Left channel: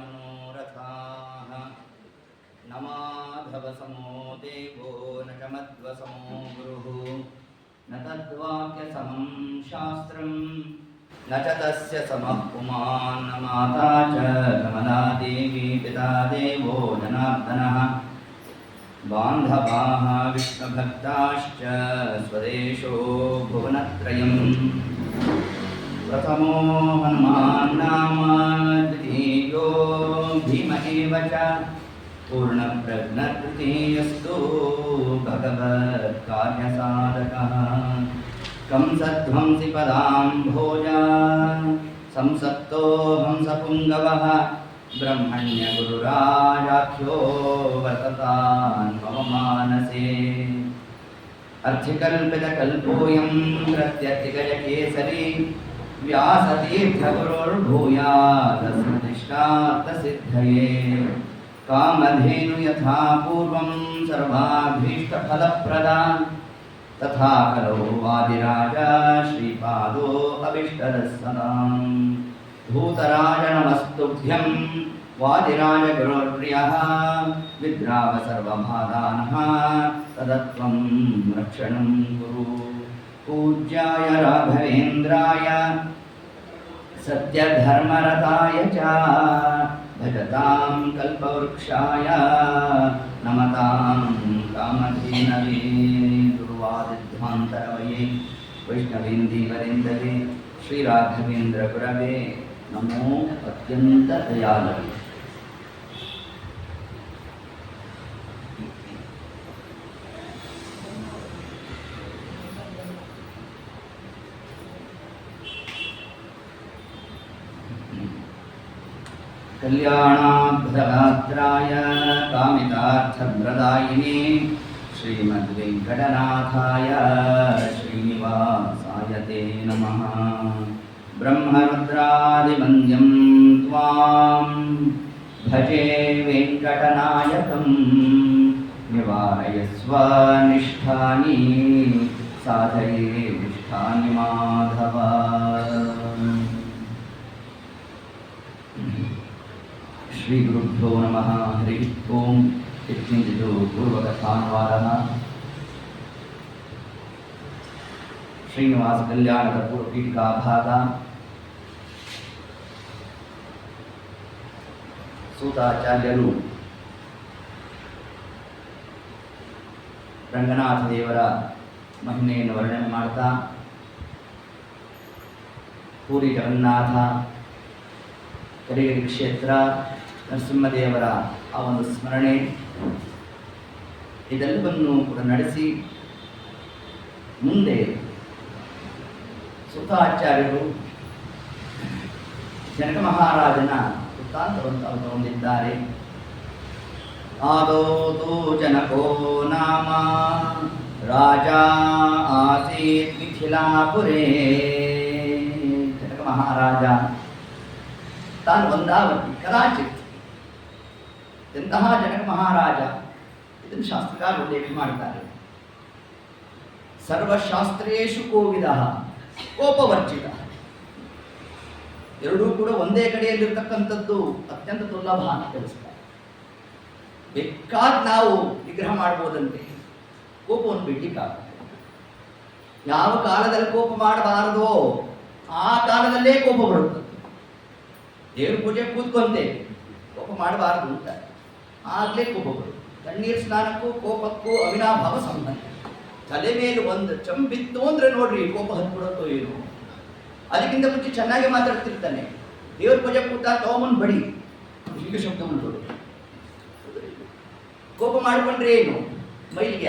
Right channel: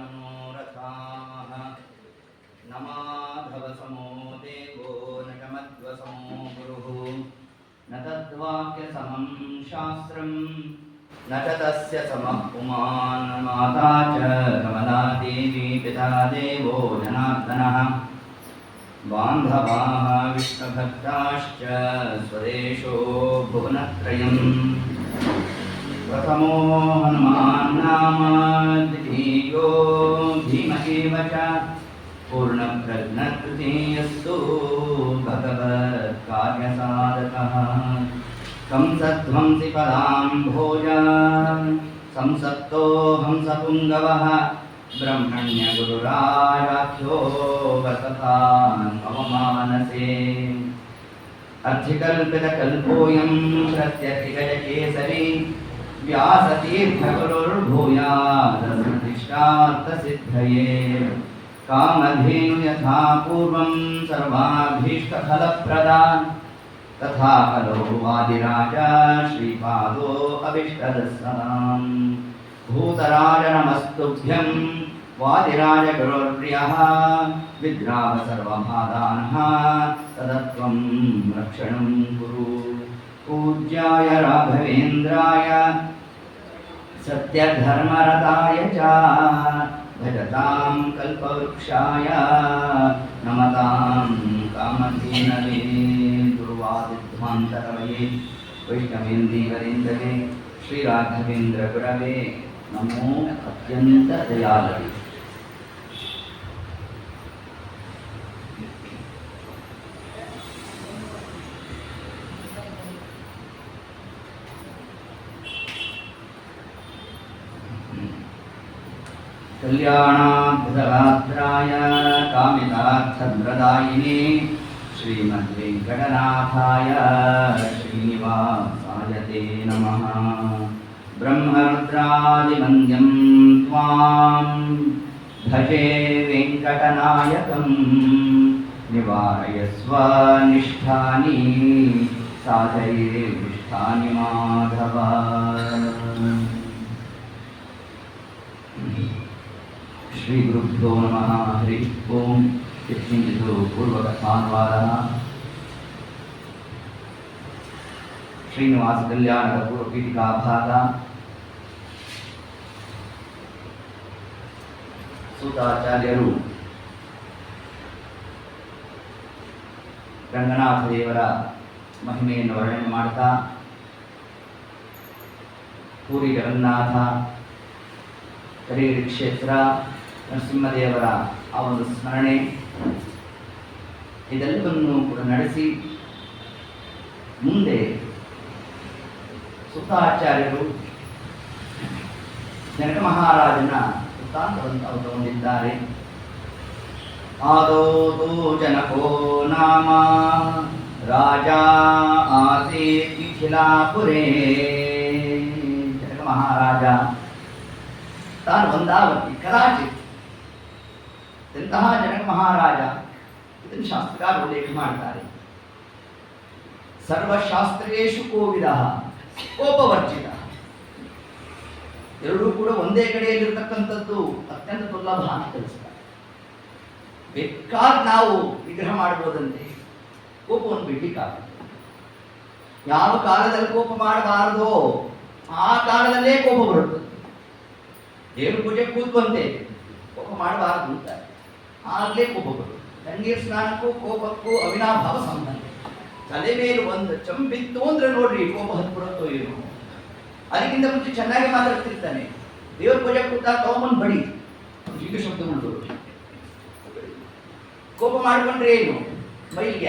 मनोरथाः न माधवसमो देवो न च मध्वसमो गुरुः न तद्वाक्यसमं शास्त्रं न च तस्य समः पुमान् न माता च कमला देवी पिता देवो जनार्दनः बान्धवाः विष्णुभक्ताश्च स्वदेशो भुवनत्रयम् प्रथमो हनुमान् नाम द्वितीयो भीम एव च पूर्णप्रज्ञतृतीयस्तु भगवत्कार्यसाधकः कंसध्वंसि पदाम्भोजान् संसक्तो हंसपुङ्गवः ब्रह्मण्यगुरुराजाख्यो वर्ततान् मम मानसे अर्थिकल्पितकल्पोऽयं प्रत्यर्थिगजकेसरी व्यासतीर्थगुरुर्भूयादस्मदिष्टार्थसिद्धये कामधेनु यथा पूर्वं सर्वाभीष्टफलप्रदा तथा खलु वादिराजा श्रीपादो अभीष्टदस्सदाम् भूतराज नमस्तुभ्यं वादिराजगुरुर्प्रियः विद्राव सर्वभादानः तदत्वं रक्षणं कुरु पूज्याय राघवेन्द्राय सत्यधर्मरताय च भजतां कल्पवृक्षाय नमतां कामधेनवे दुर्वादिध्वान्तरवये वैष्णवेन्दीवरेन्दवे श्रीराघवेन्द्रगुरवे नमो अत्यन्तदयालवे कल्याणाद्भुतगात्राय कामितार्थप्रदायिने श्रीमद्वेङ्कटनाथाय श्रीनिवासाय ते नमः ब्रह्मरुद्रादिवन्द्यं त्वां भजे वेङ्कटनायकं निवारयस्व निष्ठानि साधयेष्ठानि माधव श्री गुरुभ्यो नमः हरि ओम इत्किञ्चित् पूर्वकथानुवादः ಶ್ರೀನಿವಾಸ ಕಲ್ಯಾಣದ ಪೂರ್ವಪೀಠಿಕಾ ಭಾಗ ಸೂತಾಚಾರ್ಯರು ರಂಗನಾಥ ದೇವರ ಮಹಿಮೆಯನ್ನು ವರ್ಣನೆ ಮಾಡ್ತಾ ಪೂರಿ ಜಗನ್ನಾಥ ಕರೇರಿ ಕ್ಷೇತ್ರ ನರಸಿಂಹದೇವರ ಆ ಒಂದು ಸ್ಮರಣೆ ಇದೆಲ್ಲವನ್ನು ಕೂಡ ನಡೆಸಿ ಮುಂದೆ ಸೂತಾಚಾರ್ಯರು ಜನಕ ಮಹಾರಾಜನ ವೃತ್ತಾಂತವನ್ನು ಹೊಂದಿದ್ದಾರೆ. ಆದೌತು ಜನಕೋ ನಾಮ ರಾಜ ಆಸೀತ್ ಮಿಥಿಲಾಪುರೇ. ಜನಕ ಮಹಾರಾಜ ತಾನು ವಂದಾವತಿ ಕದಾಚಿತ್. ಎಂತಹ ಜನಕ ಮಹಾರಾಜ ಇದನ್ನು ಶಾಸ್ತ್ರಕಾರ ಉಲ್ಲೇಖ ಮಾಡ್ತಾರೆ. ಸರ್ವಶಾಸ್ತ್ರೇಷು ಕೋವಿದಃ ಕೋಪವರ್ಜಿತ. ಎರಡೂ ಕೂಡ ಒಂದೇ ಕಡೆಯಲ್ಲಿರ್ತಕ್ಕಂಥದ್ದು ಅತ್ಯಂತ ದುರ್ಲಭ ಅಂತ ತಿಳಿಸ್ತಾರೆ. ಬೇಕಾದ ನಾವು ವಿಗ್ರಹ ಮಾಡ್ಬೋದಂತೆ, ಕೋಪವನ್ನು ಬಿಡ್ಲಿಕ್ಕಾಗುತ್ತೆ. ಯಾವ ಕಾಲದಲ್ಲಿ ಕೋಪ ಮಾಡಬಾರದೋ ಆ ಕಾಲದಲ್ಲೇ ಕೋಪ ಬರುತ್ತದೆ. ದೇವ್ರ ಪೂಜೆ ಕೂತ್ಕೊಂತೆ ಕೋಪ ಮಾಡಬಾರದು ಅಂತ ಆಗಲೇ ಕೋಪ ಬರುತ್ತದೆ. ತಣ್ಣೀರು ಸ್ನಾನಕ್ಕೂ ಕೋಪಕ್ಕೂ ಅವಿನಾಭಾವ ಸಂಬಂಧ. ತಲೆ ಮೇಲೆ ಒಂದು ಚಂಬಿತ್ತು ಅಂದ್ರೆ ನೋಡ್ರಿ ಕೋಪ ಹತ್ಬಿಡುತ್ತೋ ಏನು. ಅದಕ್ಕಿಂತ ಮುಂಚೆ ಚೆನ್ನಾಗಿ ಮಾತಾಡ್ತಿರ್ತಾನೆ. ದೇವ್ರ ಪೂಜೆ ಕೂತ ತಗೊಂಬಂದು ಬಡಿ ಹೀಗೆ ಶಬ್ದ ಉಂಟು. ಕೋಪ ಮಾಡಿಕೊಂಡ್ರೆ ಏನು ಮೈಲಿಗೆ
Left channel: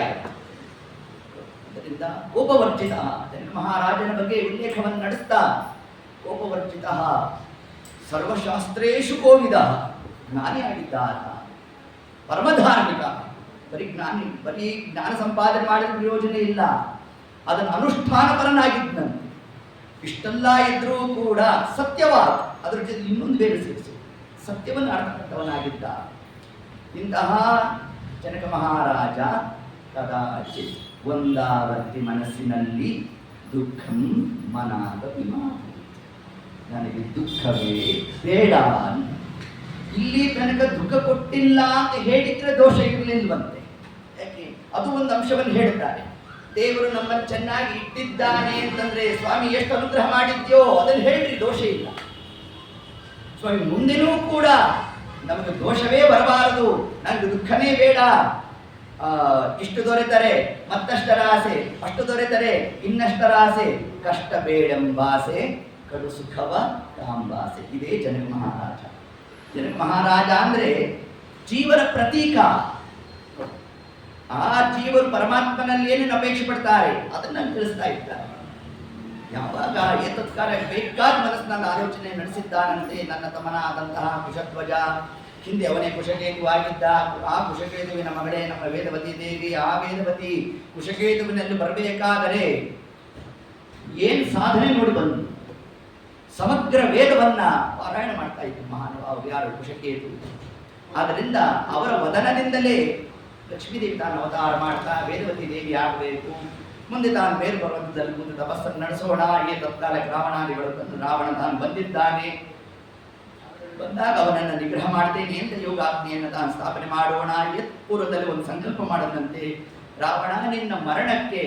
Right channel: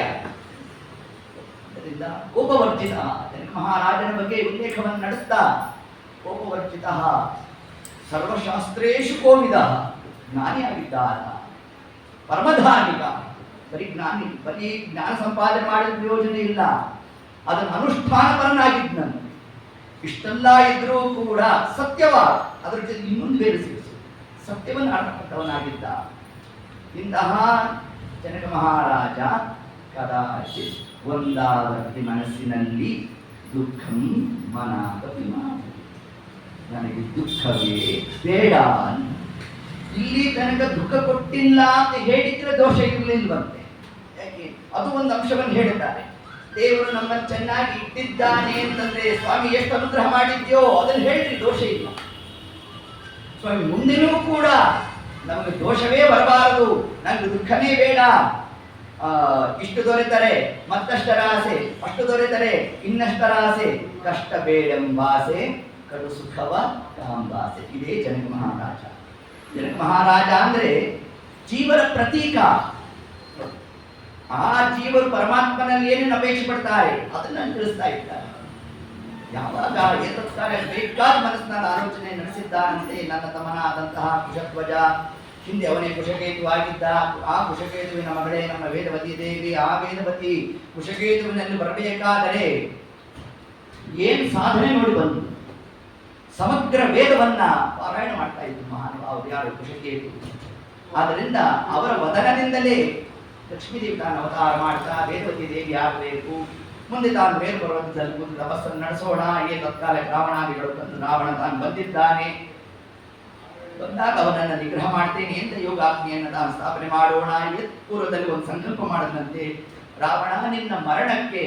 ಅದರಿಂದ ಕೋಪವರ್ಜಿತ. ಜನಕ ಮಹಾರಾಜನ ಬಗ್ಗೆ ಉಲ್ಲೇಖವನ್ನು ನಡೆಸ್ತಾ ಕೋಪವರ್ಜಿತ ಸರ್ವಶಾಸ್ತ್ರೇಷು ಕೋವಿದ. ಜ್ಞಾನಿಯಾಗಿದ್ದಾರ, ಪರಮಧಾರ್ಮಿಕ. ಬರೀ ಜ್ಞಾನ ಸಂಪಾದನೆ ಮಾಡಿದ ಪ್ರಯೋಜನ ಇಲ್ಲ, ಅದನ್ನು ಅನುಷ್ಠಾನಪರನಾಗಿದ್ದನು. ಇಷ್ಟೆಲ್ಲ ಇದ್ರೂ ಕೂಡ ಸತ್ಯವಾದ ಅದರ ಜೊತೆ ಇನ್ನೊಂದು ಬೇರೆ ಸೇರಿಸು ಸತ್ಯವನ್ನು ಆಡ್ತಕ್ಕಂಥವನಾಗಿದ್ದ. ಇಂತಹ ಜನಕ ಮಹಾರಾಜ ಕದಾಚಿತ್ ಒಂದಾವರ್ತಿ ಮನಸ್ಸಿನಲ್ಲಿ ದುಃಖಂ ಮನಾಗ ವಿಮಾನ, ನನಗೆ ದುಃಖವೇ ಬೇಡ. ತನಕ ದುಃಖ ಕೊಟ್ಟಿಲ್ಲ ಅಂತ ಹೇಳಿದ್ರೆ ದೋಷ ಇರಲಿಲ್ವಂತೆ. ಯಾಕೆ ಅದು ಒಂದು ಅಂಶವನ್ನು ಹೇಳ್ತಾರೆ. ದೇವರು ನಮ್ಮನ್ನು ಚೆನ್ನಾಗಿ ಇಟ್ಟಿದ್ದಾನೆ ಅಂತಂದ್ರೆ ಸ್ವಾಮಿ ಎಷ್ಟು ಅನುಗ್ರಹ ಮಾಡಿದ್ಯೋ ಅದನ್ನು ಹೇಳ್ರಿ, ದೋಷ ಇಲ್ಲ. ಸ್ವಾಮಿ ಮುಂದಿನೂ ಕೂಡ ನಮಗೆ ದೋಷವೇ ಬರಬಾರದು, ನನಗೆ ದುಃಖನೇ ಬೇಡ, ಇಷ್ಟು ದೊರೆತರೆ ಮತ್ತಷ್ಟರ ಆಸೆ, ಅಷ್ಟು ದೊರೆತರೆ ಇನ್ನಷ್ಟರ ಆಸೆ, ಕಷ್ಟ ಬೇಡೆಂಬಾಸೆ ಕಡು ಸುಖವ ಕಾಂಬಾಸೆ. ಇದೇ ಜನಕ ಮಹಾರಾಜ. ಜನಕ ಮಹಾರಾಜ ಅಂದ್ರೆ ಜೀವನ ಪ್ರತೀಕ. ಆ ಜೀವರು ಪರಮಾತ್ಮನಲ್ಲಿ ಏನೇನು ಅಪೇಕ್ಷೆ ಪಡ್ತಾರೆ ಅದನ್ನ ತಿಳಿಸ್ತಾ ಇದ್ದಾರೆ. ಯಾವಾಗ ಏತತ್ಕಾಲ ಬೇಕಾದ ಮನಸ್ಸಿನಲ್ಲಿ ಆಲೋಚನೆ ನಡೆಸಿದ್ದಾನಂತೆ. ನನ್ನ ತಮ್ಮನಾದಂತಹ ಕುಶಧ್ವಜ, ಹಿಂದೆ ಅವನೇ ಕುಶಕೇತುವಾಗಿದ್ದ. ಆ ಕುಶಕೇತುವಿನ ಮಗಳೇ ನಮ್ಮ ವೇದವತಿ ದೇವಿ. ಆ ವೇದವತಿ ಕುಶಕೇತುವಿನಲ್ಲಿ ಬರಬೇಕಾದರೆ ಏನು ಸಾಧನೆ ನೋಡಿ ಬಂದು ಸಮಗ್ರ ವೇದವನ್ನ ಪಾರಾಯಣ ಮಾಡ್ತಾ ಇದ್ರು ಮಹಾನುಭಾವರು, ಯಾರು ಕುಶಕೇತು. ಆದ್ದರಿಂದ ಅವರ ವದನದಿಂದಲೇ ಲಕ್ಷ್ಮೀದೇವಿ ತಾನು ಅವತಾರ ಮಾಡ್ತಾ ವೇದವತಿ ದೇವಿ ಆಗಬೇಕು, ಮುಂದೆ ತಾನು ಬೇರೆ ಪರ್ವತದಲ್ಲಿ ಕೂತು ತಪಸ್ಸನ್ನು ನಡೆಸೋಣ. ತತ್ಕಾಲಕ್ಕೆ ರಾವಣಾದಿಗಳು ತಂದು ರಾವಣ ತಾನು ಬಂದಿದ್ದಾನೆ, ಬಂದಾಗ ಅವನನ್ನು ನಿಗ್ರಹ ಮಾಡ್ತೇನೆ ಅಂತ ಯೋಗಾಗ್ನಿಯನ್ನು ತಾನು ಸ್ಥಾಪನೆ ಮಾಡೋಣ. ಪೂರ್ವದಲ್ಲಿ ಒಂದು ಸಂಕಲ್ಪ ಮಾಡದಂತೆ, ರಾವಣ ನಿನ್ನ ಮರಣಕ್ಕೆ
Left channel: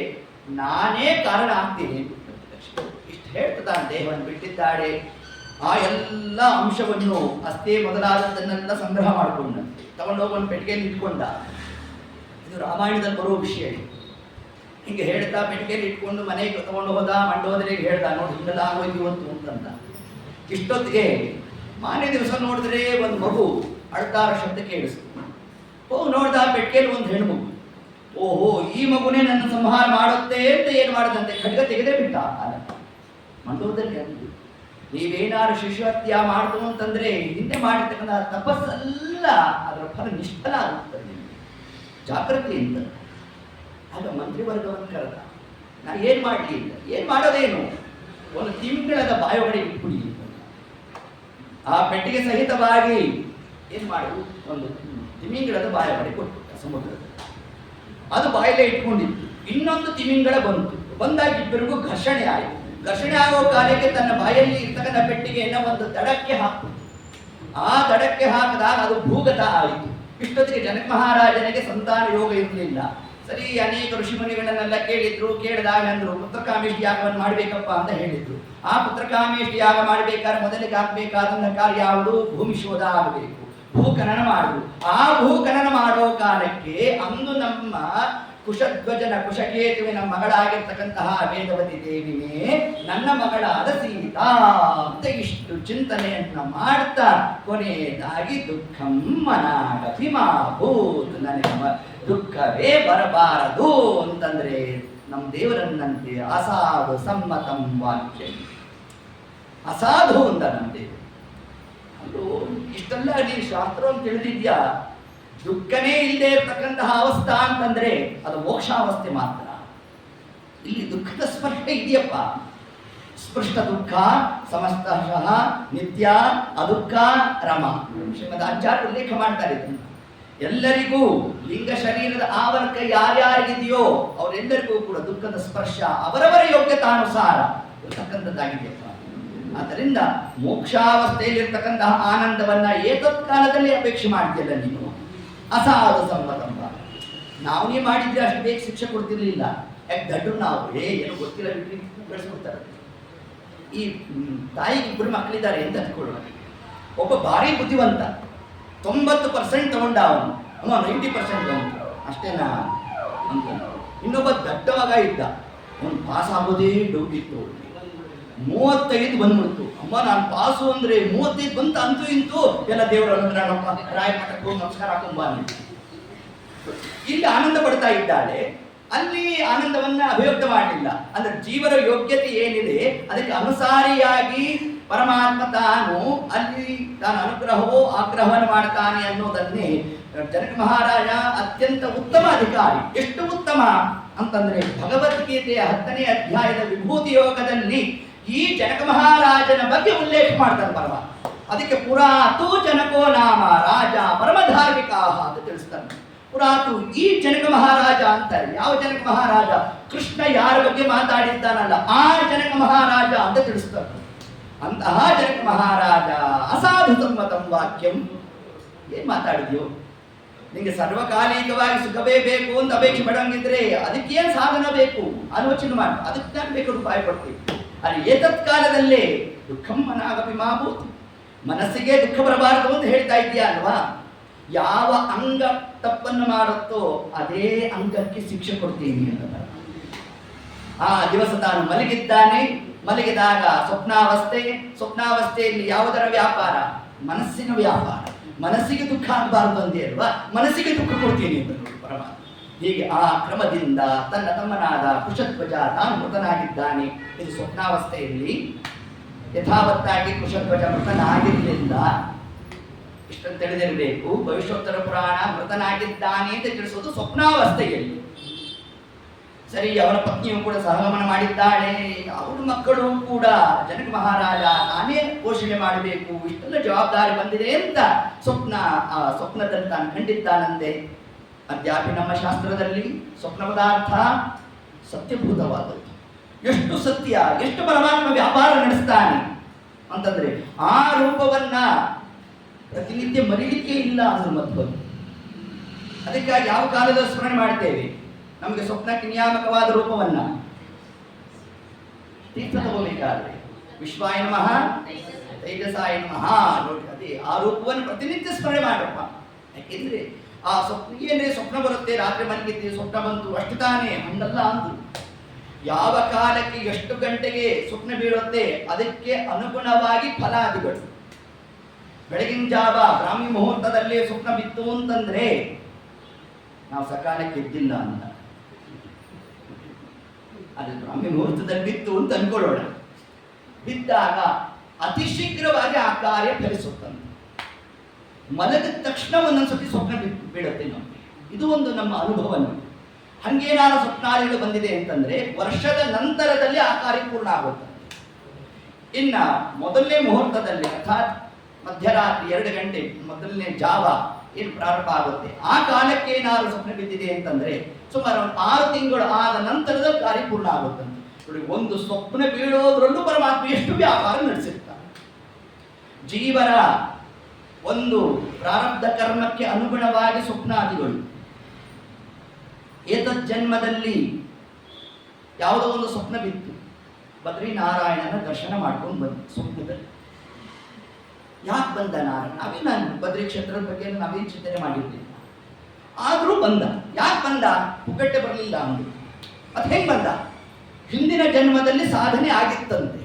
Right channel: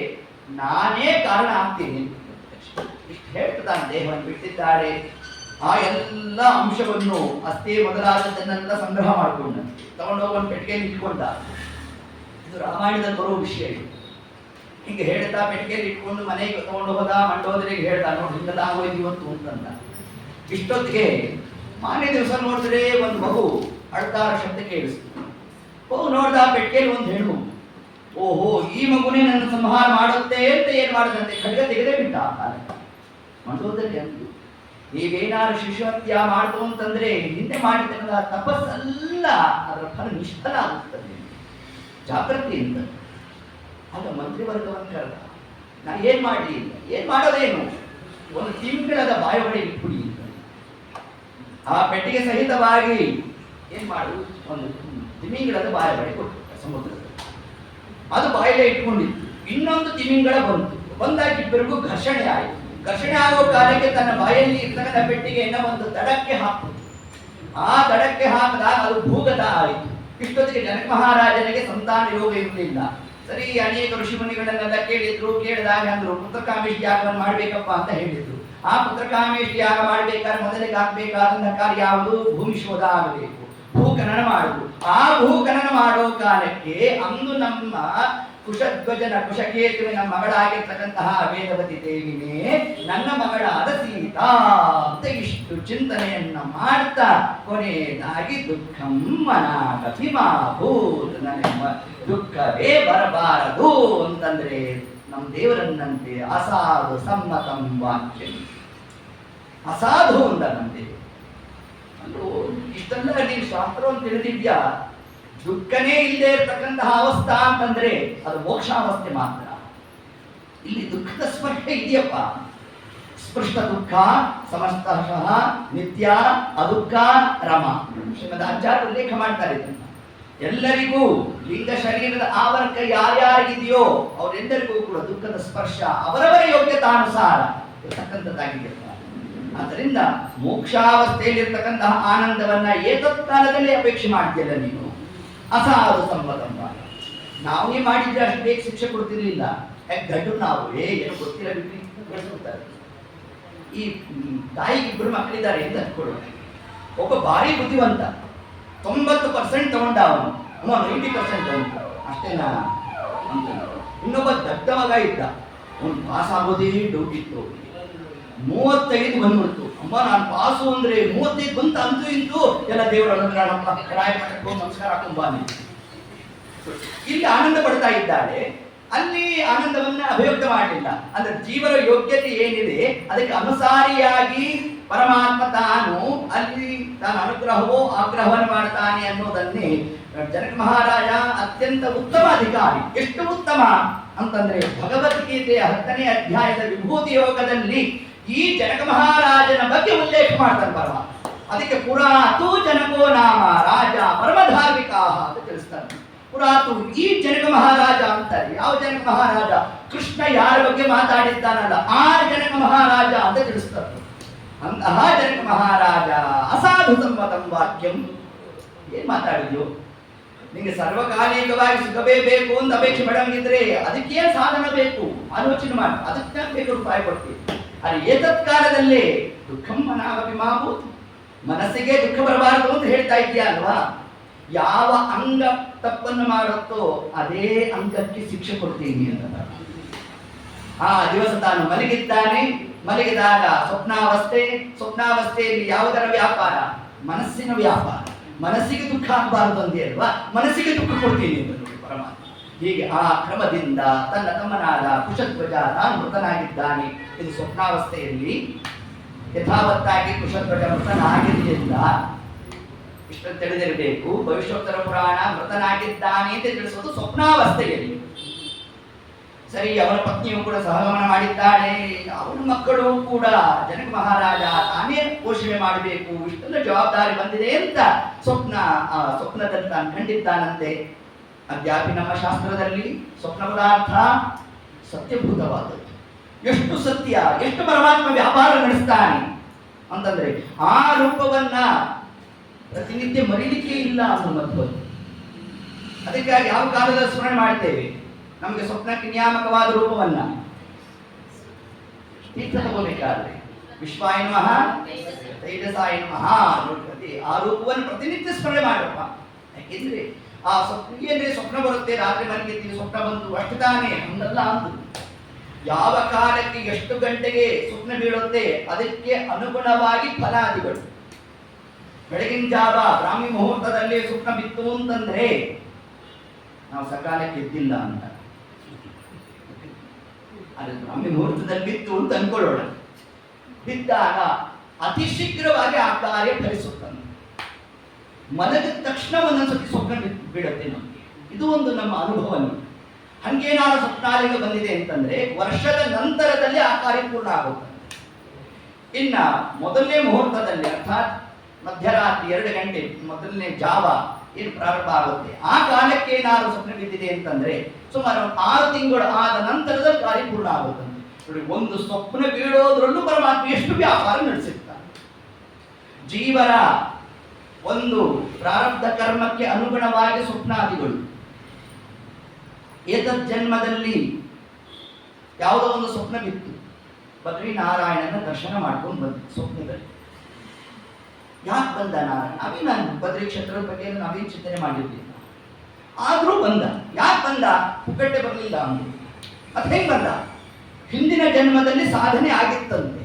ನಾನೇ ಕಾರಣ ಆಗ್ತೀನಿ ಇಷ್ಟು ಹೇಳ್ತಾ ತಾನು ದೇಹವನ್ನು ಬಿಟ್ಟಿದ್ದಾಳೆ. ಆ ಎಲ್ಲ ಅಂಶವನ್ನು ಅಷ್ಟೇ ಮೊದಲಾದದ್ದನ್ನೆಲ್ಲ ಸಂಗ್ರಹ ಮಾಡಿಕೊಂಡಂತೆ ತಗೊಂಡೋಗಿ ಒಂದು ಪೆಟ್ಟಿಗೆಯಲ್ಲಿ ಇಟ್ಕೊಂಡ. ಇದು ರಾಮಾಯಣದಲ್ಲಿ ಬರೋ ವಿಷಯ. ಹೀಗೆ ಹೇಳ್ತಾ ಪೆಟ್ಟಿಗೆಯಲ್ಲಿ ಇಟ್ಕೊಂಡು ಮನೆಗೆ ತಗೊಂಡು ಹೋದ. ಮಂಡೋದರಿಗೆ ಹೇಳ್ದ, ನೋಡಿ ಹಿಂಗೆಲ್ಲ ಆಗೋಯ್ತು ಇವತ್ತು ಅಂತಂದ. ಇಷ್ಟೊತ್ತಿಗೆ ಮಾನ್ಯ ದಿವಸ ನೋಡಿದ್ರೆ ಒಂದು ಮಗು ಅಳ್ತಾರ ಶಬ್ದ ಕೇಳಿಸ್ತು. ಹೋಗಿ ನೋಡ್ದ, ಪೆಟ್ಟಿಗೆಯಲ್ಲಿ ಒಂದು ಹೆಣ್ಮಗು. ಓಹೋ, ಈ ಮಗುನೇ ನನ್ನ ಸಂಹಾರ ಮಾಡುತ್ತೆ ಅಂತ ಏನು ಮಾಡದಂತೆ ಖಡ್ಗ ತೆಗೆದೇ ಬಿಟ್ಟ. ಮಂಡೋದರಿಗೆ ಅಂದು, ನೀವೇನಾದ್ರು ಶಿಶುಹತ್ಯ ಮಾಡ್ತು ಅಂತಂದ್ರೆ ಹಿಂದೆ ಮಾಡಿರ್ತಕ್ಕಂಥ ತಪಸ್ಸಲ್ಲ ಅದರ ಫಲ ನಿಷ್ಫಲ ಆಗುತ್ತದೆ, ಜಾಗೃತಿ ಅಂತ. ಆಗ ಮಂತ್ರಿವರ್ಗವನ್ನು ಕರೆದ. ನಾನು ಏನು ಮಾಡಲಿ ಇಲ್ಲ, ಏನು ಮಾಡೋದೇನು, ಒಂದು ತಿಂಗಳದ ಬಾಯೊಳಗೆ ಇಟ್ಬಿಡಿ ಅಂತ. ಆ ಪೆಟ್ಟಿಗೆ ಸಹಿತವಾಗಿ ಏನು ಮಾಡುವುದು, ಒಂದು ತಿಮಿಂಗಳದ ಬಾಯೊಳಗೆ ಕೊಟ್ಟು ಸಮುದ್ರದ ಅದು ಬಾಯಲ್ಲೇ ಇಟ್ಕೊಂಡಿತ್ತು. ಇನ್ನೊಂದು ತಿಮಿಂಗಳ ಬಂತು. ಬಂದಾಗ ಇಬ್ಬರಿಗೂ ಘರ್ಷಣೆ ಆಯಿತು. ಘರ್ಷಣೆ ಆಗೋ ಕಾಲಕ್ಕೆ ತನ್ನ ಬಾಯಲ್ಲಿ ಇರ್ತಕ್ಕಂಥ ಪೆಟ್ಟಿಗೆಯನ್ನು ಒಂದು ದಡಕ್ಕೆ ಹಾಕಿತು. ಆ ದಡಕ್ಕೆ ಹಾಕಿದಾಗ ಅದು ಭೂಗತ ಆಯಿತು. ಇಷ್ಟೊತ್ತಿಗೆ ಜನಕ ಮಹಾರಾಜನಿಗೆ ಸಂತಾನ ಯೋಗ ಇರಲಿಲ್ಲ. ಸರಿ, ಅನೇಕ ಋಷಿಮುನಿಗಳನ್ನೆಲ್ಲ ಕೇಳಿದ್ರು. ಕೇಳಿದಾಗ ಅಂದ್ರು ಪುತ್ರಕಾಮೇಷ್ಟಿ ಯಾಗವನ್ನು ಮಾಡಬೇಕಪ್ಪ ಅಂತ ಹೇಳಿದ್ರು. ಆ ಪುತ್ರಕಾಮೇಷ್ಟಿ ಯಾಗ ಮಾಡಬೇಕಾದ್ರೆ ಮೊದಲಿಗೆ ಆಗಬೇಕಾದಂತಹ ಕಾರ್ಯ ಯಾವುದು, ಭೂಮಿ ಶೋಧ ಆಗಬೇಕು, ಭೂಖನನ ಮಾಡುವುದು. ಆ ಭೂಖನನ ಮಾಡೋ ಕಾಲಕ್ಕೆ ಅಂದು ನಮ್ಮ ಕುಶಧ್ವಜನ ಕುಶಕೇತುವಿನ ಮಗಳಾಗಿರ್ತಕ್ಕಂತಹ ವೇದವತಿ ದೇವಿನೇ ನನ್ನ ಮಗಳಾದ ಸೀತಾ ಅಂತ ಇಷ್ಟು ಚಿಂತನೆಯನ್ನ ಮಾಡ್ತಾ ಕೊನೆಯದಾಗಿ ದುಃಖಂ ಮನಾಗತಿಮಾಭೂತ್, ನನಗೆ ದುಃಖವೇ ಬರಬಾರದು ಅಂತಂದ್ರೆ ನಮ್ಮ ದೇವರನ್ನಂತೆ ಅಸಾಧು ಸಮ್ಮತಂ ವಾಕ್ಯ. ಅಸಾಧು ಅಂದ ನಮ್ಮ ದೇವರು. ಅಂದ್ರು ಇಷ್ಟೆಲ್ಲ ನೀನು ಶಾಸ್ತ್ರವನ್ನು ತಿಳಿದಿದ್ಯಾ, ದುಃಖನೇ ಇಲ್ಲದೆ ಇರತಕ್ಕಂತಹ ಅವಸ್ಥಾ ಅಂತಂದ್ರೆ ಅದು ಮೋಕ್ಷಾವಸ್ಥೆ ಮಾತ್ರ. ಇಲ್ಲಿ ದುಃಖದ ಸ್ಪರ್ಶ ಇದೆಯಪ್ಪ. ಸ್ಪೃಷ್ಟ ದುಃಖ ಸಮಸ್ತಃ ನಿತ್ಯ ಅದುಃಖ ರಮ. ಶ್ರೀಮದ್ ಆಚಾರ್ಯ ಉಲ್ಲೇಖ ಮಾಡ್ತಾರೆ ಇದನ್ನ. ಎಲ್ಲರಿಗೂ ಲಿಂಗ ಶರೀರದ ಆವರಕ ಯಾರ್ಯಾರಿಗಿದೆಯೋ ಅವರೆಲ್ಲರಿಗೂ ಕೂಡ ದುಃಖದ ಸ್ಪರ್ಶ ಅವರವರ ಯೋಗ್ಯತಾನುಸಾರ ಇರ್ತಕ್ಕಂಥದ್ದಾಗಿದೆಯಪ್ಪ. ಆದ್ದರಿಂದ ಮೋಕ್ಷಾವಸ್ಥೆಯಲ್ಲಿರ್ತಕ್ಕಂತಹ ಆನಂದವನ್ನ ಏತತ್ಕಾಲದಲ್ಲಿ ಅಪೇಕ್ಷೆ ಮಾಡ್ತಿಲ್ಲ ನೀನು. ಅಸಾಧು ಸಮ್ಮತಂಬ. ನಾವೇ ಮಾಡಿದ್ರೆ ಅಷ್ಟು ಬೇಗ ಶಿಕ್ಷೆ ಕೊಡ್ತಿರ್ಲಿಲ್ಲ. ಯಾಕೆ ಗಡ್ಡು ನಾವು ಏನೋ ಗೊತ್ತಿಲ್ಲ ಬಿಟ್ಟು ಬೆಳೆಸ್ಕೊಡ್ತಾರೆ. ಈ ತಾಯಿಗೆ ಇಬ್ಬರು ಮಕ್ಕಳಿದ್ದಾರೆ ಅಂತ ಅಂದ್ಕೊಳ್ಳೋಣ. ಒಬ್ಬ ಭಾರಿ ಬುದ್ಧಿವಂತ, 90% ತಗೊಂಡ ಅವನು, 90% ಬಂತ ಅಷ್ಟೇನಾ ಅಂತ. ಇನ್ನೊಬ್ಬ ದಡ್ಡ ಮಗ ಇದ್ದ, ಅವನು ಪಾಸ್ ಆಗೋದೇ ಡೌಟ್ ಇತ್ತು. 35 ಬಂದ್ಬಿಡ್ತು. ಅಮ್ಮ ನಾನು ಪಾಸು ಅಂದ್ರೆ 35 ಬಂತ ಅಂತೂ ಇಂತೂ ಎಲ್ಲ ದೇವರ ಅನುಗ್ರಹಪ್ಪ, ರಾಯ ಮಠಕ್ಕೆ ಹೋಗಿ ನಮಸ್ಕಾರ ಹಾಕೊಂಬಾನಿ. ಇಲ್ಲಿ ಆನಂದ ಪಡ್ತಾ ಇದ್ದಾಳೆ, ಅಲ್ಲಿ ಆನಂದವನ್ನ ಅಭಿವ್ಯಕ್ತ ಮಾಡಲಿಲ್ಲ. ಅಂದ್ರೆ ಜೀವನ ಯೋಗ್ಯತೆ ಏನಿದೆ ಅದಕ್ಕೆ ಅನುಸಾರಿಯಾಗಿ ಪರಮಾತ್ಮ ತಾನು ಅಲ್ಲಿ ತಾನು ಅನುಗ್ರಹವೋ ಆಗ್ರಹವನ್ನು ಮಾಡ್ತಾನೆ ಅನ್ನೋದನ್ನೇ ಜನಕ ಮಹಾರಾಜ ಅತ್ಯಂತ ಉತ್ತಮ ಅಧಿಕಾರಿ. ಎಷ್ಟು ಉತ್ತಮ ಅಂತಂದ್ರೆ ಭಗವದ್ಗೀತೆಯ 10ನೇ ಅಧ್ಯಾಯದ ವಿಭೂತಿ ಯೋಗದಲ್ಲಿ ಈ ಜನಕ ಮಹಾರಾಜನ ಬಗ್ಗೆ ಉಲ್ಲೇಖ ಮಾಡ್ತಾರೆ ಪರಮಾತ್ಮ. ಅದಕ್ಕೆ ಪುರಾತು ಜನಕೋ ನಾಮ ರಾಜ ಪರಮಧಾರ್ಮಿಕ ಅಂತ ತಿಳಿಸ್ತಾನೆ. ಪುರಾತು ಈ ಜನಕ ಮಹಾರಾಜ ಅಂತಾರೆ. ಯಾವ ಜನಕ ಮಹಾರಾಜ? ಕೃಷ್ಣ ಯಾರ ಬಗ್ಗೆ ಮಾತಾಡಿದ್ದಾನಲ್ಲ ಆ ಜನಕ ಮಹಾರಾಜ ಅಂತ ತಿಳಿಸ್ತಾರೆ. ಅಂತಹ ಜನಕ ಮಹಾರಾಜ ಅಸಾಧು ಸಮ್ಮತಂ ವಾಕ್ಯಂ ಏನು ಮಾತಾಡಿದ್ಯೋ? ನಿಂಗೆ ಸರ್ವಕಾಲಿಕವಾಗಿ ಸುಖವೇ ಬೇಕು ಅಂತ ಅಪೇಕ್ಷೆ ಪಡಂಗಿದ್ರೆ ಅದಕ್ಕೇನು ಸಾಧನ ಬೇಕು ಆಲೋಚನೆ ಮಾಡಿ, ಅದಕ್ಕೆ ನಾನು ಬೇಕು ರೂಪಾಯಿ ಕೊಡ್ತೀವಿ. ಅಲ್ಲಿ ಏತತ್ ಕಾಲದಲ್ಲೇ ದುಃಖಂ ಮನಾಗಪಿ ಮಾಭೂತ್, ಮನಸ್ಸಿಗೆ ದುಃಖ ಬರಬಾರದು ಅಂತ ಹೇಳ್ತಾ ಇದೆಯಾ ಅಲ್ವಾ? ಯಾವ ಅಂಗ ತಪ್ಪನ್ನು ಮಾಡುತ್ತೋ ಅದೇ ಅಂಗಕ್ಕೆ ಶಿಕ್ಷೆ ಕೊಡ್ತೀನಿ ಅಂತ. ಆ ದಿವಸ ತಾನು ಮಲಗಿದ್ದಾನೆ, ಮಲಗಿದಾಗ ಸ್ವಪ್ನಾವಸ್ಥೆಯಲ್ಲಿ ಯಾವುದರ ವ್ಯಾಪಾರ? ಮನಸ್ಸಿನ ವ್ಯಾಪಾರ. ಮನಸ್ಸಿಗೆ ದುಃಖ ಆಗಬಾರದು ಅಂದೇ ಅಲ್ವಾ? ಮನಸ್ಸಿಗೆ ದುಃಖ ಕೊಡ್ತೀನಿ ಅಂತ ನೋಡಿ ಪರಮಾತ್ಮ. ಹೀಗೆ ಆ ಕ್ರಮದಿಂದ ತನ್ನ ತಮ್ಮನಾದ ಕುಶಧ್ವಜ ತಾನು ಮೃತನಾಗಿದ್ದಾನೆ. ಇದು ಸ್ವಪ್ನಾವಸ್ಥೆಯಲ್ಲಿ ಯಥಾವತ್ತಾಗಿ ಕುಶಧ್ವಜ ಮೃತನಾಗಿದ್ದರಿಂದ ಇಷ್ಟನ್ನು ತಿಳಿದಿರಬೇಕು. ಭವಿಷ್ಯೋತ್ತರ ಪುರಾಣ ಮೃತನಾಗಿದ್ದಾನೆ ಅಂತ ತಿಳಿಸೋದು ಸ್ವಪ್ನಾವಸ್ಥೆಯಲ್ಲಿ. ಸರಿ, ಅವನ ಪತ್ನಿಯು ಕೂಡ ಸಹಗಮನ ಮಾಡಿದ್ದಾಳೆ, ಅವನ ಮಕ್ಕಳು ಕೂಡ ಜನಕ ಮಹಾರಾಜ ತಾನೇ ಪೋಷಣೆ ಮಾಡಬೇಕು, ಇಷ್ಟೆಲ್ಲ ಜವಾಬ್ದಾರಿ ಬಂದಿದೆ ಅಂತ ಸ್ವಪ್ನದಲ್ಲಿ ತಾನು ಕಂಡಿದ್ದಾನಂತೆ. ಅದ್ಯಾಪಿ ನಮ್ಮ ಶಾಸ್ತ್ರದಲ್ಲಿ ಸ್ವಪ್ನ ಪದಾರ್ಥ ಸತ್ಯಭೂತವಾದದ್ದು. ಎಷ್ಟು ಸತ್ಯ, ಎಷ್ಟು ಪರಮಾತ್ಮ ವ್ಯಾಪಾರ ನಡೆಸ್ತಾನೆ ಅಂತಂದ್ರೆ ಆ ರೂಪವನ್ನ ಪ್ರತಿನಿತ್ಯ ಮರಿಲಿಕ್ಕೆ ಇಲ್ಲ ಅನ್ನೋ ಮಧ್ವ. ಅದಕ್ಕಾಗಿ ಯಾವ ಕಾಲದ ಸ್ಮರಣೆ ಮಾಡ್ತೇವೆ? ನಮಗೆ ಸ್ವಪ್ನಕ್ಕೆ ನಿಯಾಮಕವಾದ ರೂಪವನ್ನ ತೀರ್ಥ ತಗೋಬೇಕಾದ್ರೆ ವಿಶ್ವಾಯ ನಮಃ ತೈಜಸಾಯ ನಮಃ ನೋಡ್ಕತಿ ಆ ರೂಪವನ್ನು ಪ್ರತಿನಿತ್ಯ ಸ್ಮರಣೆ ಮಾಡಪ್ಪ. ಯಾಕೆಂದ್ರೆ ಆ ಸ್ವಪ್ನ ಬರುತ್ತೆ, ರಾತ್ರಿ ಮಲಗಿದ್ದೀವಿ ಸ್ವಪ್ನ ಬಂತು ಅಷ್ಟು ತಾನೇ, ಹಂಗಲ್ಲ ಅಂದ್ರು. ಯಾವ ಕಾಲಕ್ಕೆ ಎಷ್ಟು ಗಂಟೆಗೆ ಸ್ವಪ್ನ ಬೀಳುತ್ತೆ ಅದಕ್ಕೆ ಅನುಗುಣವಾಗಿ ಫಲಾದಿಗಳು. ಬೆಳಗಿನ ಜಾವ ಬ್ರಾಹ್ಮಿ ಮುಹೂರ್ತದಲ್ಲಿ ಸ್ವಪ್ನ ಬಿತ್ತು ಅಂತಂದ್ರೆ ನಾವು ಸಕಾಲಕ್ಕೆ ಎದ್ದಿಲ್ಲ ಅಂತ. ಅದು ಬ್ರಾಹ್ಮಿ ಮುಹೂರ್ತದಲ್ಲಿ ಬಿತ್ತು ಅಂತ ಅನ್ಕೊಳ್ಳೋಣ. ಬಿದ್ದಾಗ ಅತಿ ಶೀಘ್ರವಾಗಿ ಆ ಕಾರ್ಯ ಫಲಿಸುತ್ತಂತೆ. ಮಲಗಿದ ತಕ್ಷಣ ಒಂದೊಂದ್ಸತಿ ಸ್ವಪ್ನ ಬೀಳುತ್ತೆ ನಮಗೆ. ಇದು ಒಂದು ನಮ್ಮ ಅನುಭವ. ಹಂಗೇನಾದ್ರು ಸ್ವಪ್ನಾದಿಗಳು ಬಂದಿದೆ ಅಂತಂದ್ರೆ ವರ್ಷದ ನಂತರದಲ್ಲಿ ಆ ಕಾರ್ಯ ಪೂರ್ಣ ಆಗುತ್ತೆ. ಇನ್ನ ಮೊದಲನೇ ಮುಹೂರ್ತದಲ್ಲಿ ಅರ್ಥಾತ್ ಮಧ್ಯರಾತ್ರಿ 2 ಗಂಟೆ ಮೊದಲನೇ ಜಾವ ಏನು ಪ್ರಾರಂಭ ಆಗುತ್ತೆ, ಆ ಕಾಲಕ್ಕೆ ಏನಾದ್ರು ಸ್ವಪ್ನ ಬಿದ್ದಿದೆ ಅಂತಂದ್ರೆ ಸುಮಾರು 6 ತಿಂಗಳು ಆದ ನಂತರದ ಕಾರ್ಯ ಪೂರ್ಣ ಆಗುತ್ತಂತೆ. ನೋಡಿ, ಒಂದು ಸ್ವಪ್ನ ಬೀಳೋದ್ರಲ್ಲೂ ಪರಮಾತ್ಮ ಎಷ್ಟು ವ್ಯಾಪಾರ ನಡೆಸಿರ್ತಾನೆ. ಜೀವನ ಒಂದು ಪ್ರಾರಬ್ಧ ಕರ್ಮಕ್ಕೆ ಅನುಗುಣವಾಗಿ ಸ್ವಪ್ನಾದಿಗಳು. ಏತದ್ ಜನ್ಮದಲ್ಲಿ ಯಾವುದೋ ಒಂದು ಸ್ವಪ್ನ ಬಿತ್ತು, ಬದ್ರಿನಾರಾಯಣನ ದರ್ಶನ ಮಾಡ್ಕೊಂಡು ಬಂದು ಸ್ವಪ್ನದಲ್ಲಿ. ಯಾಕೆ ಬಂದ ನಾರಾಯಣ? ನಾನು ಬದ್ರಿ ಕ್ಷೇತ್ರದ ಬಗ್ಗೆ ನಾವೇನು ಚಿಂತನೆ ಮಾಡಿರ್ತೀವಿ, ಆದ್ರೂ ಬಂದ. ಯಾಕೆ ಬಂದ? ಪುಕ್ಕಟ್ಟೆ ಬರಲಿಲ್ಲ ಅಂದ್ರು. ಅದು ಹೆಂಗ್ ಬಂದ? ಹಿಂದಿನ ಜನ್ಮದಲ್ಲಿ ಸಾಧನೆ ಆಗಿತ್ತಂತೆ.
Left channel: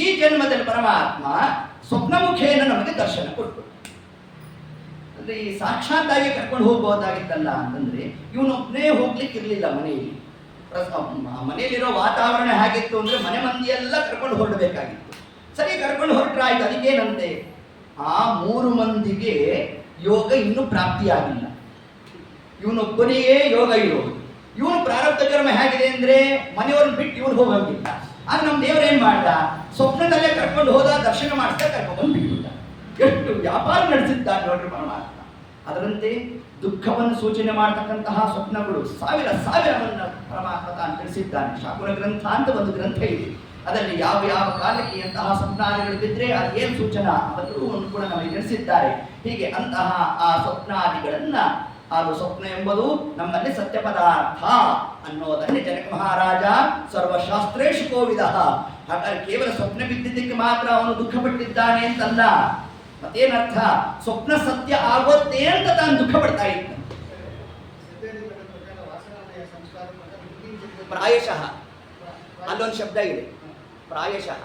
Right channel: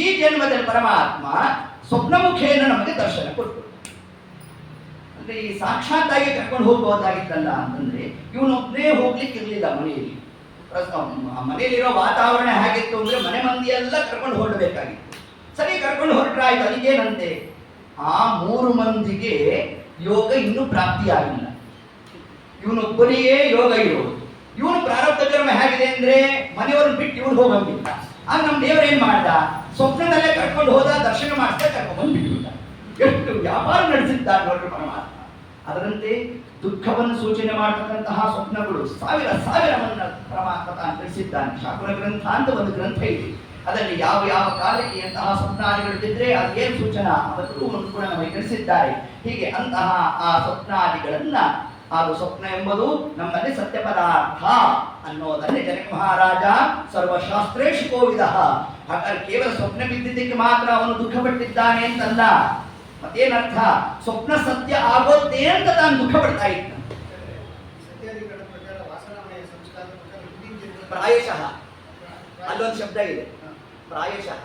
ಈ ಜನ್ಮದಲ್ಲಿ ಪರಮಾತ್ಮ ಸ್ವಪ್ನಮುಖೇನ ನಮಗೆ ದರ್ಶನ ಕೊಟ್ಟು, ಅಂದ್ರೆ ಈ ಸಾಕ್ಷಾತ್ತಾಗಿ ಕರ್ಕೊಂಡು ಹೋಗ್ಬೋದಾಗಿತ್ತಲ್ಲ ಅಂತಂದ್ರೆ ಇವನೊಬ್ಬನೇ ಹೋಗ್ಲಿಕ್ಕೆ ಇರಲಿಲ್ಲ. ಮನೆಯಲ್ಲಿರೋ ವಾತಾವರಣ ಹೇಗಿತ್ತು ಅಂದ್ರೆ ಮನೆ ಮಂದಿಯೆಲ್ಲ ಕರ್ಕೊಂಡು ಹೊರಡಬೇಕಾಗಿತ್ತು. ಸರಿ, ಕರ್ಕೊಂಡು ಹೊರಟ್ರೆ ಆಯ್ತು. ಅದಕ್ಕೇನಂತೆ, ಆ 3 ಮಂದಿಗೆ ಯೋಗ ಇನ್ನೂ ಪ್ರಾಪ್ತಿಯಾಗಿಲ್ಲ, ಇವನೊಬ್ಬನಿಗೆ ಯೋಗ ಇರೋದು. ಇವನು ಪ್ರಾರಬ್ಧ ಕರ್ಮ ಹೇಗಿದೆ ಅಂದ್ರೆ ಮನೆಯವ್ರನ್ನ ಬಿಟ್ಟು ಇವನು ಹೋಗಂಗಿಲ್ಲ. ಆಗ ನಮ್ಮ ದೇವರು ಏನ್ ಮಾಡ್ದ? ಸ್ವಪ್ನದಲ್ಲೇ ಕರ್ಕೊಂಡು ಹೋದ, ದರ್ಶನ ಮಾಡಿಸ್ತಾ ಕರ್ಕೊಂಡು ಬಿಟ್ಬಿಟ್ಟ. ಎಷ್ಟು ವ್ಯಾಪಾರ ನಡೆಸಿದ್ದಾರೆ ನೋಡ್ರಿ ಪರಮಾತ್ಮ. ಅದರಂತೆ ದುಃಖವನ್ನು ಸೂಚನೆ ಮಾಡತಕ್ಕಂತಹ ಸ್ವಪ್ನಗಳು ಸಾವಿರವನ್ನ ಪರಮಾತ್ಮ ತಾನು ತಿಳಿಸಿದ್ದಾನೆ. ಶಾಕುರ ಗ್ರಂಥ ಅಂತ ಒಂದು ಗ್ರಂಥ ಇದೆ. ಅದರಲ್ಲಿ ಯಾವ ಯಾವ ಕಾಲಕ್ಕೆ ಎಂತಹ ಸ್ವಪ್ನಾದಿಗಳು ಬಿದ್ದರೆ ಅದೇನು ಸೂಚನಾ ಅದನ್ನು ಕೂಡ ನಮಗೆ ತಿಳಿಸಿದ್ದಾರೆ. ಹೀಗೆ ಅಂತಹ ಆ ಸ್ವಪ್ನಾದಿಗಳನ್ನ, ಅದು ಸ್ವಪ್ನ ಎಂಬುದು ನಮ್ಮಲ್ಲಿ ಸತ್ಯ ಪದಾರ್ಥ ಅನ್ನೋದನ್ನೇ ಜನಕ ಮಹಾರಾಜ ಸರ್ವಶಾಸ್ತ್ರೇಶು ಕೋವಿದ. ಹಾಗಾದ್ರೆ ಕೇವಲ ಸ್ವಪ್ನ ಬಿದ್ದಿದ್ದಕ್ಕೆ ಮಾತ್ರ ಅವನು ದುಃಖ ಪಟ್ಟಿದ್ದಾನೆ ಅಂತಲ್ಲ. ಮತ್ತೇನರ್ಥ? ಸ್ವಪ್ನ ಸತ್ಯ ಆಗೋದೇ ಅಂತ ತಾನು ದುಃಖ ಪಡ್ತಾ ಇದ್ದ. ಪ್ರಾಯಶಃ ಅಲ್ಲೊಂದು ಶಬ್ದ ಇದೆ, ಪ್ರಾಯಶಃ.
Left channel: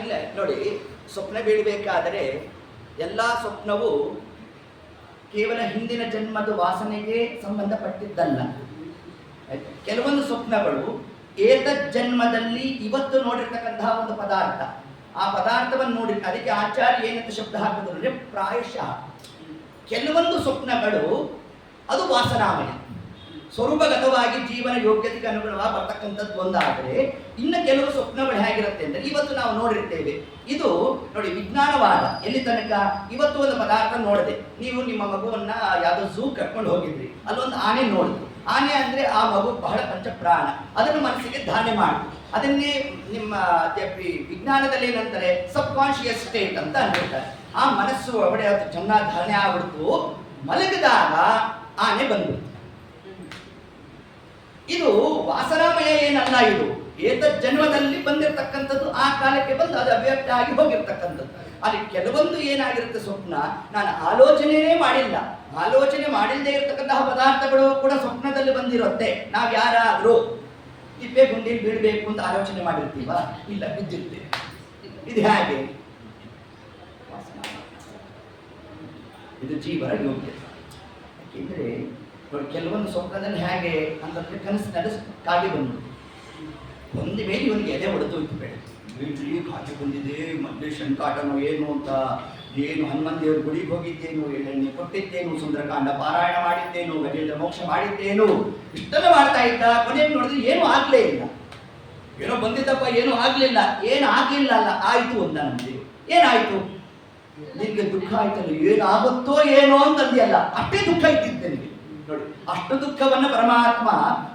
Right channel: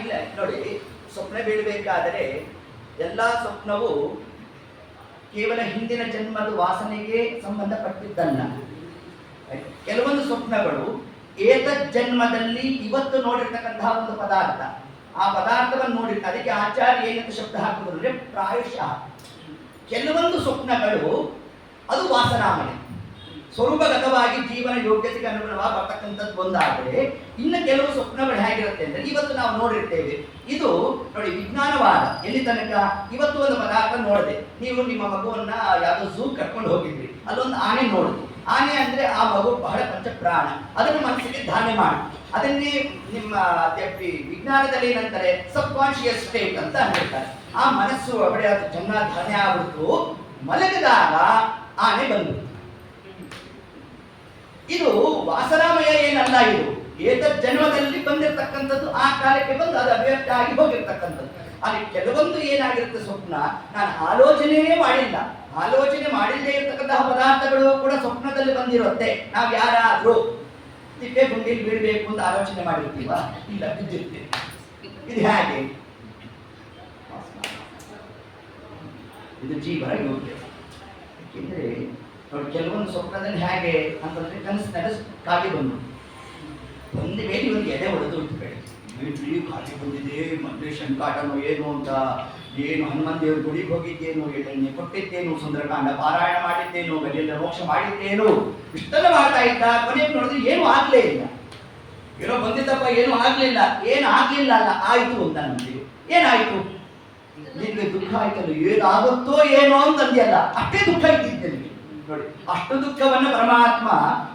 ಇಲ್ಲ ನೋಡಿ, ಸ್ವಪ್ನ ಬೀಳಬೇಕಾದರೆ ಎಲ್ಲ ಸ್ವಪ್ನವು ಕೇವಲ ಹಿಂದಿನ ಜನ್ಮದ ವಾಸನೆಗೆ ಸಂಬಂಧಪಟ್ಟಿದ್ದಲ್ಲ. ಕೆಲವೊಂದು ಸ್ವಪ್ನಗಳು ಏತದ್ ಜನ್ಮದಲ್ಲಿ ಇವತ್ತು ನೋಡಿರ್ತಕ್ಕಂತಹ ಒಂದು ಪದಾರ್ಥ, ಆ ಪದಾರ್ಥವನ್ನು ನೋಡಿ ಅದಕ್ಕೆ ಆಚಾರ್ಯ ಏನಂತ ಶಬ್ದ ಹಾಕಿದ್ರು ಅಂದ್ರೆ ಪ್ರಾಯಶಃ. ಕೆಲವೊಂದು ಸ್ವಪ್ನಗಳು ಅದು ವಾಸನಾಮಯ, ಸ್ವರೂಪಗತವಾಗಿ ಜೀವನ ಯೋಗ್ಯತೆಗೆ ಅನುಗುಣವಾಗಿ ಬರ್ತಕ್ಕಂಥದ್ದು ಒಂದಾದರೆ, ಇನ್ನು ಕೆಲವು ಸ್ವಪ್ನಗಳು ಹೇಗಿರುತ್ತೆ ಅಂದ್ರೆ ಇವತ್ತು ನಾವು ನೋಡಿರ್ತೇವೆ. ಇದು ನೋಡಿ ವಿಜ್ಞಾನವಾದ ಎಲ್ಲಿ ತನಕ. ಇವತ್ತು ಒಂದು ಪದಾರ್ಥ ನೋಡಿದೆ, ನೀವು ನಿಮ್ಮ ಮಗುವನ್ನ ಯಾವುದೋ ಝೂ ಕರ್ಕೊಂಡು ಹೋಗಿದ್ರಿ, ಅಲ್ಲೊಂದು ಆನೆ ನೋಡಿದ್ರಿ. ಆನೆ ಅಂದ್ರೆ ಆ ಮಗು ಬಹಳ ಪಂಚಪ್ರಾಣ, ಅದನ್ನು ಮನಸ್ಸಿಗೆ ಧಾರಣೆ ಮಾಡಿ ಅದನ್ನೇ ನಿಮ್ಮ ವಿಜ್ಞಾನದಲ್ಲಿ ಏನಂತಾರೆ ಸಬ್ ಕಾನ್ಶಿಯಸ್ ಸ್ಟೇಟ್ ಅಂತ ಹೇಳ್ತಾರೆ. ಆ ಮನಸ್ಸು ಒಳಗಡೆ ಅದು ಚೆನ್ನಾಗಿ ಧಾರಣೆ ಆಗ್ಬಿಡ್ತು, ಮಲಗಿದಾಗ ಆನೆ ಬಂದ್ಬಿಡ್ತು. ಇದು ವಾಸನಾಮಯ ಏನಲ್ಲ, ಇದು ಏತದ್ ಜನ್ಮದಲ್ಲಿ ಬಂದಿರತಕ್ಕಂಥದ್ದು, ಆ ಕಾಲಕ್ಕೆ ಬಂದು ಅದು ಅವ್ಯಕ್ತ ಆಗಿ ಹೋಗಿರ್ತಕ್ಕಂಥದ್ದು. ಅಲ್ಲಿ ಕೆಲವೊಂದು ಏನಾಗಿರುತ್ತೆ ಸ್ವಪ್ನ, ನಾನು ಆಲೋಚನೆಯೇ ಮಾಡಿಲ್ಲ, ಆಲೋಚನೆ ಮಾಡಿಲ್ಲದೆ ಇರತಕ್ಕಂತಹ ಪದಾರ್ಥಗಳು ಕೂಡ ಸ್ವಪ್ನದಲ್ಲಿ ಬಂದಿರುತ್ತೆ. ನಾವು ಯಾರಾದ್ರೂ ತಿಪ್ಪೆ ಗುಂಡಿಲಿ ಬೀಳಬೇಕು ಅಂತ ಆಲೋಚನೆ ಮಾಡಿರ್ತೀವ? ಇಲ್ಲ, ಬಿದ್ದಿರ್ತೀವಿ. ಇದು ಹೇಗೆ? ಇದು ಜೀವನ ಯೋಗ್ಯ. ಯಾಕೆಂದ್ರೆ ನೋಡಿ, ಕೆಲವೊಂದು ಸ್ವಪ್ನದಲ್ಲಿ ಹೇಗೆ ಅಂತಂದ್ರೆ ಕನಸು ನಡೆಸ್ ಕಾಗೆ ಬಂದು ಒಂದೇ ಮೇಲೆ ಒಂದು ಎದೆ ಹೊಡೆದು ಇಟ್ಬೇಡಿ, ಕಾಗೆ ಬಂದಿದೆ, ಮತ್ತೆ ಶಂಕಾಟನೋ ಏನು ಅಂತ, ಏನು ಹನುಮನ್ ದೇವ್ರ ಗುಡಿಗೆ ಹೋಗಿದ್ದೇನು, ಎಣ್ಣೆ ಕೊಟ್ಟಿದ್ದೇನು, ಸುಂದರಕಾಂಡ ಪಾರಾಯಣ ಮಾಡಿದ್ದೇನು, ಗಜೇಂದ್ರ ಮೋಕ್ಷ ಮಾಡಿದ್ದೇನು, ಇಷ್ಟೆಲ್ಲ ಮಾಡ್ತಾ ಇದ್ದ. ಕೊನೆಗೆ ನೋಡಿದ್ರೆ ಏನೂ ಆಗ್ಲೇ ಇಲ್ಲ. ಏನೋ ಬಂದಿದ್ದಪ್ಪ, ಏನೂ ಆಗ್ಲಿಲ್ಲ. ಏನು ಆಗ್ಲಿಲ್ಲ ಅಲ್ಲ, ಆಯ್ತು ಅಂತ ನಮ್ಗೆ. ಏನಾಯ್ತು? ನಿನ್ಗೆ ದುಃಖ ಆಯ್ತಲ್ಲ, ಏನಾಗುತ್ತೋ ಏನೋ ಅಂತಂದಿಯಲ್ಲ, ಅಷ್ಟೇ ದುಃಖ ಇದ್ದಿದ್ದೆ ನಿಮಗೆ. ನೋಡಿ, ಅಷ್ಟು ದುಃಖವನ್ನು ಪರಮಾತ್ಮ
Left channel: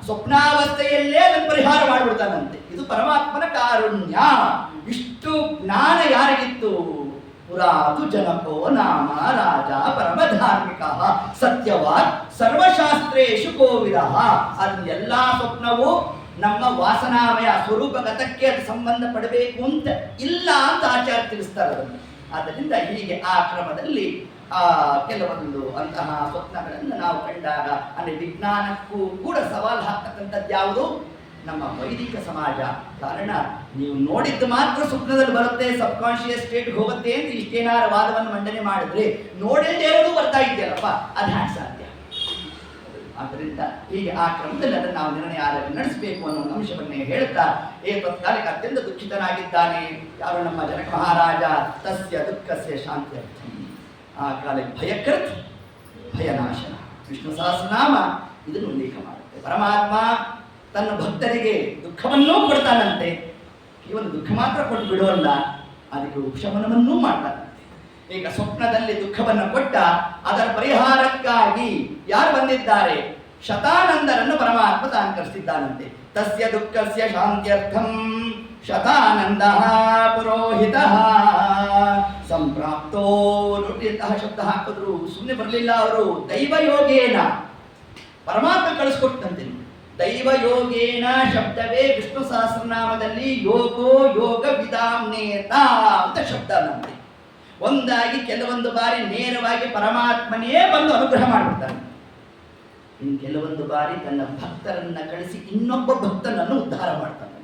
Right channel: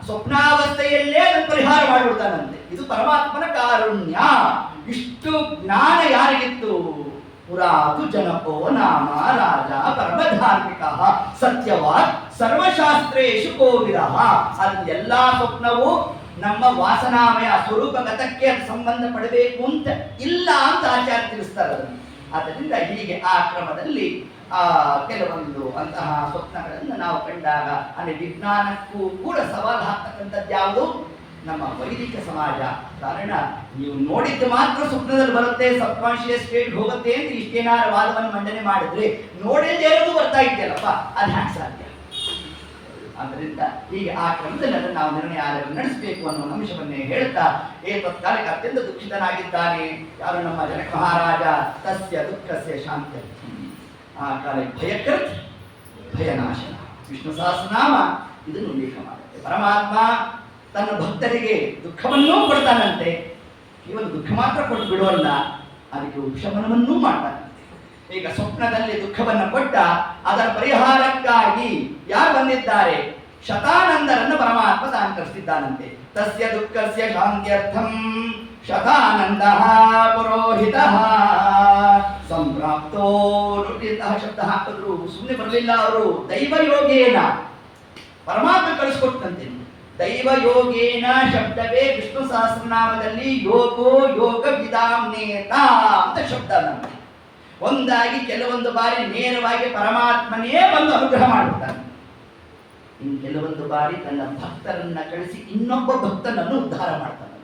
ಸ್ವಪ್ನಾವಸ್ಥೆಯಲ್ಲೇ ಅದನ್ನು ಪರಿಹಾರ ಮಾಡಿಬಿಡ್ತಾನಂತೆ. ಇದು ಪರಮಾತ್ಮನ ಕಾರುಣ್ಯ. ಇಷ್ಟು ಜ್ಞಾನ ಯಾರಿಗಿತ್ತು? ಪುರಾತು ಜನಪೋ ನಾಮ ರಾಜ ಪರಮಧಾರ್ಮಿಕ ಸತ್ಯವಾನ್ ಸರ್ವಶಾಸ್ತ್ರೇಶು ಕೋವಿದಃ. ಅದು ಎಲ್ಲಾ ಸ್ವಪ್ನವು ನಮ್ಮ ವಾಸನಾಮಯ ಸ್ವರೂಪಗತಕ್ಕೆ ಅದು ಸಂಬಂಧ ಪಡಬೇಕು ಅಂತ ಇಲ್ಲ ಅಂತ ಆಚಾರ್ಯ ತಿಳಿಸ್ತಾರೆ ಅದನ್ನು. ಆದ್ದರಿಂದ ಹೀಗೆ ಆ ಕ್ರಮದಲ್ಲಿ ಕೆಲವೊಂದು ಅಂತಹ ಸ್ವಪ್ನಗಳನ್ನು ನಾವು ಕಂಡಾಗ, ಅಂದರೆ ವಿಜ್ಞಾನಕ್ಕೂ ಕೂಡ ಸವಾಲು ಹಾಕ್ತಕ್ಕಂಥದ್ದು ಯಾವುದು? ನಮ್ಮ ವೈದಿಕ ಸಮಾಜ. ಕಾರಣ ನೀವು ನೋಡಿದ್ದು ಮಾತ್ರ ಸ್ವಪ್ನದಲ್ಲಿ ಬರುತ್ತೆ, ಸಬ್ ಕಾನ್ಶಿಯಸ್ ಸ್ಟೇಟ್ ಹೋಗುತ್ತೆ ಅಂತ ಇಷ್ಟೇನಾರ ವಾದವನ್ನು ಮಂಡನೆ ಮಾಡಿದ್ರೆ, ನೋಡಿಲ್ಲದೆ ಇರೋದು ಬರ್ತಾ ಇದೆಯಲ್ಲಪ್ಪ, ಅದು ಹ್ಯಾಕ್ ಸಾಧ್ಯ? ಆದ್ದರಿಂದ ಹೀಗೆ ಆ ಕ್ರಮದಲ್ಲಿ ಅದನ್ನು ನಾವು ನಿರ್ಣಯ ನಡೆಸಬೇಕು ಅನ್ನೋ ಅಂಶವನ್ನೇ ಹೇಳ್ತಾ, ತತ್ಕಾಲಕ್ಕೆ ಅತ್ಯಂತ ದುಃಖಿತನಾಗಿದ್ದಾನೆ ಯಾರು? ನಮ್ಮ ಜನಕ ಮಹಾರಾಜ. ತಸ್ಯ ದುಃಖಸ್ಯ ಶಾಂತಿ. ಆ ಕಾಲಕ್ಕೆ ಭಯಕೃತ್ ಭಯನಾಶನ ವಿಷ್ಣು ಸಹಸ್ರನಾಮ ಇದನ್ನು ಉಲ್ಲೇಖ ಮಾಡುತ್ತೆ. ಪರಮಾತ್ಮ ತನ್ನ ಭಕ್ತರಿಗೆ ದುಃಖವನ್ನೂ ಕೊಡ್ತಾನಂತೆ, ಕೇವಲ ದುಃಖ ಮಾತ್ರ ಕೊಟ್ಟು ಬಿಡುವಲ್ಲ, ಅದಕ್ಕೆ ಉಪಶಮನವನ್ನೂ ಮಾಡ್ತಾನಂತೆ. ಈಗ ಸ್ವಪ್ನದಲ್ಲಿ ದುಃಖವನ್ನು ಕೊಟ್ಟ ಅದರ ಪರಿಹಾರಕ್ಕಾಗಿ ಯಾರು ಬಂದಿದ್ದಾರೆ? ಶತಾನಂದರನ್ನು ಪರಮಾತ್ಮ ತಾನು ಕರೆಸಿದ್ದಾನಂತೆ. ತಸ್ಯ ದುಃಖಸ್ಯ ಶಾಂತ್ಯರ್ಥಂ ಶತಾನಂದ ಪುರೋಹಿತ ಸಂಪ್ರಾಪ್ತೋ. ಶಬ್ದ ಹಾಕಿದ್ರು, ಸುಮ್ಮನೆ ಬರಲಿಲ್ಲ ಅವರು. ದೈವಯೋಗೇನ ಪರಮಾತ್ಮ ಕಳಿಸ್ಕೊಟ್ಟಂತೆ. ದೈವಯೋಗೇನ ಶಬ್ದವೇ ವಿಷ್ಣು ಸಹಸ್ರನಾಮದಲ್ಲಿ ಯೋಗೋ ಯೋಗ ವಿಧಾಮ್ನೇತ ಅಂತ ಶಬ್ದ ನಂತೆ. ಒಂದಾಗಿ ಕೆಲವೊಂದು ಬಾರಿ ನೇರವಾಗಿ ಪರಮಾತ್ಮನೇ ಬಂದು ಅನುಗ್ರಹ ಮಾಡಿಬಿಡ್ತಾನೆ. ಇನ್ನು ಕೆಲವೊಂದು ಬಾರಿ ತನ್ನ ಭಕ್ತರನ್ನ ಕಳಿಸಿ ಇನ್ನೊಬ್ಬ ಭಕ್ತನನ್ನು ಉದ್ಧಾರ ಮಾಡ್ತಾನೆ.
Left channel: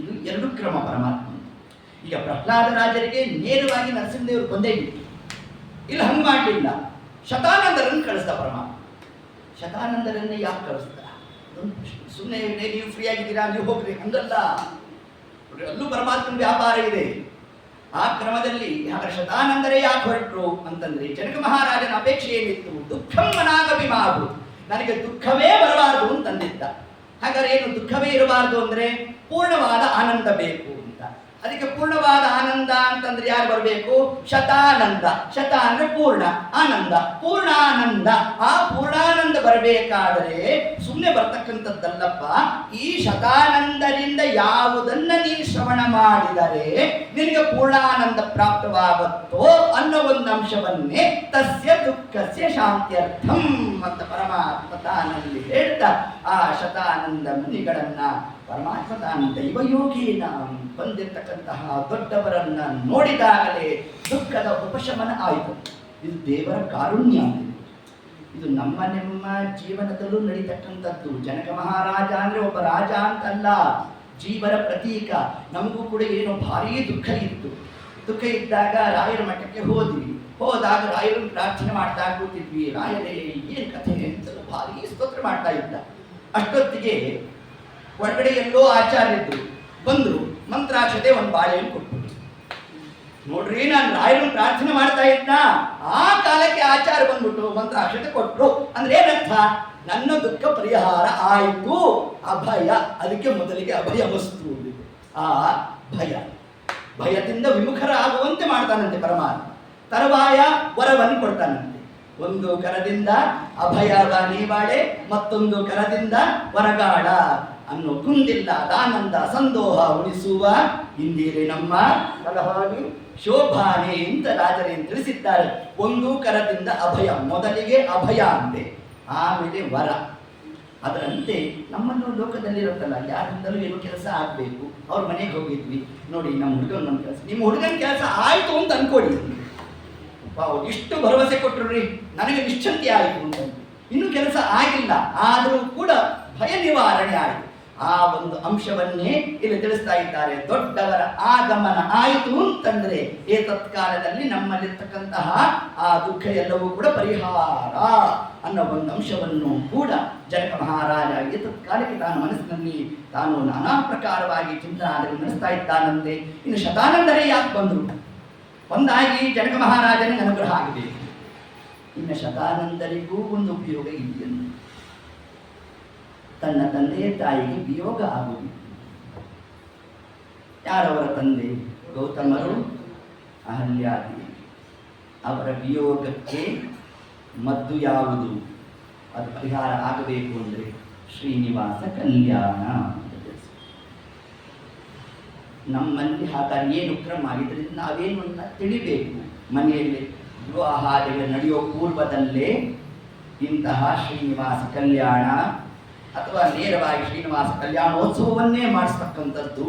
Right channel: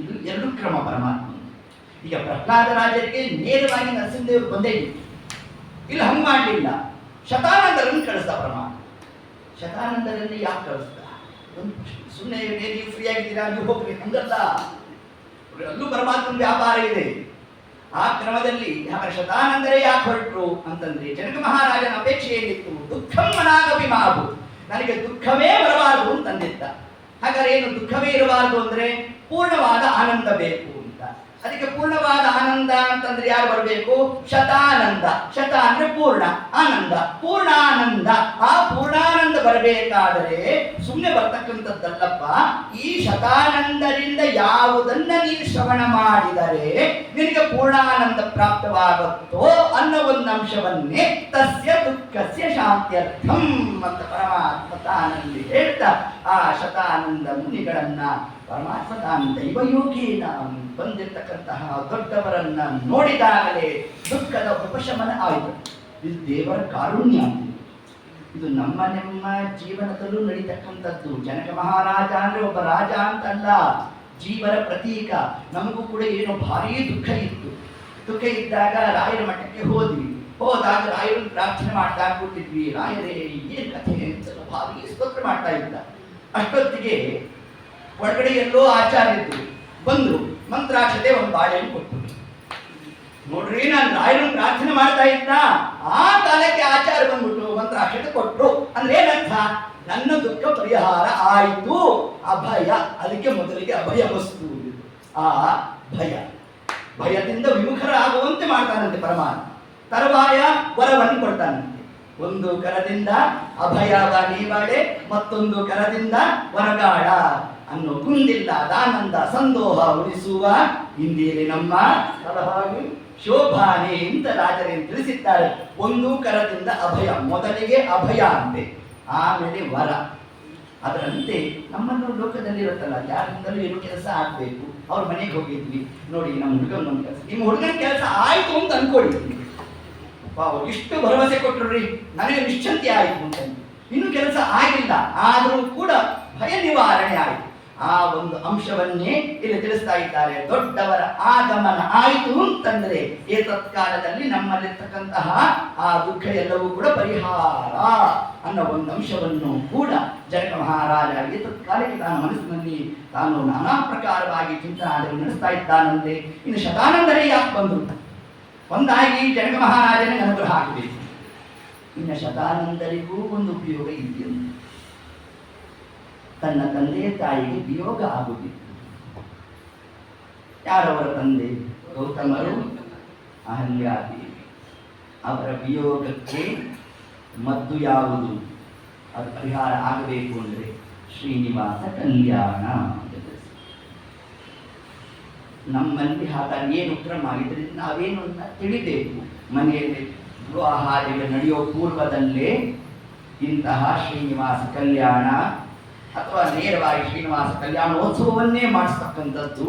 ಇದು ಎರಡು ಕ್ರಮ ಪರಮಾತ್ಮ. ಈಗ ಪ್ರಹ್ಲಾದ ರಾಜರಿಗೆ ನೇರವಾಗಿ ನರಸಿಂಹದೇವರು ಬಂದೇ ಇತ್ತು, ಇಲ್ಲಿ ಹಂಗೆ ಮಾಡಲಿಲ್ಲ. ಶತಾನಂದರನ್ನು ಕಳಿಸ್ದ ಪರಮಾತ್ಮ. ಶತಾನಂದರನ್ನು ಯಾಕೆ ಕಳಿಸ್ದ? ಸುಮ್ಮನೆ ನೀವು ಫ್ರೀ ಆಗಿದ್ದೀರಾ, ನೀವು ಹೋಗ್ರಿ, ಹಂಗಲ್ಲ. ಅಲ್ಲೂ ಪರಮಾತ್ಮನ ವ್ಯಾಪಾರ ಇದೆ. ಆ ಕ್ರಮದಲ್ಲಿ ಶತಾನಂದರೇ ಯಾಕೆ ಹೊರಟರು ಅಂತಂದ್ರೆ, ಜನಕ ಮಹಾರಾಜನ ಅಪೇಕ್ಷೆ ಏನಿತ್ತು? ದುಃಖಂ ಮನಾಗಪಿ ಮಾವು, ನನಗೆ ದುಃಖವೇ ಬರಬಾರದು ಅಂತಂದಿದ್ದ. ಹಾಗಾದ್ರೆ ಏನು ದುಃಖವೇ ಇರಬಾರದು ಅಂದ್ರೆ ಪೂರ್ಣವಾದ ಆನಂದ ಬೇಕು ಅಂತ. ಅದಕ್ಕೆ ಪೂರ್ಣವಾದ ಆನಂದ ಅಂತಂದ್ರೆ ಯಾರು ಬರಬೇಕು? ಶತಾನಂದ. ಶತ ಅಂದ್ರೆ ಪೂರ್ಣ, ಆನಂದ, ಪೂರ್ಣಾನಂದ. ಆ ಪೂರ್ಣಾನಂದ ಬರಬೇಕಾದರೆ ಸುಮ್ಮನೆ ಬರ್ತಕ್ಕಂಥದ್ದಲ್ಲಪ್ಪ. ಈ ಶತಾನಂದರಿಂದ ಯಾವುದನ್ನ ನೀನು ಶ್ರವಣ ಮಾಡಿದರೆ ನಿನಗೆ ಪೂರ್ಣಾನಂದ ಪ್ರಾಪ್ತವಾಗುತ್ತೋ ಅನ್ನೋ ಒಂದು ಅಂಶವನ್ನೇ ತಸ್ಯ ದುಃಖಸ್ಯ ಶಾಂತ್ಯರ್ಥಂ ಅಂತ ಪರಮಾತ್ಮ ತಾನಲ್ಲಿ ಹೇಳ್ತಾ ಆ ಶತಾನಂದ ಮುನಿಗಳನ್ನ ಪರಮಾತ್ಮ ತಾನು ದೈವಯೋಗಿನ ಬಂದಿರತಕ್ಕಂತಹ ದೊಡ್ಡವರನ್ನ ನೋಡಿದಾಗಲೇ ದುಃಖದ ಉಪಶಮನ ಆಯಿತು. ಇದು ದೇವರ ಕಾರುಣ್ಯ. ಇದು ನಮ್ಮ ಜೀವನದಲ್ಲೂ ನಡೀತಕ್ಕಂಥದ್ದು. ಜನಕ ಮಹಾರಾಜ ಅಂದ್ರೆ ಒಬ್ಬ ರಾಜ ಅಂತಲ್ಲ, ಜೀವನ ಪ್ರತೀಕ. ನಮಗೂ ಕೂಡ ಏನೋ ಭಾರೀ ದುಃಖ ಇತ್ತು. ದುಃಖ ಇದ್ದಾಗ ರಾಯರ ಮಠಕ್ಕೆ ಹೋದ್ವಿ. ಹೋದಾಗ ರಾಯರನ್ನು ಪ್ರಾರ್ಥನೆ ಮಾಡ್ತಾ ಕೂತಿದ್ವಿ. ರಾಯರೇ ಏನ್ ಕಥೆ ಅಂತ ಭಾರೀ ಸ್ತೋತ್ರ ಮಾಡ್ತಾ ಇದ್ದ. ಅಷ್ಟೊತ್ತಿಗೆ ಒಳಗಡೆ ಎಲ್ಲೋ ಆಚಾರ್ಯರು ಬಂದ್ರು, ಮಂತ್ರಾಕ್ಷತೆ ಒಂದು ಬಾಳೆಯನ್ನು ಕೊಟ್ಟರು. ನೋಡ್ರಿ, ನಾನು ರಾಯರನ್ನು ಪ್ರಾರ್ಥನೆ ಮಾಡ್ತಾ ಇದ್ದ, ಆ ಕಾಲಕ್ಕೆ ಆಚಾರ್ಯ ಬಂದ್ಬಿಟ್ಟು ಮಂತ್ರಾಕ್ಷತೆ ಕೊಟ್ಟರು. ಅಂದ್ರೆ ಏನರ್ಥ? ನನ್ನ ದುಃಖ ಪರಿಹಾರ ಆಯಿತು. ಅಭಯ, ಅದಕ್ಕೆ ಮೊದಲಿಗೆ ಅಭಯ ವಸ್ತು. ಆ ಭಯ, ಭಯದಿಂದ ವಿಮುಖರಾಗುವಂತೆ ಮಾಡ್ತಾನಂತೆ ಪರಮಾತ್ಮ. ತರುವಾಯ ವರವನ್ನು ಕೊಡ್ತಾನಂತೆ. ಒಂದು ಕರದಿಂದ ಅಭಯ ನೀವಾಳೆ, ಮತ್ತೊಂದು ಕರದಿಂದ ವರಗಾಡ. ಅನ್ನೋ ಕುಂದಿಲ್ಲ ದಾನಂದ ಸಂದೋಹ ಉಳಿಸುವ ಇಂದಿರೆ ನಮ್ಮ ತಲಹಾಡಿ ಶೋಭಾನೆ ಅಂತ ರಾಜರೇನು ತಿಳಿಸಿದ್ದಾರೆ. ಒಂದು ಕರದಿಂದ ಅಭಯ, ಮೊದಲಿಗೆ ಅಭಯ ಅಂತೆ, ಆಮೇಲೆ ವರ. ಅದರಂತೆ ನಮ್ಮನ್ನು ಲೋಕದಲ್ಲಿರುತ್ತಲ್ಲ, ಯಾರಿಂದಲೂ ಏನು ಕೆಲಸ ಆಗಬೇಕು. ಅವ್ರ ಮನೆಗೆ ಹೋಗಿದ್ವಿ, ನೋಡಿ ನಮ್ಮ ಹುಡುಗನ ಒಂದು ಕೆಲಸ, ನಿಮ್ಮ ಹುಡುಗನ ಕೆಲಸ ಆಯಿತು ಅಂತ ಅನ್ಕೊಳ್ಳಿ. ಇಷ್ಟು ಭರವಸೆ ಕೊಟ್ಟರು ರೀ, ನನಗೆ ನಿಶ್ಚಂತೆ ಆಯಿತು ಅಂತ. ಇನ್ನೂ ಕೆಲಸ ಆಗಿಲ್ಲ, ಆದರೂ ಕೂಡ ಭಯ ನಿವಾರಣೆ ಆಯಿತು. ಆ ಒಂದು ಅಂಶವನ್ನೇ ಇಲ್ಲಿ ತಿಳಿಸ್ತಾ ಇದ್ದಾರೆ. ದೊಡ್ಡವರ ಆಗಮನ ಆಯಿತು ಅಂತಂದ್ರೆ ಏತತ್ಕಾಲದಲ್ಲಿ ನಮ್ಮಲ್ಲಿರ್ತಕ್ಕಂತಹ ಆ ದುಃಖ ಎಲ್ಲವೂ ಕೂಡ ಪರಿಹಾರ ಅನ್ನೋ ಒಂದು ಅಂಶವನ್ನು ಕೂಡ ಜನಕ ಮಹಾರಾಜ ಏತತ್ಕಾಲಕ್ಕೆ ತಾನು ಮನಸ್ಸಿನಲ್ಲಿ ತಾನು ನಾನಾ ಪ್ರಕಾರವಾಗಿ ಚಿಂತನೆ ನಡೆಸ್ತಾ ಇದ್ದಾನಂತೆ. ಇನ್ನು ಶತಾನಂದರೇ ಯಾಕೆ ಬಂದರು? ಒಂದಾಗಿ ಜನಕ ಮಹಾರಾಜನೇ ಅನುಗ್ರಹ ಆಗಬೇಕು, ಇನ್ನು ಶತಾನಂದರಿಗೂ ಒಂದು ಉಪಯೋಗ ಇದೆಯಂತೆ. ತನ್ನ ತಂದೆ ತಾಯಿಗೆ ವಿಯೋಗ ಆಗುವುದಿಲ್ಲ. ಯಾರವರ ತಂದೆ? ಗೌತಮರು, ಅಹಲ್ಯಾದೇವಿ. ಅವರ ವಿಯೋಗಕ್ಕೆ ಮದ್ದು ಯಾವುದು? ಅದು ಪರಿಹಾರ ಆಗಬೇಕು ಅಂದರೆ ಶ್ರೀನಿವಾಸ ಕಲ್ಯಾಣ. ನಮ್ಮಲ್ಲಿ ಹಾಗಾಗಿ ಏನು ಕ್ರಮ ಇದರಿಂದ ನಾವೇನು ತಿಳಿಬೇಕು. ಮನೆಯಲ್ಲಿ ವಿವಾಹಾದಿಗಳು ನಡೆಯೋ ಪೂರ್ವದಲ್ಲೇ ಇಂತಹ ಶ್ರೀನಿವಾಸ ಕಲ್ಯಾಣ ಅಥವಾ ನೇರವಾಗಿ ಶ್ರೀನಿವಾಸ ಕಲ್ಯಾಣೋತ್ಸವವನ್ನೇ ಮಾಡಿಸ್ತಕ್ಕಂಥದ್ದು,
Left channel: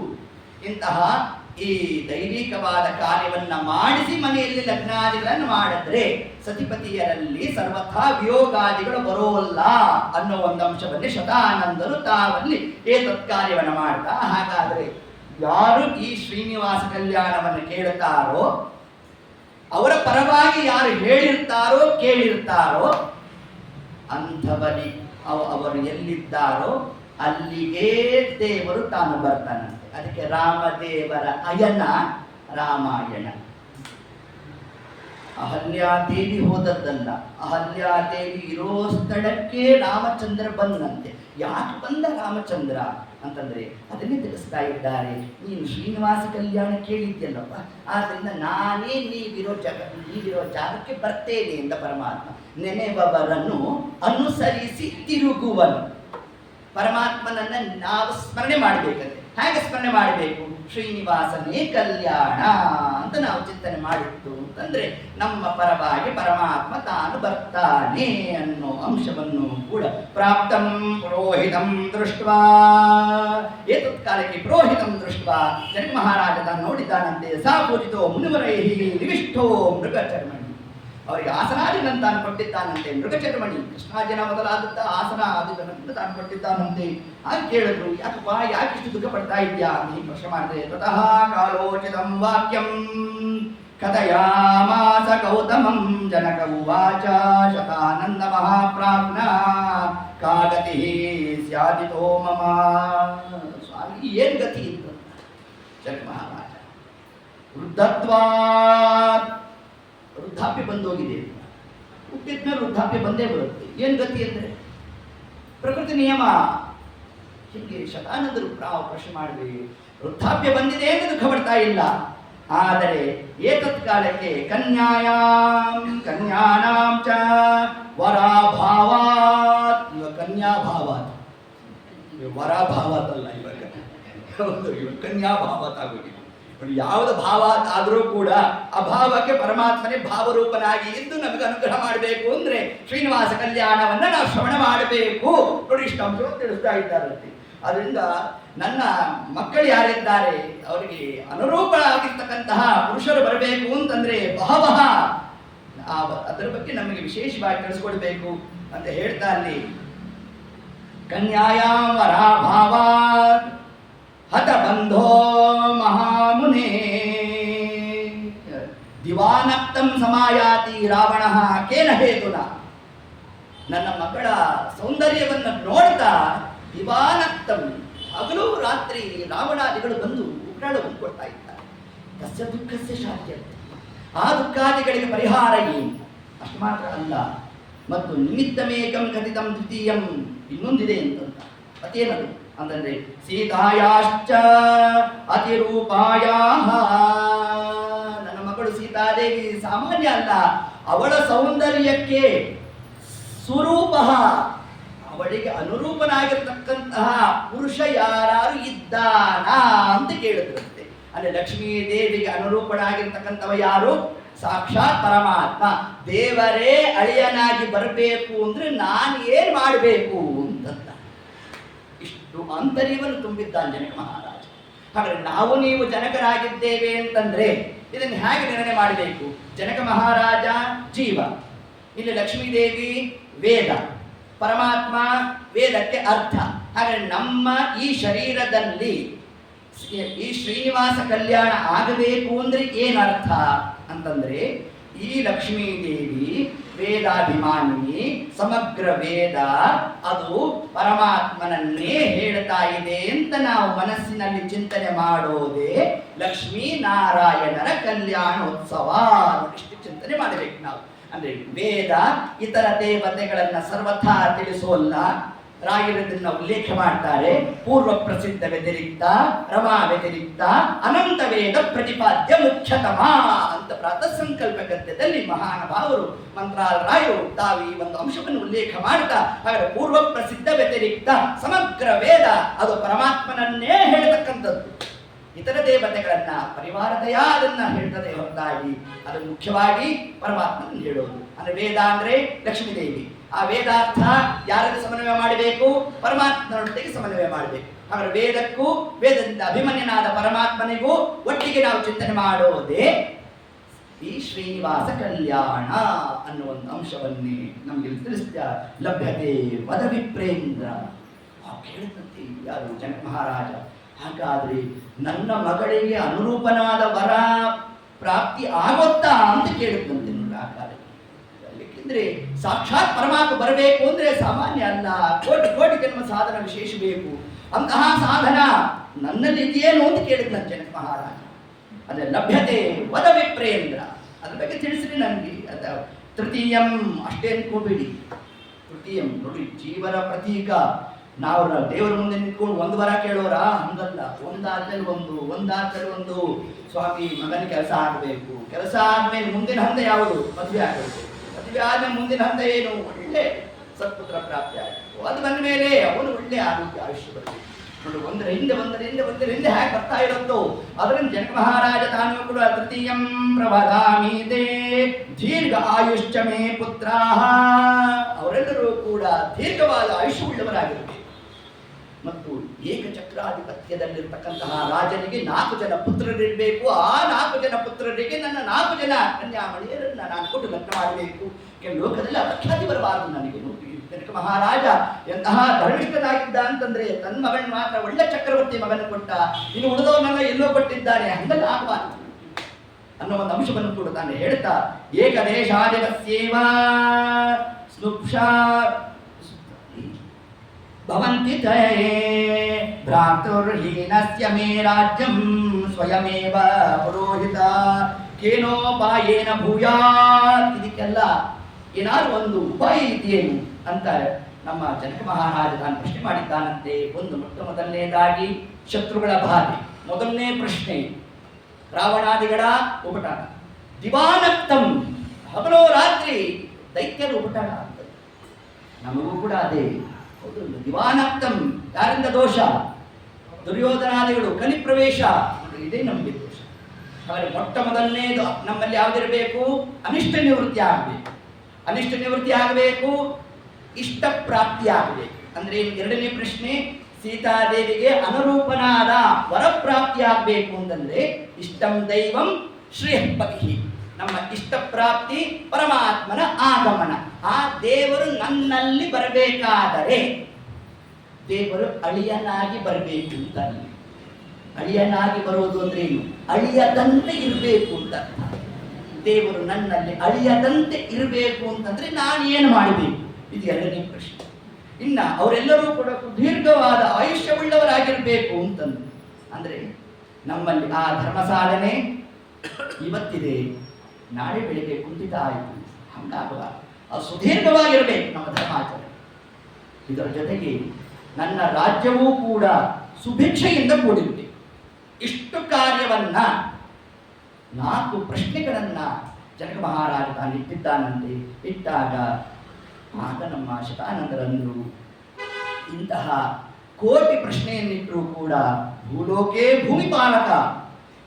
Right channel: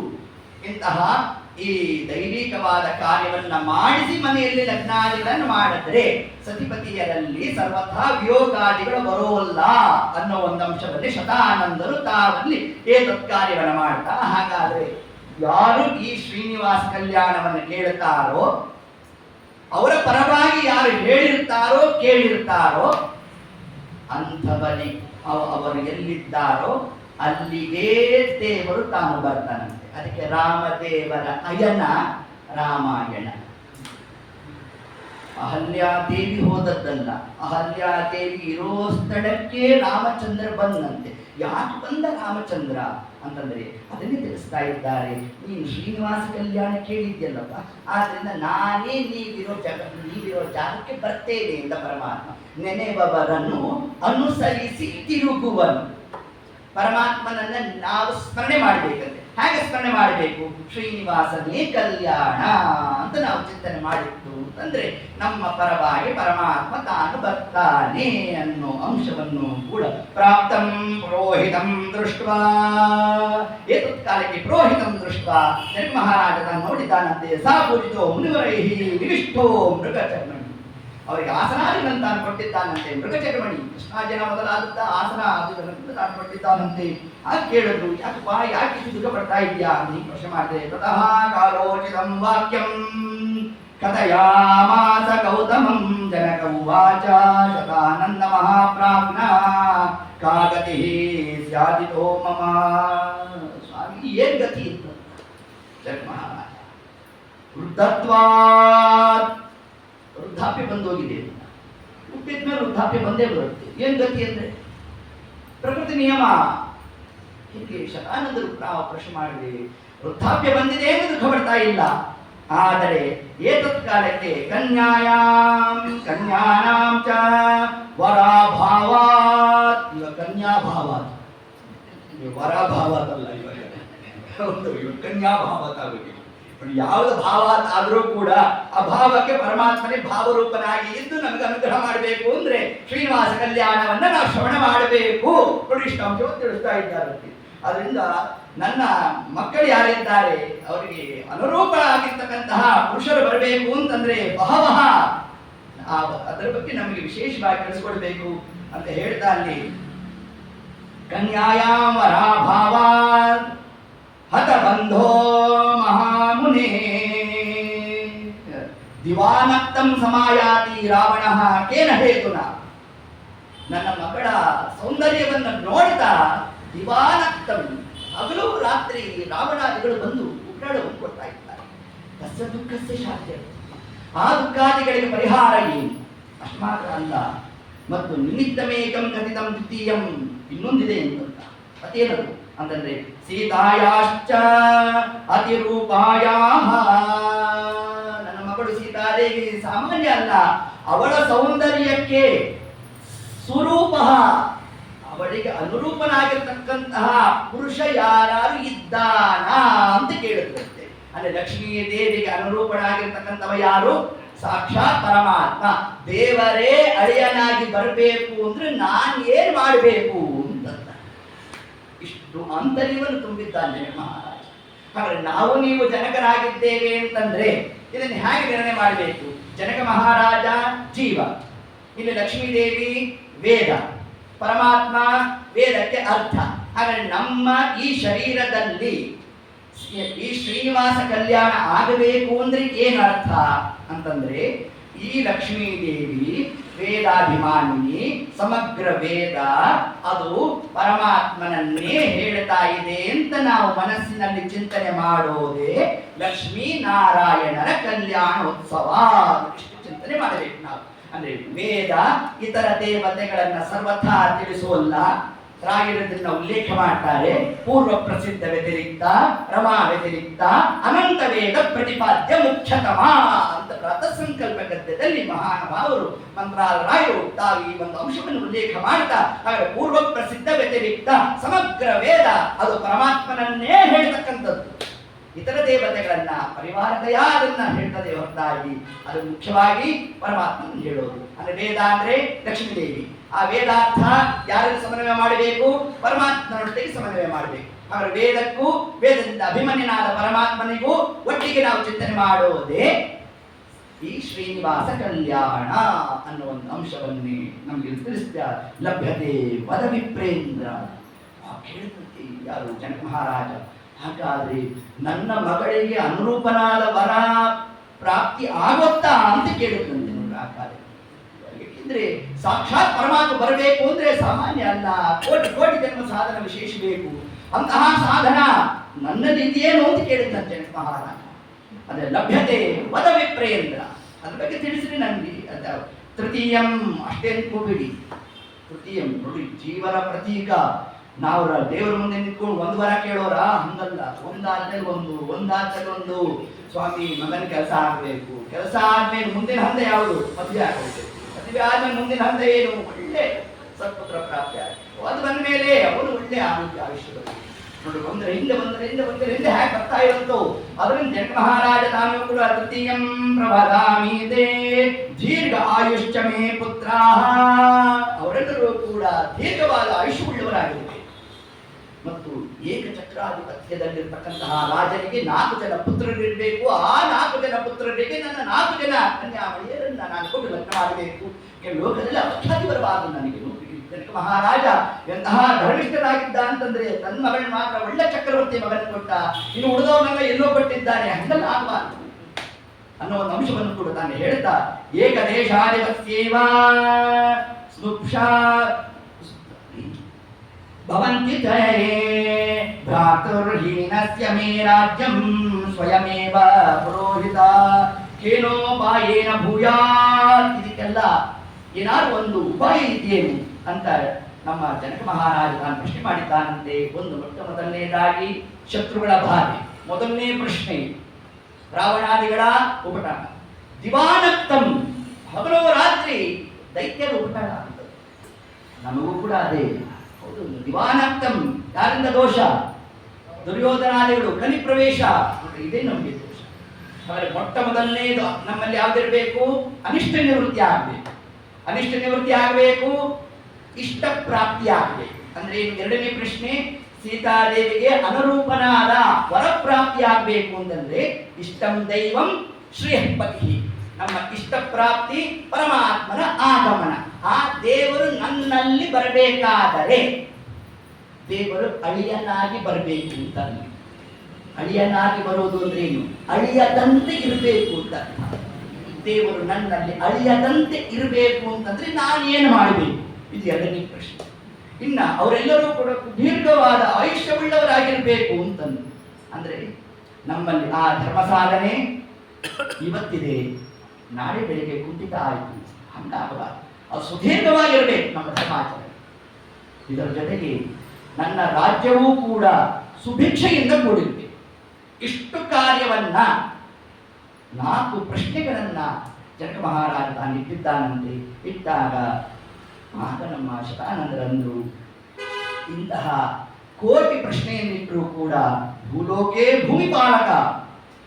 ಇಂತಹ ಈ ದೈವಿಕವಾದ ಕಾರ್ಯವನ್ನ ಮಾಡಿಸಿ ಮನೆಯಲ್ಲಿ ಲಗ್ನಾದಿಗಳನ್ನು ಮಾಡಿದ್ರೆ ಸತಿಪತಿಯರಲ್ಲಿ ಸರ್ವಥಾ ವಿಯೋಗಾದಿಗಳು ಬರೋಲ್ಲ ಅನ್ನೋ ಒಂದು ಅಂಶದಲ್ಲಿ ಶತಾನಂದರು ತಾವಲ್ಲಿ ಏತತ್ ಕಾರ್ಯವನ್ನು ಮಾಡ್ತಾ. ಹಾಗಾದ್ರೆ ಯಾರು ಈ ಶ್ರೀನಿವಾಸ ಕಲ್ಯಾಣವನ್ನು ಕೇಳುತ್ತಾರೋ, ಅವರ ಪರವಾಗಿ ಯಾರು ಹೇಳಿರ್ತಾರೋ ಕೇಳಿರ್ತಾರೋ ಅಂಥವರಿಗೆ ಅವರು ಎಲ್ಲಿದ್ದಾರೋ ಅಲ್ಲಿಗೆ ದೇವರು ತಾನು ಬರ್ತಾನಂತೆ. ಅದಕ್ಕೆ ರಾಮದೇವರ ಅಯನ ರಾಮಾಯಣ. ಅಹಲ್ಯಾದೇವಿ ಹೋದದ್ದಲ್ಲ, ಅಹಲ್ಯಾದೇವಿ ಇರೋ ಸ್ಥಳಕ್ಕೆ ರಾಮಚಂದ್ರ ಬಂದಂತೆ. ಯಾಕೆ ಬಂದ ರಾಮಚಂದ್ರ ಅಂತಂದ್ರೆ ಅದನ್ನೇ ತಿಳಿಸ್ತಾ ಇದ್ದಾರೆ. ನೀನು ಶ್ರೀನಿವಾಸ ಕಲ್ಯಾಣ ಕೇಳಿದ್ಯಲ್ಲಪ್ಪ, ಆದ್ರಿಂದ ನಾನೇ ನೀವಿರೋ ಜಾಗಕ್ಕೆ ಬರ್ತೇನೆ ಅಂತ ಪರಮಾತ್ಮ. ನೆನೆಬವರನ್ನು ಅನುಸರಿಸಿ ತಿರುಗುವನು. ಪರಮಾತ್ಮನನ್ನ ನಾವು ಸ್ಮರಣೆ ಮಾಡಬೇಕಂತೆ. ಹೇಗೆ ಸ್ಮರಣೆ ಮಾಡಬೇಕು? ಶ್ರೀನಿವಾಸನೇ ಕಲ್ಯಾಣ ಅಂತ ನಾವು ಚಿಂತನೆ ಮಾಡಿತ್ತು ಅಂತಂದ್ರೆ ನಮ್ಮ ಪರವಾಗಿ ಪರಮಾತ್ಮ ತಾನು ಬರ್ತಾನೆ ಅನ್ನೋ ಅಂಶವನ್ನು ಕೂಡ ಪ್ರಾಪ್ತಂ ಪುರೋಹಿತಂ ದೃಷ್ಟ್ವಾ. ಏತತ್ಕಾಲಕ್ಕೆ ಪುರೋಹಿತಂ ದೃಷ್ಟ್ವಾ ಜನಕ ಮಹಾರಾಜ ತಾನು ನೋಡಿದ್ದಾನಂತೆ. ಸಾ ಪೂಜಿತೋ ಮುನಿವರೈಹಿ ನಿವಿಷ್ಟೋ ಮೃಗಚರ್ಮಣಿ. ಅವರಿಗೆ ಆಸನಾದಿಗಳನ್ನು ತಾನು ಕೊಟ್ಟಿದ್ದಾನಂತೆ. ಮೃಗಚರ್ಮಣಿ ಕೃಷ್ಣಾರ್ಜುನ ಮೊದಲಾದಂಥ ಆಸನ ಆದಿಗಳನ್ನು ತಾನು ಕೊಟ್ಟಿದ್ದಾನಂತೆ. ಹಾಗೆ ಕೇಳಿದ್ರು, ಯಾಕಪ್ಪ ಯಾಕೆ ಇಷ್ಟು ದುಃಖ ಪಡ್ತಾ ಇದೆಯಾ ಅಂತ ಪ್ರಶ್ನೆ ಮಾಡಿದೆ. ತತಃ ಕಾಲೋಚಿತಂ ವಾಕ್ಯಂ ಕಥಯಾಮಾಸ ಗೌತಮಂ ಜನಕ ಉವಾಚ ಶತಾನಂದ ಮಹಾಪ್ರಾಜ್ಞ ಕಾಗತಿ ಸ್ಯಾದಿತೋ ಮಮ. ಸ್ವಾಮಿ ಏನ್ ಗತಿ ಇತ್ತು? ಜನಕ ಮಹಾರಾಜ ವೃದ್ಧತ್ವಾತ್, ವೃದ್ಧಾಪ್ಯ ಬಂದೋಗಿದೆ. ಹುಟ್ಟಿದ್ಮೇಲೆ ವೃದ್ಧಾಪ್ಯ ಬಂದೇ ಬರುತ್ತೆ. ಏನ್ ಗತಿ ಅಂದ್ರೆ ಪ್ರಕೃತಿ ನಿಯಮ. ಹೀಗೆ ಶತಾನಂದರು ಪ್ರಶ್ನೆ ಮಾಡಿದ್ವಿ. ವೃದ್ಧಾಪ್ಯ ಬಂದಿದೆ ಎಂದು ದುಃಖ ಪಡ್ತಾ ಇಲ್ಲ. ಆದರೆ ಏತತ್ಕಾಲಕ್ಕೆ ಕನ್ಯಾನಾಂ ಚ ವರಾಭಾವಾತ್. ಇವ ಕನ್ಯಾಭಾವಾತ್, ವರಾಭಾವಾತ್ ಅಲ್ಲ, ಇವಾಗ ಕನ್ಯಾಭಾವಾತ್ ಆಗೋದಿಲ್ಲ. ಯಾವುದು ಭಾವ ಆದರೂ ಕೂಡ ಅಭಾವಕ್ಕೆ ಪರಮಾತ್ಮನೇ ಭಾವರೂಪನಾಗಿ ಇದ್ದು ನಮಗೆ ಅನುಗ್ರಹ ಮಾಡಬೇಕು ಅಂದ್ರೆ ಶ್ರೀನಿವಾಸ ಕಲ್ಯಾಣವನ್ನ ನಾವು ಶ್ರವಣ ಮಾಡಬೇಕು. ನೋಡಿ ಇಷ್ಟ ಅಂಶವನ್ನು ತಿಳಿಸ್ತಾ ಇದ್ದಾರಂತೆ. ಅದರಿಂದ ನನ್ನ ಮಕ್ಕಳು ಯಾರಿದ್ದಾರೆ ಅವರಿಗೆ ಅನುರೂಪರಾಗಿರ್ತಕ್ಕಂತಹ ಪುರುಷರು ಬರಬೇಕು ಅಂತಂದ್ರೆ ಬಹವಹ ಅದರ ಬಗ್ಗೆ ನಮಗೆ ವಿಶೇಷವಾಗಿ ತಿಳಿಸ್ಕೊಡ್ಬೇಕು ಅಂತ ಹೇಳ್ತಾ ಅಲ್ಲಿ ಕನ್ಯಾಯಾಂ ವರಾಭಾವಾತ್ ಹತ ಬಂಧೋ ಮಹಾಮುನೇ ದಿವಾನಕ್ತಂ ಸಮಾಯಾತಿ ರಾವಣ ಕೇನ ಹೇತುನ. ನನ್ನ ಮಗಳ ಸೌಂದರ್ಯವನ್ನು ನೋಡ್ತಾ ದಿವಾನಕ್ತಂ, ಹಗಲು ರಾತ್ರಿ ರಾವಣಾದಿಗಳು ಬಂದು ಉಗ್ರಾಳವನ್ನು ಕೊಡ್ತಾ ಇದ್ದಾರೆ. ಕಸ್ಯ ದುಃಖಸ್ಯ ಶಾಂತಿ, ಆ ದುಃಖಾದಿಗಳಿಗೆ ಪರಿಹಾರ ಏನು? ಅಷ್ಟು ಮಾತ್ರ ಅಲ್ಲ, ಮತ್ತು ನಿಮಿತ್ತಮೇಕಂ ಕಥಿತಂ ದ್ವಿತೀಯಂ, ಇನ್ನೊಂದಿದೆ ಅಂತ. ಅದೇನದು ಅಂತಂದ್ರೆ ಸೀತಾಯಾಶ್ಚ ಅತಿರೂಪಾಯಾಹ. ನನ್ನ ಮಗಳು ಸೀತಾದೇವಿ ಸಾಮಾನ್ಯ ಅಲ್ಲ, ಅವಳ ಸೌಂದರ್ಯಕ್ಕೆ ಸ್ವರೂಪ ಅವಳಿಗೆ ಅನುರೂಪನಾಗಿರ್ತಕ್ಕಂತಹ ಪುರುಷ ಯಾರು ಇದ್ದಾನ ಅಂತ ಕೇಳಿದ್ರಂತೆ. ಅಂದ್ರೆ ಲಕ್ಷ್ಮೀ ದೇವಿಗೆ ಅನುರೂಪನಾಗಿರ್ತಕ್ಕಂಥವ ಯಾರು? ಸಾಕ್ಷಾತ್ ಪರಮಾತ್ಮ. ದೇವರೇ ಅಳಿಯನಾಗಿ ಬರಬೇಕು ಅಂದ್ರೆ ನಾನು ಏನ್ ಮಾಡಬೇಕು ಅಂತ ಇಷ್ಟು ಆಂತರ್ಯವನ್ನು ತುಂಬಿದ್ದಾನೆ ಜನಕ ಮಹಾರಾಜ. ಹಾಗಾದ್ರೆ ನಾವು ನೀವು ಜನಕರಾಗಿದ್ದೇವೆ ಅಂತಂದ್ರೆ ಇದನ್ನು ಹೇಗೆ ನಿರ್ಣಯ ಮಾಡಬೇಕು? ಜನಕ ಮಹಾರಾಜ ಜೀವ, ಇಲ್ಲಿ ಲಕ್ಷ್ಮೀದೇವಿ ವೇದ, ಪರಮಾತ್ಮ ವೇದಕ್ಕೆ ಅರ್ಥ. ಹಾಗಾದ್ರೆ ನಮ್ಮ ಈ ಶರೀರದಲ್ಲಿ ಈ ಶ್ರೀನಿವಾಸ ಕಲ್ಯಾಣ ಆಗಬೇಕು ಅಂದ್ರೆ ಏನು ಅರ್ಥ ಅಂತಂದ್ರೆ, ಈ ಲಕ್ಷ್ಮೀದೇವಿ ವೇದಾಭಿಮಾನಿ, ಸಮಗ್ರ ವೇದ ಅದು ಪರಮಾತ್ಮನನ್ನೇ ಹೇಳ್ತಾ ಇದೆ ಅಂತ ನಾವು ಮನಸ್ಸಿನಲ್ಲಿ ಚಿಂತನೆ ಮಾಡೋದೇ ಲಕ್ಷ್ಮೀ ನಾರಾಯಣರ ಕಲ್ಯಾಣೋತ್ಸವ. ಇಷ್ಟು ಚಿಂತನೆ ಮಾಡಬೇಕು ನಾವು. ಅಂದ್ರೆ ವೇದ ಇತರ ದೇವತೆಗಳನ್ನ ಸರ್ವಥಾ ತಿಳಿಸೋಲ್ಲ. ರಾಯರದನ್ನ ಉಲ್ಲೇಖ ಮಾಡ್ತಾರೆ. ಪೂರ್ವ ಪ್ರಸಿದ್ಧ ವ್ಯತಿರಿಕ್ತ, ರಮಾ ವ್ಯತಿರಿಕ್ತ, ಅನಂತ ವೇದ ಪ್ರತಿಪಾದ್ಯ ಮುಖ್ಯತಮ ಅಂತ ಪ್ರಾತಃ ಸಂಕಲ್ಪ ಗದ್ಯದಲ್ಲಿ ಮಹಾನುಭಾವರು ಮಂತ್ರಾಲರಾಯರು ತಾವು ಈ ಒಂದು ಅಂಶವನ್ನು ಉಲ್ಲೇಖ ಮಾಡ್ತಾ, ಹಾಗಾದ್ರೆ ಪೂರ್ವ ಪ್ರಸಿದ್ಧ ವ್ಯತಿರಿಕ್ತ ಸಮಗ್ರ ವೇದ ಅದು ಪರಮಾತ್ಮನನ್ನೇ ಹೇಳ್ತಕ್ಕಂಥದ್ದು. ಇತರ ದೇವತೆಗಳನ್ನ ಪರಿವಾರದಯ ಅದನ್ನ ಹೇಳ್ತದೆ ಹೊರತಾಗಿ ಅದು ಮುಖ್ಯವಾಗಿ ಪರಮಾತ್ಮನ ಹೇಳೋದು. ಅಂದ್ರೆ ವೇದ ಅಂದ್ರೆ ಲಕ್ಷ್ಮೀದೇವಿ. ಆ ವೇದಾರ್ಥ ಯಾರಲ್ಲಿ ಸಮನ್ವಯ ಮಾಡಬೇಕು? ಪರಮಾತ್ಮನೊಟ್ಟಿಗೆ ಸಮನ್ವಯ ಮಾಡಬೇಕು. ಹಾಗಾದ್ರೆ ವೇದಕ್ಕೂ ವೇದದಿಂದ ಅಭಿಮನ್ಯನಾದ ಪರಮಾತ್ಮನಿಗೂ ಒಟ್ಟಿಗೆ ನಾವು ಚಿಂತನೆ ಮಾಡೋದೇ ಈ ಶ್ರೀನಿವಾಸ ಕಲ್ಯಾಣ ಅನ್ನೋ ಒಂದು ಅಂಶವನ್ನೇ ನಮಗೆ ತಿಳಿಸ್ತಾ ಲಭ್ಯತೆ ವದ ವಿಪ್ರೇಂದ್ರ. ಕೇಳಿದಂತೆ ಯಾರು? ಜನಕ ಮಹಾರಾಜ. ಹಾಗಾದ್ರೆ ನನ್ನ ಮಗಳಿಗೆ ಅನುರೂಪನಾದ ವರ ಪ್ರಾಪ್ತಿ ಆಗುತ್ತಾ ಅಂತ ಕೇಳುತ್ತಂತೆ ನೋಡಿ ಆ ಕಾಲ. ಏಕೆಂದ್ರೆ ಸಾಕ್ಷಾತ್ ಪರಮಾತ್ಮ ಬರಬೇಕು ಅಂದ್ರೆ ಸಾಮಾನ್ಯ ಅಲ್ಲ, ಕೋಟಿ ಕೋಟಿ ಜನ್ಮ ಸಾಧನ ವಿಶೇಷ ಬೇಕು. ಅಂತಹ ಸಾಧನ ನನ್ನಲ್ಲಿ ಇದೆಯೇನು ಅಂತ ಕೇಳಿದ್ದ ಜನಕ ಮಹಾರಾಜ. ಅದೇ ಲಭ್ಯತೆ ವದ ವಿಪ್ರೇಂದ್ರ, ಅದ್ರ ಬಗ್ಗೆ ತಿಳಿಸ್ರಿ ನನಗೆ. ಅದ ತೃತೀಯಂ ಅಷ್ಟೇ ಅನ್ಕೋಬೇಡಿ. ತೃತೀಯಂ ನೋಡಿ, ಜೀವನ ಪ್ರತೀಕ. ನಾವು ದೇವರ ಮುಂದೆ ನಿಂತ್ಕೊಂಡು ಒಂದು ವರ ಕೇಳೋರ? ಹಂಗಲ್ಲ. ಒಂದಾದ್ಮೇಲೆ ಒಂದು, ಒಂದಾದ್ಮೇಲೆ ಒಂದು. ಸ್ವಾಮಿ ಮಗನ ಕೆಲಸ ಆಗಬೇಕು, ಕೆಲಸ ಆದ್ಮೇಲೆ ಮುಂದಿನ ಹಂತ ಯಾವುದು? ಮದುವೆ ಆಗಬೇಕು, ಮದುವೆ ಆದ್ಮೇಲೆ ಮುಂದಿನ ಹಂತ ಏನು? ಒಳ್ಳೆ ಸತ್ಪುತ್ರ ಪ್ರಾಪ್ತಿ ಆಗಬೇಕು. ಅದು ಬಂದ ಮೇಲೆ ಅವನು ಒಳ್ಳೆ ಆರೋಗ್ಯ ಆಯುಷ್ಯದಲ್ಲಿ ನೋಡಿ ಒಂದರ ಹಿಂದೆ ಹೇಗೆ ಬರ್ತಾ ಇರುತ್ತೋ ಅದರಿಂದ ಜನಕ ಮಹಾರಾಜ ತಾನು ಕೂಡ ತೃತೀಯಂ ಪ್ರವದಾಮೀತೆ ದೀರ್ಘ ಆಯುಷ್ಯ ಮೇ ಪುತ್ರಾಹ, ಅವರೆಲ್ಲರೂ ಕೂಡ ದೀರ್ಘವಾದ ಆಯುಷ್ಯವುಳ್ಳವರಾಗಿರಬೇಕು. ಮತ್ತು ಏಕಚಕ್ರಾಧಿಪತ್ಯದಲ್ಲಿರ್ತಕ್ಕಂತಹ ರಾಜನಿಗೆ 4 ಜನ ಪುತ್ರರಿರಬೇಕು. ಆ 4 ಜನ ಪುತ್ರರಿಗೆ ನನ್ನ 4 ಜನ ಕನ್ಯಾಮಣಿಯರನ್ನ ನಾನು ಕೊಟ್ಟು ಲಗ್ನ ಮಾಡಬೇಕು. ಲೋಕದಲ್ಲಿ ಅಪಖ್ಯಾತಿ ಬರಬಾರದು ನನಗೆ. ಜನಕ ಮಹಾರಾಜ ಎಂತಹ ಧರ್ಮಿಷ್ಠನಾಗಿದ್ದ ಅಂತಂದ್ರೆ ತನ್ನ ಮಗನ ಮಾತ್ರ ಒಳ್ಳೆ ಚಕ್ರವರ್ತಿ ಮಗನ ಕೊಟ್ಟ, ಇನ್ನು ಉಳಿದವನ್ನೆಲ್ಲ ಎಲ್ಲೋ ಕೊಟ್ಟಿದ್ದಾನೆ, ಹಂಗಲ್ಲ ಆಗಬಾರದು ಅನ್ನೋ ಒಂದು ಅಂಶವನ್ನು ಕೂಡ ತಾನು ಹೇಳ್ತಾ, ಏಕದೇಶಾಧಿಪತ್ಯೇವ ಸ್ನುಕ್ಷಾ ಭವಂತಿ ತಯೇ ಭ್ರಾತುರ್ಹೀನಸ್ಯ ಮೇ ರಾಜ್ಯಂ ಸ್ವಯಮೇವ ಪುರೋಹಿತ ಕೇನೋಪಾಯೇನ ಭೂಯಾತ್. ಇದಕ್ಕೆಲ್ಲ ಏನಾದ್ರು ಒಂದು ಉಪಾಯ ಇದೆಯೇನು ಅಂತ ನಮ್ಮ ಜನಕ ಮಹಾರಾಜ ತಾನು ಪ್ರಶ್ನೆ ಮಾಡಿದ್ದಾನಂತೆ. ಒಂದು ಮೊದಲನೇದಾಗಿ ಶತ್ರುಗಳ ಬಾಧೆ, ಮೊದಲನೇ ಪ್ರಶ್ನೆ ರಾವಣಾದಿಗಳ ಉಪಟಳ, ದಿವಾನಕ್ತಂ ಹಗಲೋ ರಾತ್ರಿ ದೈತ್ಯರ ಉಪಟಳ ಅಂತ. ನಮಗೂ ಕೂಡ ಅದೇ ಹೌದು. ದಿವಾನಕ್ತಂ ಯಾರಿಂದ ದೋಷ? ದುರ್ಯೋಧನಾದಿಗಳು ಕಲಿ ಪ್ರವೇಶ, ಇದೇ ನಮಗೆ ದೋಷ. ಆದರೆ ಮೊದಲನೇದು ನಮ್ಮಲ್ಲಿ ಯಾವ್ದಿರಬೇಕು? ಅನಿಷ್ಟ ನಿವೃತ್ತಿ ಆಗಬೇಕು. ಅನಿಷ್ಟ ನಿವೃತ್ತಿ ಆಗಬೇಕು, ಇಷ್ಟ ಪ್ರಾಪ್ತಿ ಆಗಬೇಕು. ಅಂದ್ರೆ ಎರಡನೇ ಪ್ರಶ್ನೆ, ಸೀತಾದೇವಿಗೆ ಅನುರೂಪನಾದ ವರಪ್ರಾಪ್ತಿ ಆಗಬೇಕು ಅಂತಂದ್ರೆ ಇಷ್ಟಂ ದೈವಂ ಶ್ರೀಹಪತಿ, ನಮ್ಮ ಇಷ್ಟ ಪ್ರಾಪ್ತಿ ಪರಮಾತ್ಮನ ಆಗಮನ. ಆ ದೇವರು ನನ್ನಲ್ಲಿ ಬರಬೇಕಾದರೆ ದೇವರು ಅಳಿಯನಾಗಿ ಬರಬೇಕು ಅಂತ. ಅಳಿಯನಾಗಿ ಬರುವುದು ಅಂದ್ರೆ ಏನು? ಅಳಿಯದಂತೆ ಇರಬೇಕು ಅಂತ. ದೇವರು ನನ್ನಲ್ಲಿ ಅಳಿಯದಂತೆ ಇರಬೇಕು ಅಂತಂದ್ರೆ ನಾನು ಏನು ಮಾಡಬೇಕು? ಇದು ಎರಡನೇ ಪ್ರಶ್ನೆ. ಇನ್ನ ಅವರೆಲ್ಲರೂ ಕೂಡ ದೀರ್ಘವಾದ ಆಯುಷ್ಯವುಳ್ಳವರಾಗಿರ್ಬೇಕು ಅಂತಂದು ಅಂದ್ರೆ ನಮ್ಮಲ್ಲಿ ಆ ಧರ್ಮ ಸಾಧನೆ ಇವತ್ತಿದೆ, ನಾಳೆ ಬೆಳಿಗ್ಗೆ ಕುಂಠಿತ ಆಯಿತು, ಹಂಗಾಗಬಾರದು. ಅದು ಸುದೀರ್ಘವಾಗಿರಬೇಕು ನಮ್ಮ ಧರ್ಮಾಚರಣೆ. ಇದರ ಜೊತೆಗೆ ನನ್ನ ರಾಜ್ಯವೂ ಕೂಡ ಸುಭಿಕ್ಷೆಯಿಂದ ಕೂಡಿರಬೇಕು. ಇಷ್ಟು ಕಾರ್ಯವನ್ನ 4 ಪ್ರಶ್ನೆಗಳನ್ನ ಜನಕ ಮಹಾರಾಜ ತಾನು ಇಟ್ಟಿದ್ದಾನಂತೆ. ಇಟ್ಟಾಗ ಆಗ ನಮ್ಮ ಶತಾನಂದರಂದರು ಇಂತಹ ಕೋಟಿ ಪ್ರಶ್ನೆಯನ್ನಿಟ್ಟರೂ ಕೂಡ ಭೂಲೋಕೆ ಭೂಮಿಪಾಲಕ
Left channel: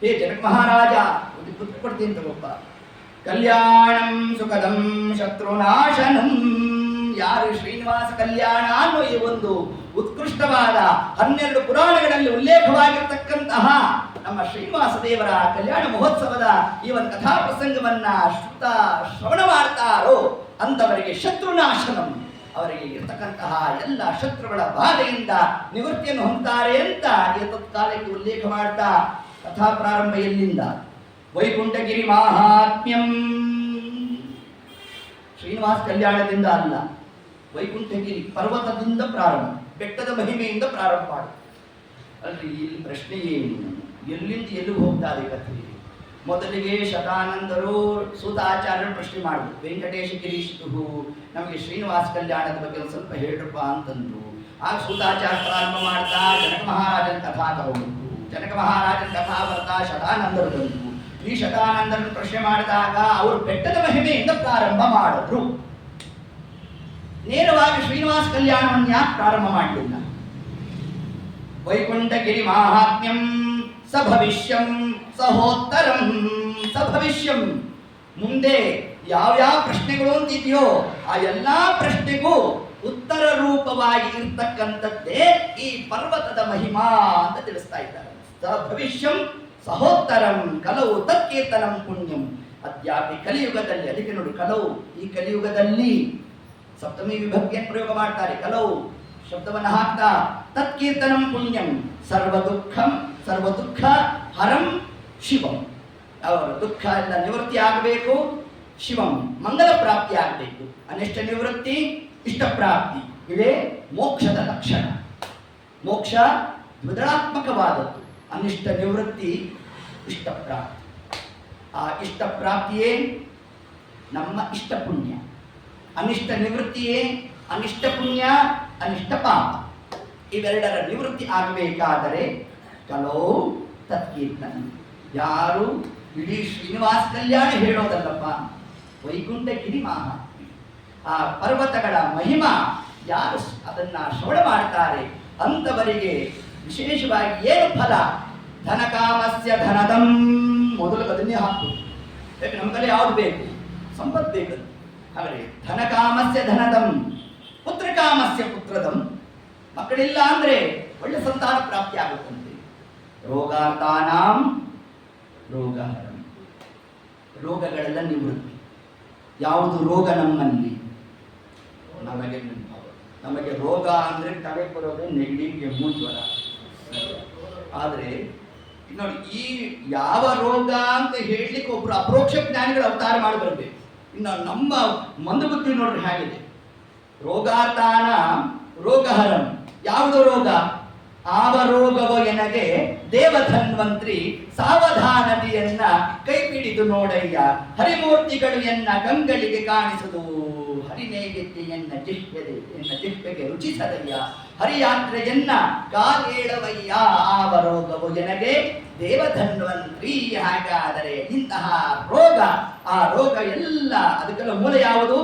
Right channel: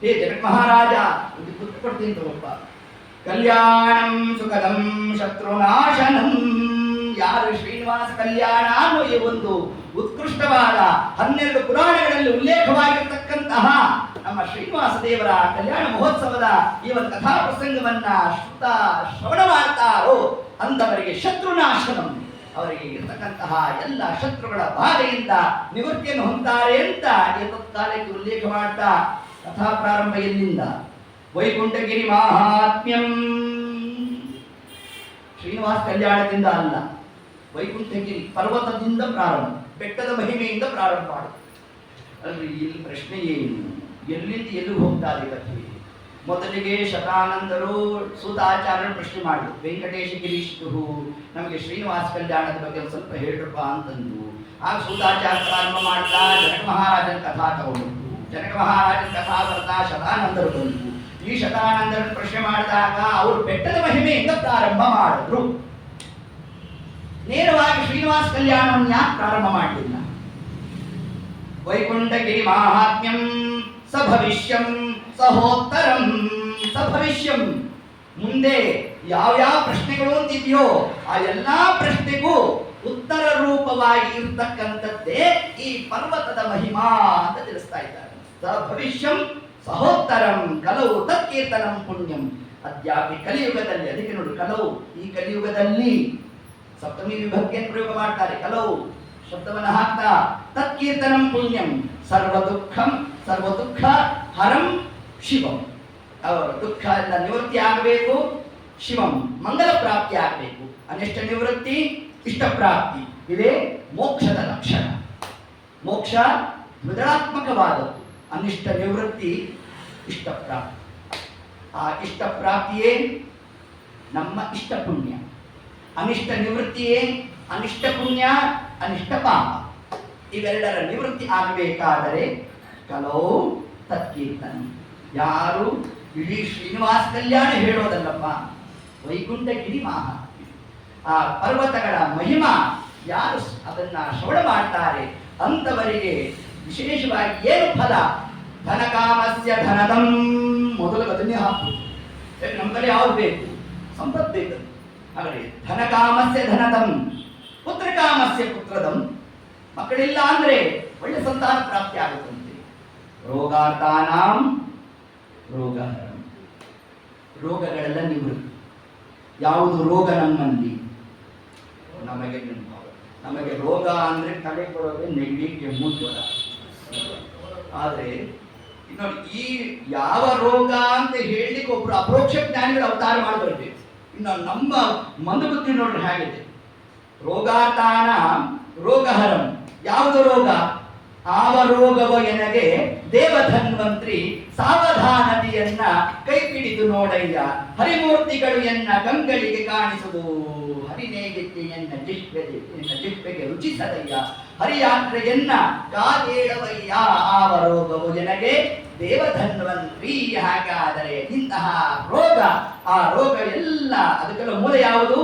ಹೇ ಜನಕ ಮಹಾರಾಜ ಒಂದು ಗುರುತು ಕೊಡ್ತೀನಿ ತಗೊಪ್ಪ. ಕಲ್ಯಾಣಂ ಸುಖದಂ ಶತ್ರುನಾಶನಂ. ಯಾರು ಶ್ರೀನಿವಾಸ ಕಲ್ಯಾಣ ಅನ್ನೋ ಈ ಒಂದು ಉತ್ಕೃಷ್ಟವಾದ 12 ಪುರಾಣಗಳಲ್ಲಿ ಉಲ್ಲೇಖವಾಗಿರತಕ್ಕಂತಹ ನಮ್ಮ ಶ್ರೀನಿವಾಸ ದೇವರ ಕಲ್ಯಾಣ ಮಹೋತ್ಸವದ ಈ ಒಂದು ಕಥಾ ಪ್ರಸಂಗವನ್ನ ಶ್ರವಣ ಮಾಡ್ತಾರೋ ಅಂತವರಿಗೆ ಶತ್ರುನಾಶನಂ, ಅವರಿಗೆ ಇರತಕ್ಕಂತಹ ಎಲ್ಲ ಶತ್ರುಗಳ ಬಾಧೆಯಿಂದ ನಿವೃತ್ತಿಯನ್ನು ಹೊಂತಾರೆ ಅಂತ ತತ್ಕಾಲಕ್ಕೆ ಉಲ್ಲೇಖ ಮಾಡ್ತಾ ಕಥಾ ಪ್ರಾರಂಭ ಎಲ್ಲಿಂದ? ವೈಕುಂಠಗಿರಿ ಮಾಹಾತ್ಮ್ಯಂ. ಶ್ರೀನಿವಾಸ ಕಲ್ಯಾಣದಿಂದ ಅಲ್ಲ, ವೈಕುಂಠಗಿರಿ ಪರ್ವತದಿಂದ ಪ್ರಾರಂಭ, ಬೆಟ್ಟದ ಮಹಿಮೆಯಿಂದ ಪ್ರಾರಂಭ ಮಾಡಿ. ಅಲ್ರಿ ಇಲ್ಲಿ ಪ್ರಶ್ನೆ ಏನು? ಎಲ್ಲಿಂದ ಎಲ್ಲಿ ಹೋಗ್ತಾರೆ ಕಥೆ? ಮೊದಲಿಗೆ ಶತಾನಂದರು ಸೂತಾಚಾರ್ಯರು ಪ್ರಶ್ನೆ ಮಾಡಿದ್ರು, ವೆಂಕಟೇಶ ಗಿರೀಶಿತು ನಮಗೆ ಶ್ರೀನಿವಾಸ ಕಲ್ಯಾಣದ ಬಗ್ಗೆ ಒಂದು ಸ್ವಲ್ಪ ಹೇಳ್ರಪ್ಪ ಅಂತಂದು. ಆಗ ಸೂತಾಚಾರ್ಯ ಪ್ರಾರಂಭ ಮಾಡ್ತಾ ಜನಕ ಮಹಾರಾಜನ ಕಥಾ ತಗೊಂಡು, ಜನಕ ಮಹಾರಾಜನ ಕಥಾ ಬರ್ತಾ ಶತಾನಂದರು ಬಂತು. ಈ ಶತಾನಂದರನ್ನು ಪ್ರಶ್ನೆ ಮಾಡಿದಾಗ ಅವರು ಬೆಟ್ಟದ ಮಹಿಮೆಯಿಂದ ಪ್ರಾರಂಭ ಮಾಡಿದ್ರು. ನೇರವಾಗಿ ಶ್ರೀನಿವಾಸ ಕಲ್ಯಾಣವನ್ನು ಯಾಕೆ ಪ್ರಾರಂಭ ಮಾಡಲಿಲ್ಲ? ವೈಕುಂಠಗಿರಿ ಮಾಹಾತ್ಮ್ಯಂ ಸಭವಿಷ್ಯಂ ಸಹೋತ್ತರಂ. ಸಭವಿಷ್ಯಂ, ಮುಂದೆ ಯಾವ್ಯಾವ ಪ್ರಶ್ನೆಗಳು ಅಂತಿದೆಯೋ ಆ ಎಲ್ಲಾ ಪ್ರಶ್ನೆಗೂ ಉತ್ತರ ರೂಪವಾಗಿ ಇರ್ತಕ್ಕಂಥದ್ದೇ ಈ ಪರ್ವತದ ಮಹಿಮಾ ಅಂತ ತಿಳಿಸ್ತಾ ಇದ್ದಾರೆ. ಸಭವಿಷ್ಯಂ ಸಹೋತ್ತರಂ ಕಲವು ತತ್ಕೀರ್ತನಂ ಪುಣ್ಯಂ. ಅದ್ಯಾಪಿ ಕಲಿಯುಗದಲ್ಲಿ, ಅದಕ್ಕೆ ನೋಡಿ ಕಲವು, ಈ ಕಲಿಯುಗದಲ್ಲಿ ಸಪ್ತಮಿ ವಿಭಕ್ತಿಯನ್ನು ಪ್ರಯೋಗ ಮಾಡ್ತಾರೆ. ಕಲವು ಶಬ್ದವನ್ನು ಹಾಕ್ತಾ ತತ್ಕೀರ್ತನಂ ಪುಣ್ಯಂ ಸರ್ವ ದುಃಖ ಹರಂ ಶಿವಂ. ಅವರ ದುಃಖ ಎಲ್ಲ ನಿವೃತ್ತಿ ಆಗಬೇಕು, ಶಿವಂ ಮಂಗಲ ಪ್ರಾಪ್ತಿ ಆಗಬೇಕು. ಅನಿಷ್ಟ ನಿವೃತ್ತಿ, ಇಷ್ಟ ಪ್ರಾಪ್ತಿ, ಇದೇ ಮೋಕ್ಷದ ಲಕ್ಷಣ. ಮೋಕ್ಷ ದ್ವಿಧಾತ್ಮಕವಾದದ್ದು, ಅನಿಷ್ಟ ನಿವೃತ್ತಿ, ಇಷ್ಟ ಪ್ರಾಪ್ತಿ. ಆ ಇಷ್ಟ ಪ್ರಾಪ್ತಿಯೇ ನಮ್ಮ ಇಷ್ಟ ಪುಣ್ಯ, ಅನಿಷ್ಟ ನಿವೃತ್ತಿಯೇ ಅನಿಷ್ಟ ಪುಣ್ಯ, ಅನಿಷ್ಟ ಪಾಪ. ಇವೆರಡರ ನಿವೃತ್ತಿ ಆಗಬೇಕಾದರೆ ಕಲೋ ತತ್ಕೀರ್ತನ. ಯಾರು ಇಡೀ ಶ್ರೀನಿವಾಸ ಕಲ್ಯಾಣ ಹೇಳೋದಲ್ಲಪ್ಪ, ವೈಕುಂಠಗಿರಿ ಮಾಹಾತ್ಮ್ಯ, ಆ ಪರ್ವತಗಳ ಮಹಿಮಾ ಯಾರು ಅದನ್ನ ಶ್ರವಣ ಮಾಡ್ತಾರೆ ಅಂತವರಿಗೆ ವಿಶೇಷವಾಗಿ ಏನು ಫಲ? ಧನಕಾಮಸ್ಯ ಧನದಂ. ಮೊದಲು ಅದನ್ನೇ ಹಾಕು. ಯಾಕೆ ನಮ್ಮ ಕಡೆ ಯಾವ್ದು ಬೇಕು? ಸಂಪತ್ತು ಬೇಕು. ಹಾಗಾದ್ರೆ ಧನಕಾಮಸ್ಯ ಧನದಂ, ಪುತ್ರಕಾಮಸ್ಯ ಪುತ್ರದಂ. ಮಕ್ಕಳಿಲ್ಲ ಅಂದ್ರೆ ಒಳ್ಳೆ ಸಂತಾನ ಪ್ರಾಪ್ತಿ ಆಗುತ್ತಂತೆ. ರೋಗಾರ್ಥಾನಾಂ ರೋಗಹರಂ. ರೋಗಗಳೆಲ್ಲ ನಿವೃತ್ತಿ. ಯಾವುದು ರೋಗ ನಮ್ಮಲ್ಲಿ? ನಮಗೆ ರೋಗ ಅಂದ್ರೆ ತಲೆ ಕೊಡೋದೇ ನೆಗಡಿ, ಕೆಮ್ಮು, ಜ್ವರ. ಆದ್ರೆ ನೋಡಿ, ಈ ಯಾವ ರೋಗ ಅಂತ ಹೇಳಲಿಕ್ಕೆ ಒಬ್ರು ಅಪರೋಕ್ಷ ಜ್ಞಾನಿಗಳು ಅವತಾರ ಮಾಡಿ ಬರಬೇಕು. ಇನ್ನು ನಮ್ಮ ಮಂದಬುದ್ಧಿ ನೋಡ್ರಿ ಹೇಗಿದೆ. ರೋಗಾರ್ಥಾನ ರೋಗಹರಂ. ಯಾವುದು ರೋಗ? ಆವ ರೋಗವೋ ಎನಗೆ ದೇವಧನ್ವಂತ್ರಿ ಸಾವಧಾನತೆಯನ್ನ ಕೈ ಹಿಡಿದು ನೋಡಯ್ಯ. ಹರಿಮೂರ್ತಿಗಳು ಎನ್ನ ಕಂಗಳಿಗೆ ಕಾಣಿಸುವುದು, ಹರಿನೇಗೆತ್ತಿ ಎನ್ನ ಜಿಹ್ವೆಗೆ ರುಚಿಸದಯ್ಯ. ಹರಿಯಾತ್ರೆಯನ್ನ ಕಾಲೇಳವಯ್ಯ. ಆವ ರೋಗವು ಎನಗೆ ದೇವಧನ್ವಂತ್ರಿ. ಹಾಗಾದರೆ ಇಂತಹ ರೋಗ, ಆ ರೋಗ ಎಲ್ಲ ಅದಕ್ಕೆಲ್ಲ ಮೂಲ ಯಾವುದು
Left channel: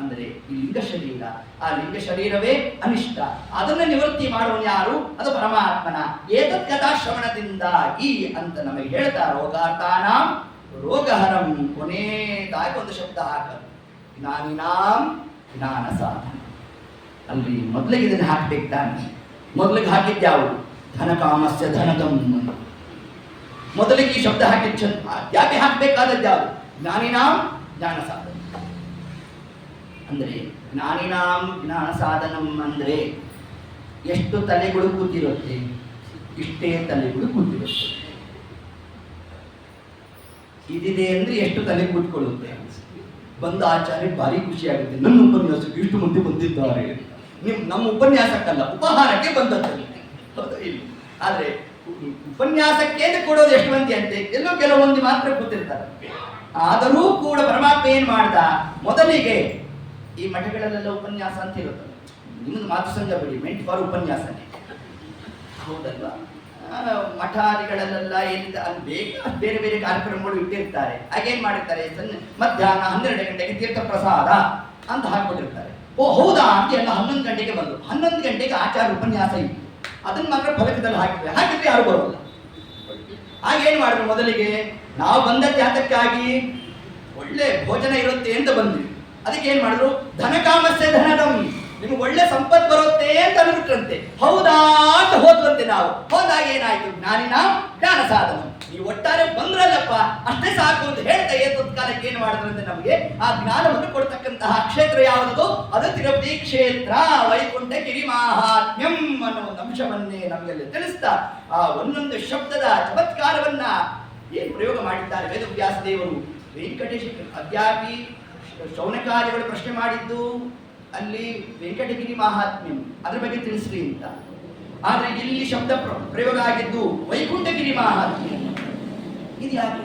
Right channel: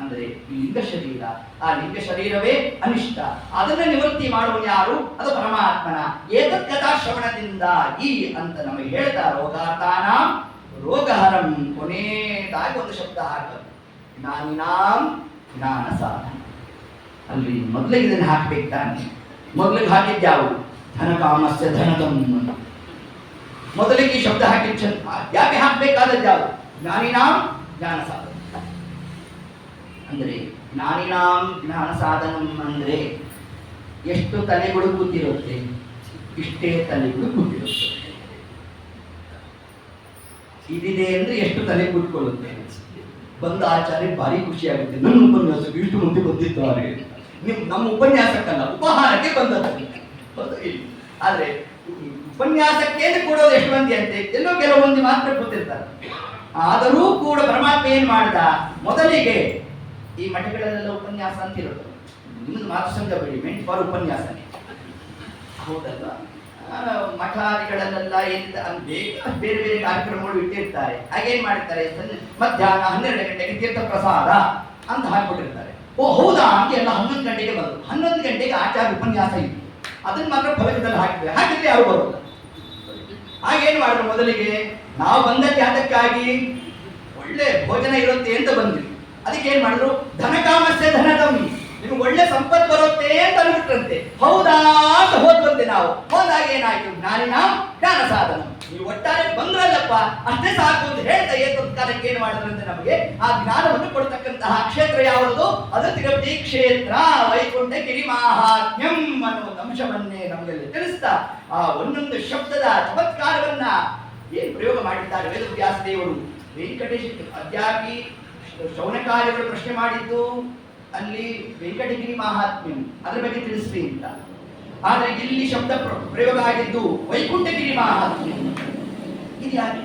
ಅಂದರೆ ಈ ಲಿಂಗ ಶರೀರ. ಆ ಲಿಂಗ ಶರೀರವೇ ಅನಿಷ್ಟ. ಅದನ್ನು ನಿವೃತ್ತಿ ಮಾಡುವ ಯಾರು? ಅದು ಪರಮಾತ್ಮನ ಏತತ್ ಕಥಾ ಶ್ರವಣದಿಂದಾಗಿ ಅಂತ ನಮಗೆ ಹೇಳ್ತಾ ರೋಗಾರ್ಥಾನಾಂ ರೋಗಹರಂ. ಕೊನೆಯದಾಗಿ ಒಂದು ಶಬ್ದ ಹಾಕದು, ಜ್ಞಾನಿನಾಂ ಜ್ಞಾನ ಸಾಧನ. ಅಲ್ಲಿ ಮೊದಲಿಗೆ ಇದನ್ನು ಹಾಕ್ಬೇಕು ತಾನೆ. ಮೊದಲಿಗೆ ಹಾಕಿದ್ಯಾವು? ಧನಕಾಮಸ್ಯ ಧನದಂ. ಮೊದಲಿಗೆ ಈ ಶಬ್ದ ಹಾಕಿದ್ ಯಾಕೆ ಹಾಕಬೇಕಾದದ್ಯಾವು? ಜ್ಞಾನಿನಾಂ ಜ್ಞಾನ ಸಾಧನ. ಅಂದರೆ ಜ್ಞಾನಿನಾಂ ಜ್ಞಾನ ಸಾಧನಂ ಅಂದರೆ ಎಷ್ಟು ತಲೆಗಳು ಕೂತಿರುತ್ತೆ? ಇಷ್ಟೇ ತಲೆಗಳು ಕೂತಿರುತ್ತೆ. ಇದಿದೆ ಅಂದ್ರೆ ಎಷ್ಟು ತಲೆ ಕೂತ್ಕೊಳ್ಳುತ್ತೆ? ಬಂದ ಆಚಾರ್ಯ ಭಾರಿ ಖುಷಿ ಆಗುತ್ತೆ, ನನ್ನ ಉಪನ್ಯಾಸಕ್ಕೆ ಇಷ್ಟು ಮಂದಿ ಬಂದಿದ್ದಾರೆ. ನಮ್ಮ ಉಪನ್ಯಾಸಕ್ಕಲ್ಲ, ಉಪಹಾರಕ್ಕೆ ಬಂದದ್ದು. ಆದ್ರೆ ಉಪನ್ಯಾಸಕ್ಕೆ ಕೊಡೋದು ಎಷ್ಟು ಮಂದಿ ಅಂತೆ? ಎಲ್ಲೋ ಕೆಲವು ಮಂದಿ ಮಾತ್ರ ಕೂತಿರ್ತಾರೆ. ಆದರೂ ಕೂಡ ಪರಮಾತ್ಮ ಏನ್ ಮಾಡ್ದ? ಮೊದಲಿಗೆ ಈ ಮಠಗಳಲ್ಲೆಲ್ಲ ಉಪನ್ಯಾಸ ಅಂತ ಇರುತ್ತೆ. ನಿಮ್ಮದು ಮಾತು ಸಂಜೆ ಮೆಂಟ್ ಫಾರ್ ಉಪನ್ಯಾಸನೇ ಹೌದಲ್ವಾ? ಮಠಾದಿಗಳಲ್ಲೆಲ್ಲ ಏನಿದೆ ಬೇರೆ ಬೇರೆ ಕಾರ್ಯಕ್ರಮಗಳು ಇಟ್ಟಿರ್ತಾರೆ. ಹಾಗೇನ್ ಮಾಡಿರ್ತಾರೆ? ಮಧ್ಯಾಹ್ನ 12 ಗಂಟೆಗೆ ತೀರ್ಥ ಪ್ರಸಾದ ಅಂತ ಹಾಕಿಬಿಟ್ಟಿರ್ತಾರೆ. ಓ ಹೌದಾ ಅಂತ ಎಲ್ಲ 11 ಗಂಟೆಗೆ ಬಂದು 11 ಗಂಟೆಗೆ ಆಚಾರ್ಯ ಉಪನ್ಯಾಸ ಇತ್ತು. ಅದನ್ನ ಮಾತ್ರ ಫಲಕದಲ್ಲಿ ಹಾಕಿದ್ರೆ ಯಾರು ಬರೋಲ್ಲ. ಹಾಗೇನು ಮಾಡಿದ್ರು, ಮೊದಲಿಗೆ ನಾವು ಬಂದದ್ದು ಯಾತಕ್ಕಾಗಿ ಒಳ್ಳೆ ಭೋಜನ ಇರುತ್ತೆ ಅಂತ ಬಂದ್ವಿ. ಅದಕ್ಕೆ ಏನ್ ಮಾಡಿದ್ರು, ಧನಕಾಮಸ್ಯ ಧನದಂ, ನಿಮ್ಗೆ ಒಳ್ಳೆ ಸಂಪತ್ತು ಬರುತ್ತೆ ಅಂತ ಅನ್ಬಿಟ್ರಂತೆ. ಹೌದಾ ಅಂತ ಹೋದ್ವಂತೆ. ನಾವು ಹೋದಾಗ ಏನಾಯ್ತು, ಜ್ಞಾನಿನ ಜ್ಞಾನ ಸಾಧನ, ನೀವು ಒಟ್ಟಾರೆ ಬಂದ್ರಲ್ಲಪ್ಪ ಅಷ್ಟೇ ಸಾಕು ಅಂತ ಹೇಳ್ತಾ ಏತತ್ಕಾಲಕ್ಕೆ ಏನ್ ಮಾಡಿದ್ರಂತೆ, ನಮಗೆ ಆ ಜ್ಞಾನವನ್ನು ಕೊಡ್ತಕ್ಕಂತಹ ಕ್ಷೇತ್ರ ಯಾವುದು, ಅದು ತಿರುಪತಿ ಕ್ಷೇತ್ರ, ವೈಕುಂಠ ಗಿರಿ ಮಾಹಾತ್ಮ್ಯಂ ಅನ್ನೋ ಒಂದು ಅಂಶವನ್ನೇ ನಮಗೆಲ್ಲ ತಿಳಿಸ್ತಾ ಆ ಒಂದೊಂದು ಶಬ್ದದ ಚಮತ್ಕಾರವನ್ನ ಏನ್ ಪ್ರಯೋಗ ಮಾಡಿದ್ದಾರೆ ವೇದವ್ಯಾಸ ದೇವರು. ವೆಂಕಟೇಶ ಅದ್ಯಾಪಿ ಶೌನಕಾರ್ಯಗಳು ಪ್ರಶ್ನೆ ಮಾಡಿದ್ದು ಅಲ್ಲಿ ವೆಂಕಟಗಿರಿ ಮಹಾತ್ಮ್ಯಂ ಅದ್ರ ಬಗ್ಗೆ ತಿಳಿಸ್ರಿ ಅಂತ. ಆದ್ರೆ ಇಲ್ಲಿ ಶಬ್ದ ಪ್ರಯೋಗ ಆಗಿದ್ದು ವೈಕುಂಠಗಿರಿ ಮಹಾತ್ಮ್ಯಂ. ಇದು ಯಾಕೆ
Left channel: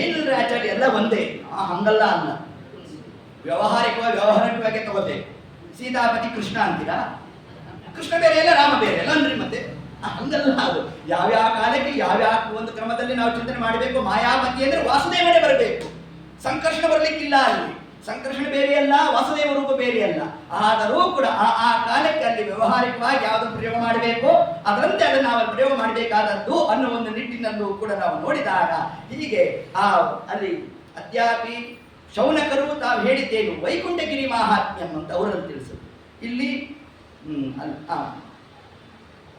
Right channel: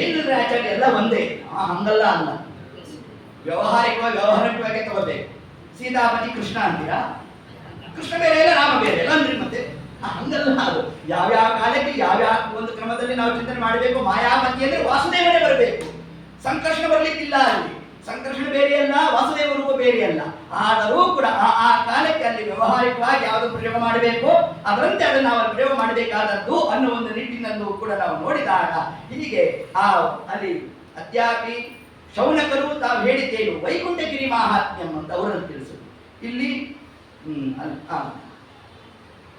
ಏನಿಲ್ಲ ಆಚಾರ್ಯ, ಎಲ್ಲ ಒಂದೇ. ಹಂಗಲ್ಲ ಅಲ್ಲ, ವ್ಯವಹಾರಿಕವಾಗಿ ತಗೋಬೇಕು. ಸೀತಾಪತಿ ಕೃಷ್ಣ ಅಂತೀರಾ, ಕೃಷ್ಣ ಬೇರೆ ಇಲ್ಲ ರಾಮ ಬೇರೆ ಇಲ್ಲ ಅಂದ್ರಿ. ಮತ್ತೆ ಹಂಗಲ್ಲ, ಅದು ಯಾವ್ಯಾವ ಕಾಲಕ್ಕೆ ಯಾವ್ಯಾವ ಒಂದು ಕ್ರಮದಲ್ಲಿ ನಾವು ಚಿಂತನೆ ಮಾಡಬೇಕು. ಮಾಯಾಮತಿ ಅಂದ್ರೆ ವಾಸುದೇವನೇ ಬರಬೇಕು, ಸಂಕರ್ಷಣ ಬರ್ಲಿಕ್ಕಿಲ್ಲ. ಅಲ್ಲಿ ಸಂಕರ್ಷಣ ಬೇರೆ ಅಲ್ಲ, ವಾಸುದೇವ ರೂಪ ಬೇರೆ ಅಲ್ಲ. ಆದರೂ ಕೂಡ ಆ ಕಾಲಕ್ಕೆ ಅಲ್ಲಿ ವ್ಯವಹಾರಿಕವಾಗಿ ಯಾವುದು ಪ್ರಯೋಗ ಮಾಡಬೇಕು ಅದರಂತೆ ಅದನ್ನು ನಾವು ಪ್ರಯೋಗ ಮಾಡಬೇಕಾದದ್ದು ಅನ್ನೋ ಒಂದು ನಿಟ್ಟಿನಲ್ಲೂ ಕೂಡ ನಾವು ನೋಡಿದಾಗ ಹೀಗೆ ಅಲ್ಲಿ ಅದ್ಯಾಪಿ ಶೌನಕರು ತಾವು ಹೇಳಿದ್ದೇನು ವೈಕುಂಠಗಿರಿ ಮಾಹಾತ್ಮ್ಯಂ ಅಂತ ಅವರಲ್ಲಿ ತಿಳಿಸಿದ್ರು. ಇಲ್ಲಿ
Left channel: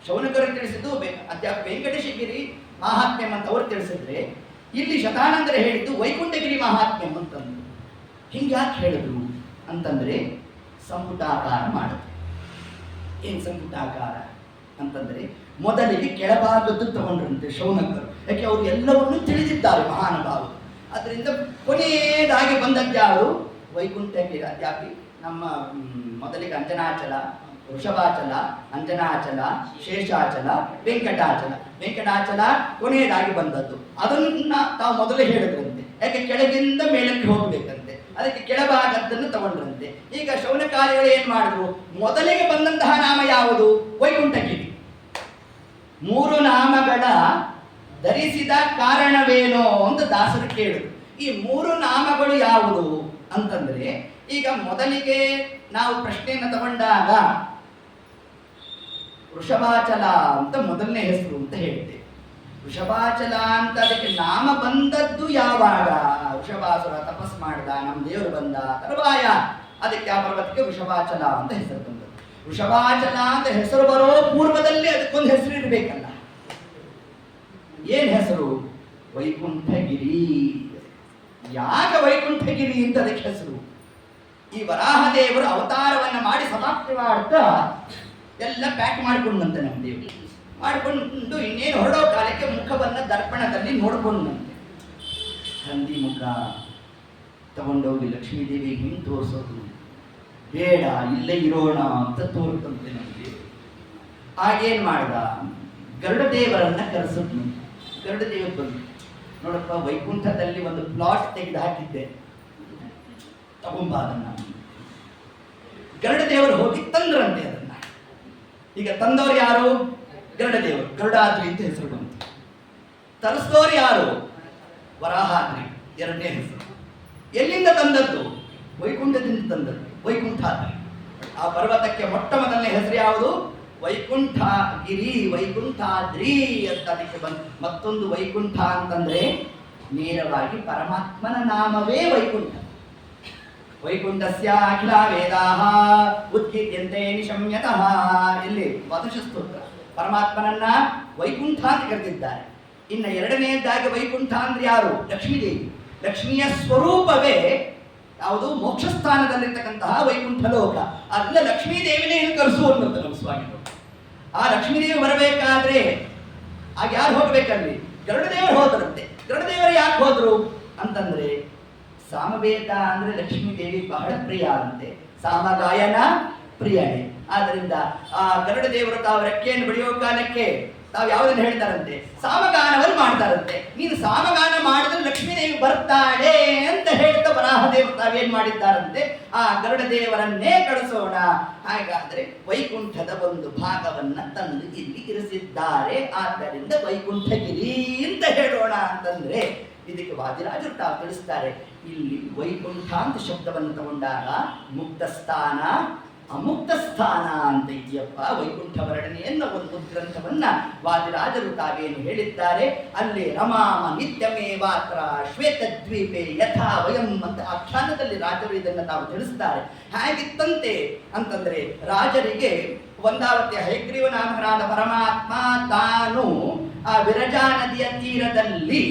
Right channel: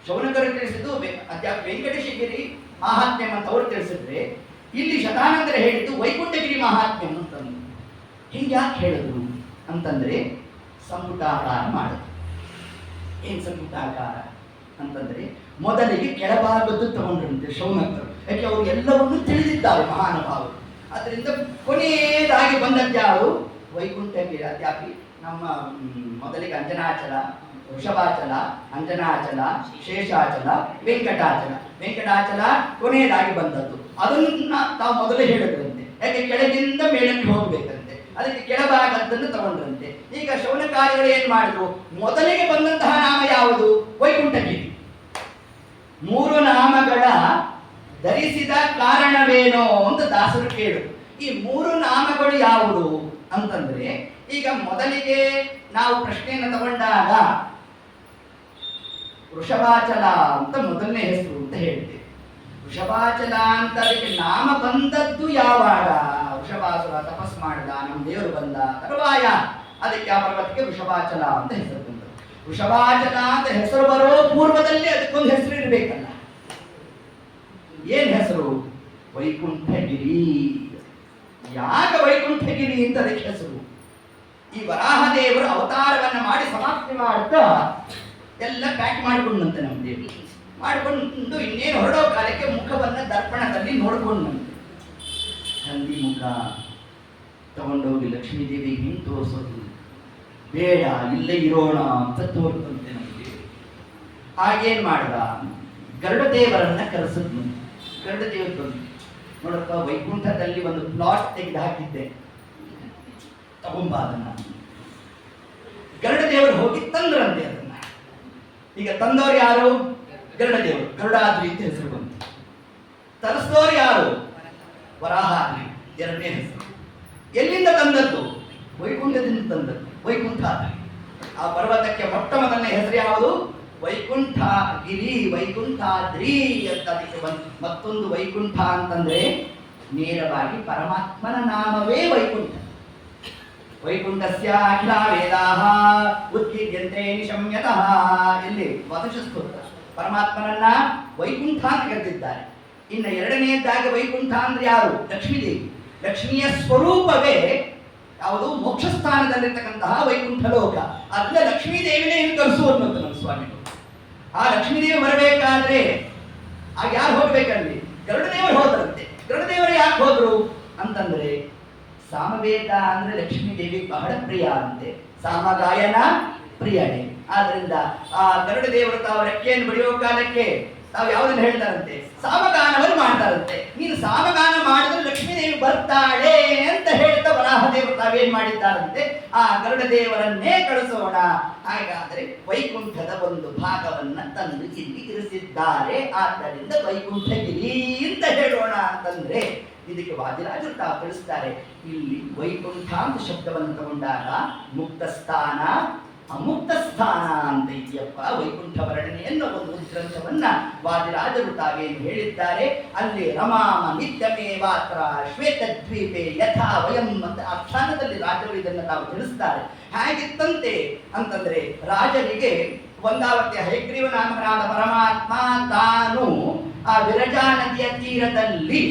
ಶೌನಕರು ತಿಳಿಸಿದ್ದು ಅದ್ಯಾಪಿ ವೆಂಕಟೇಶಗಿರಿ ಮಾಹಾತ್ಮ್ಯಂ ಅಂತ ಅವರು ತಿಳಿಸಿದ್ರೆ, ಇಲ್ಲಿ ಶತಾನಂದರ ಹೇಳಿದ್ದು ವೈಕುಂಠಗಿರಿ ಮಾಹಾತ್ಮ್ಯಂ ಅಂತಂದ್ರು. ಹಿಂಗೆ ಯಾಕೆ ಹೇಳಿದ್ರು ಅಂತಂದ್ರೆ ಸಂಪುಟಾಕಾರ ಮಾಡಿದ್ರು. ಏನ್ ಸಂಪುಟಾಕಾರ ಅಂತಂದ್ರೆ ಮೊದಲಿಗೆ ಕೆಳಭಾಗದ್ದು ತಗೊಂಡ್ರಂತೆ ಶೌನಕರು. ಯಾಕೆ ಅವರು ಎಲ್ಲವನ್ನೂ ತಿಳಿದಿದ್ದಾರೆ ಮಹಾನುಭಾವರು. ಅದರಿಂದ ಕೊನೆಯದಾಗಿ ಬಂದದ್ದು ಯಾವುದು ವೈಕುಂಠಗಿರಿ. ಅದ್ಯಾಪಿ ನಮ್ಮ ಮೊದಲಿಗೆ ಅಂಜನಾಚಲ, ವೃಷಭಾಚಲ, ಅಂಜನಾಚಲ, ಶೇಷಾಚಲ, ವೆಂಕಟಾಚಲ. ವೆಂಕಟಾಚಲ ಕೊನೆಯದಾಗಿ ಬಂದದ್ದು. ಅದನ್ನ ತಾವು ಮೊದಲೇ ಹೇಳಿದ್ರಂತೆ. ಯಾಕೆ ಕೆಳಗಿಂದ ಮೇಲಕ್ಕೆ ಹೋಗ್ಬೇಕಂತೆ, ಅದಕ್ಕೆ ಕೆಳಭಾಗದ್ದನ್ನು ತಗೊಂಡ್ರಂತೆ. ಈಗ ಶೌನಕಾರ್ಯಗಳು ಏನ್ ಮಾಡಿದ್ರು, ಮೊದಲಿಗೆ ಬಂದಂತಹ ನಾಮ ಯಾವುದು ವೈಕುಂಠಗಿರಿ. 3 ನಾಮಗಳ ಧರಿಸಿದ ಕಾರಣವೇನೋ ಅಂತ ದಾಸರು ಕೇಳು. ಈ 3 ನಾಮಗಳು ಯಾವುದು ಅಂತಂದ್ರೆ, ಈಗ ಮೊದಲಿಗೆ ನಾವು ಪ್ರಶ್ನೆಯನ್ನು ತಗೊಂಡಾಗ ವೃಷಭಾಚಲ ಅಂತ ಮೊದಲನೇ ಹೆಸರು ಅಂತ ಹೇಳ್ತೇವೆ. ವೃಷಭಾಚಲ ಅಂತ ಅದಕ್ಕೆ ನಾಮ ಬಂದದ್ದು ಯಾವಾಗ, ವೃಷಭಾಸುರ ತಪಸ್ ಮಾಡಿದ, ನಮ್ಮ ದೇವರು ಬಂದ ತರುವಾಯ ಅದಕ್ಕೆ ಆ ಪರ್ವತಕ್ಕೆ ವೃಷಭಾಚಲ ಅಂತ ಹೆಸರು ಬಂದದ್ದು. ವೃಷಭಾಚಲ ಅಂತ ಹೆಸರು ಬರೋ ಪೂರ್ವದಲ್ಲಿ ಅದಕ್ಕೊಂದು ಹೆಸರು ಇರಬೇಕಲ್ಲ. ಏನ್ ಹೆಸರು, ವೈಕುಂಠಗಿರಿ. ಯಾಕೆ ವೈಕುಂಠಗಿರಿ ಅಂತ ಅದಕ್ಕೆ ಹೆಸರು, ಈ ವರಾಹದೇವರು ಅವತಾರವನ್ನ ಮಾಡಿ ಸಮಾಪ್ತಿ ಮಾಡ್ತಾ ಎಲ್ಲ ಪ್ಯಾಕ್ ಮಾಡಿಕೊಂಡಂತೆ ನಮ್ಮ ದೇವರು ಮಾಡಿಕೊಂಡು ಇನ್ನೇನು ಹೊರಡೋ ಕಾಲಕ್ಕೆ ಮುಖವನ್ನ ದರ್ಪಣದಲ್ಲಿ ನೋಡ್ಕೊಂಡಂತೆ. ಹಂದಿ ಮುಖ ತಗೊಂಡೋಗಿ ಲಕ್ಷ್ಮೀದೇವಿಗೆ ಹಿಂಗೆ ತೋರಿಸೋದು ಬೇಡ, ಇಲ್ಲೇ ಇರೋಣ ಅಂತ ತೋರ್ತಂತೆ ನಮಗೆ. ಆಗೇನ್ ಮಾಡ್ದ, ಗರುಡ ದೇವರನ್ನ ಕರೆಸಿದ್ನು. ಗರುಡ ದೇವರು ಬಂದು, ನೋಡಪ್ಪ ವೈಕುಂಠದಲ್ಲಿ ಒಂದು ಪ್ಲಾಟ್ ತೆಗೆದು ಹಾಕಿದ್ದೆ, ತಗೊಂಬ ಅದನ್ನ. ಗರುಡ ದೇವರು ಹೋಗಿ ತಂದ್ರಂತೆ ಅದನ್ನ. ಈಗ ತಂದವರು ಯಾರು, ಗರುಡ ದೇವರು, ಗರುಡಾದ್ರಿ ಅಂತ ಹೆಸರು ಬಂತು. ತರಿಸಿದವರು ಯಾರು, ವರಾಹಾದ್ರಿ, ಎರಡನೇ ಹೆಸರು. ಎಲ್ಲಿಂದ ತಂದದ್ದು, ವೈಕುಂಠದಿಂದ ತಂದದ್ದು, ವೈಕುಂಠಾದ್ರಿ. ಆ ಪರ್ವತಕ್ಕೆ ಮೊಟ್ಟ ಮೊದಲನೇ ಹೆಸರು ಯಾವುದು, ವೈಕುಂಠಗಿರಿ, ವೈಕುಂಠಾದ್ರಿ ಅಂತ ಅದಕ್ಕೆ ಬಂತು. ಮತ್ತೊಂದು ವೈಕುಂಠ ಅಂತಂದ್ರೆ ನೇರವಾಗಿ ಪರಮಾತ್ಮನ ನಾಮವೇ ವೈಕುಂಠ. ವೈಕುಂಠಸ್ಯ ಅಖಿಲ ವೇದಾಃ ಉತ್ಕೀರ್ಯಂತೆ ನಿಶಮ್ಯತಃ. ಇಲ್ಲಿ ವಾದಶಸ್ತೋತ್ರ ಪರಮಾತ್ಮನನ್ನ ವೈಕುಂಠ ಅಂತ ಕರೆದಿದ್ದಾರೆ. ಇನ್ನು ಎರಡನೆಯದಾಗಿ ವೈಕುಂಠ ಅಂದ್ರೆ ಯಾರು, ಲಕ್ಷ್ಮೀದೇವಿ. ಲಕ್ಷ್ಮಿಯ ಸ್ವರೂಪವೇ ಯಾವುದು, ಮೋಕ್ಷ ಸ್ಥಾನದಲ್ಲಿರ್ತಕ್ಕಂತಹ ವೈಕುಂಠ ಲೋಕ. ಅಲ್ಲ ಲಕ್ಷ್ಮೀದೇವಿನೇ ಇಲ್ಲಿ ಕರೆಸು ಅನ್ನೋದು ನಮ್ಮ ಸ್ವಾಮಿಗಳು. ಆ ಲಕ್ಷ್ಮೀದೇವಿ ಬರಬೇಕಾದ್ರೆ ಆಗ ಯಾರು ಹೋಗ್ಬೇಕಲ್ಲಿ, ಗರುಡದೇವರು ಹೋದ್ರಂತೆ. ಗರುಡದೇವರು ಯಾಕೆ ಹೋದ್ರು ಅಂತಂದ್ರೆ, ಸಾಮವೇದ ಅಂದ್ರೆ ಲಕ್ಷ್ಮೀದೇವಿ ಬಹಳ ಪ್ರಿಯ ಅಂತೆ, ಸಾಮಗಾಯನ ಪ್ರಿಯಳೆ. ಆದ್ರಿಂದ ಆ ಗರುಡ ದೇವರು ತಾವು ರೆಕ್ಕೆಯನ್ನು ಬಡಿಯೋ ಕಾಲಕ್ಕೆ ತಾವು ಯಾವುದನ್ನು ಹೇಳ್ತಾರಂತೆ, ಸಾಮಗಾನವನ್ನು ಮಾಡ್ತಾರಂತೆ. ನೀನು ಸಾಮಗಾನ ಮಾಡಿದ್ರೆ ಲಕ್ಷ್ಮೀದೇವಿ ಬರ್ತಾಳೆ ಅಂತ ಹೇಳ್ತಾ ವರಾಹದೇವರು ತಾವೇನ್ ಮಾಡಿದ್ದಾರಂತೆ, ಆ ಗರುಡ ದೇವರನ್ನೇ ಕಳಿಸೋಣ. ಹಾಗಾದ್ರೆ ವೈಕುಂಠದ ಒಂದು ಭಾಗವನ್ನ ತಂದು ಇಲ್ಲಿ ಇರಿಸಿದ್ದಾರೆ, ಆದ್ದರಿಂದ ವೈಕುಂಠಗಿರಿ ಅಂತ ಹೇಳೋಣ ಅಂತಂದ್ರೆ ಇದಕ್ಕೆ ವಾದಿರಾಜರು ತಾವು ತಿಳಿಸ್ತಾರೆ. ಇಲ್ಲಿ ವೈಕುಂಠ ಅಂತ ಶಬ್ದವನ್ನು ತಗೊಂಡಾಗ ಮುಕ್ತ ಸ್ಥಾನ ಅಮುಕ್ತ ಸ್ಥಾನ ಅಂತ ಇದೆಯಪ್ಪ. ವೈಕುಂಠ ವರ್ಣನೆಯನ್ನು ಒಂದು ಗ್ರಂಥವನ್ನ ವಾದಿರಾಜರು ತಾವೇನು ಹೇಳಿದ್ದಾರೆ, ಅಲ್ಲಿ ರಮಾಮ ನಿತ್ಯಮೇವಾತ್ರ ಶ್ವೇತದ್ವೀಪೆ ಯಥಾ ವಯಂ ಅಂತ ಆಖ್ಯಾನದಲ್ಲಿ ರಾಜರು ಇದನ್ನು ತಾವು ತಿಳಿಸ್ತಾರೆ. ಹೇಗಿತ್ತಂತೆ ಅಂತಂದ್ರೆ, ರಾಜರಿಗೆ ಒಂದಾವತಿ ಹಯಗ್ರೀವನಾಮಕನಾದ ಪರಮಾತ್ಮ ತಾನು ಆ ವಿರಜಾ ನದಿಯ ತೀರದಲ್ಲಿ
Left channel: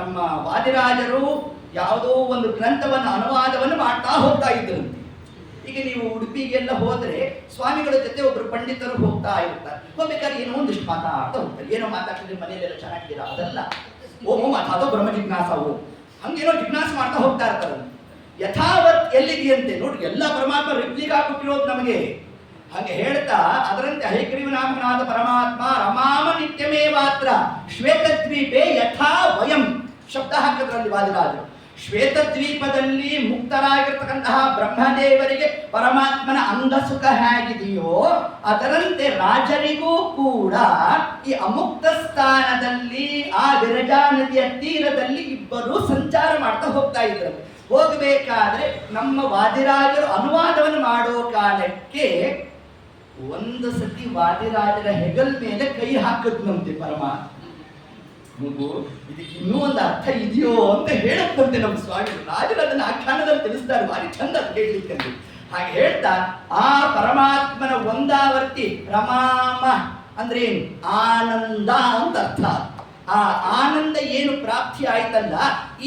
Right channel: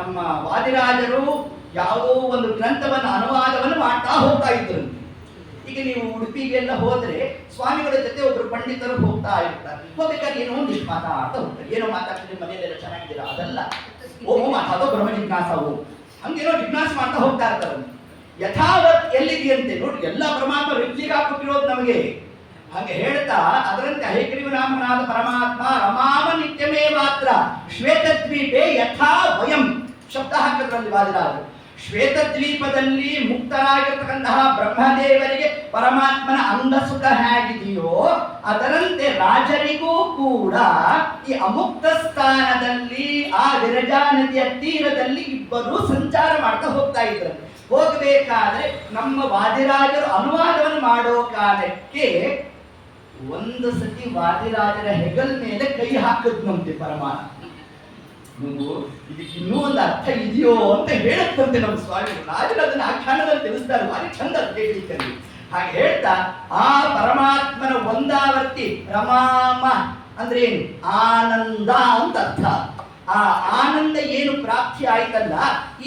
ನಮ್ಮ ವಾದಿರಾಜರು ಯಾವುದೋ ಒಂದು ಗ್ರಂಥವನ್ನು ಅನುವಾದವನ್ನು ಮಾಡ್ತಾ ಹೋಗ್ತಾ ಇದ್ದರು. ಈಗ ನೀವು ಉಡುಪಿಗೆಲ್ಲ ಹೋದ್ರೆ ಸ್ವಾಮಿಗಳ ಜೊತೆ ಒಬ್ರು ಪಂಡಿತರು ಹೋಗ್ತಾ ಇರ್ತಾರೆ. ಹೋಗ್ಬೇಕಾದ್ರೆ ಏನೋ ಒಂದಿಷ್ಟು ಮಾತಾಡ್ತಾ ಹೋಗ್ತಾರೆ. ಏನೋ ಮಾತಾಡ್ತಿದ್ರೆ ಮನೆಯಲ್ಲೆಲ್ಲ ಚೆನ್ನಾಗಿದ್ದೀರಾ ಅದಲ್ಲ, ಓ ಮಾತಾಡೋ ಬ್ರಹ್ಮ ಜಿಜ್ಞಾಸ ಓ ಹಂಗೇನೋ ಜಿಜ್ಞಾಸ ಮಾಡ್ತಾ ಹೋಗ್ತಾ ಇರ್ತಾರೆ. ಯಥಾವತ್ ಎಲ್ಲಿದೆಯಂತೆ ನೋಡಿ, ಎಲ್ಲ ಪರಮಾತ್ಮ ರಿಪ್ಲಿಗೆ ಹಾಕಿರೋದು ನಮಗೆ. ಹಾಗೆ ಹೇಳ್ತಾ ಅದರಂತೆ ಹಯಗ್ರೀವನಾಮಕನಾದ ಪರಮಾತ್ಮ ರಮಾಮ ನಿತ್യമೇ ಮಾತ್ರ ಶ್ವೇತದ್ವೀಪೆ ಯಥಾ ವಯಂ ಶಬ್ದ ಹಾಕಿದ್ರಲ್ಲಿ ವಾದಿರಾಜರು. ಶ್ವೇತದ್ವೀಪದಲ್ಲಿ ಮುಕ್ತರಾಗಿರ್ತಕ್ಕಂತಹ ಬ್ರಹ್ಮದೇವರಿಗೆ ಪರಮಾತ್ಮನ ಅಂಗಸುಖ ಹೇಗಿದೆಯೋ ಅದರಂತೆ ರಾಜರಿಗೂ ಕೂಡ ಈ ಅಮುಕ್ತ ಸ್ಥಾನದಲ್ಲಿ ಆ ವಿರಜಾ ನದಿಯ ತೀರದಲ್ಲಿ ಇಬ್ಬರು ಸಂಚಾರ ಮಾಡ್ತಾ ಹೋಗ್ತಾ ಇದ್ರು. ಹೋಗಬೇಕಾದ್ರೆ ನಮ್ಮ ವಾದಿರಾಜರು ಅನುವಾದವನ್ನು ಮಾಡೋ ಕಾಲಕ್ಕೆ ಒಂದು ಸತಿ ವಾದಿರಾಜರ ಹೆಗಲ್ ಮೇಲೆ ಕೈ ಹಾಕಿದ್ನಂತೆ ಪರಮಾತ್ಮ. ನೀವು ಇದಕ್ಕೆ ಇನ್ನೂ ಒಂದು ಅರ್ಥ ಇದೆಯೋ ಅಂತ ಹೇಳುತ್ತಂತೆ ನಮ್ಮ ಸ್ವಾಮಿ ರಾಜರು ಅದನ್ನು ಆಖ್ಯಾನದಲ್ಲಿ ತಿಳಿಸ್ತಾರೆ. ಭಾರಿ ಚಂದ ಕೇಳಲಿಕ್ಕೆ. ಹಾಗೆ ಹೇಳ್ತಾ ಆ ಪರಮಾತ್ಮನ ಒಂದಾವರ್ತಿ ರಮಾಮ ಅಂದ್ರೆ ಏನು, ಆನಂದ ಅಂತ ಅರ್ಥ. ಆ ಆನಂದ ಏನು ಪ್ರಾಪ್ತಿ ಆಯ್ತಲ್ಲ,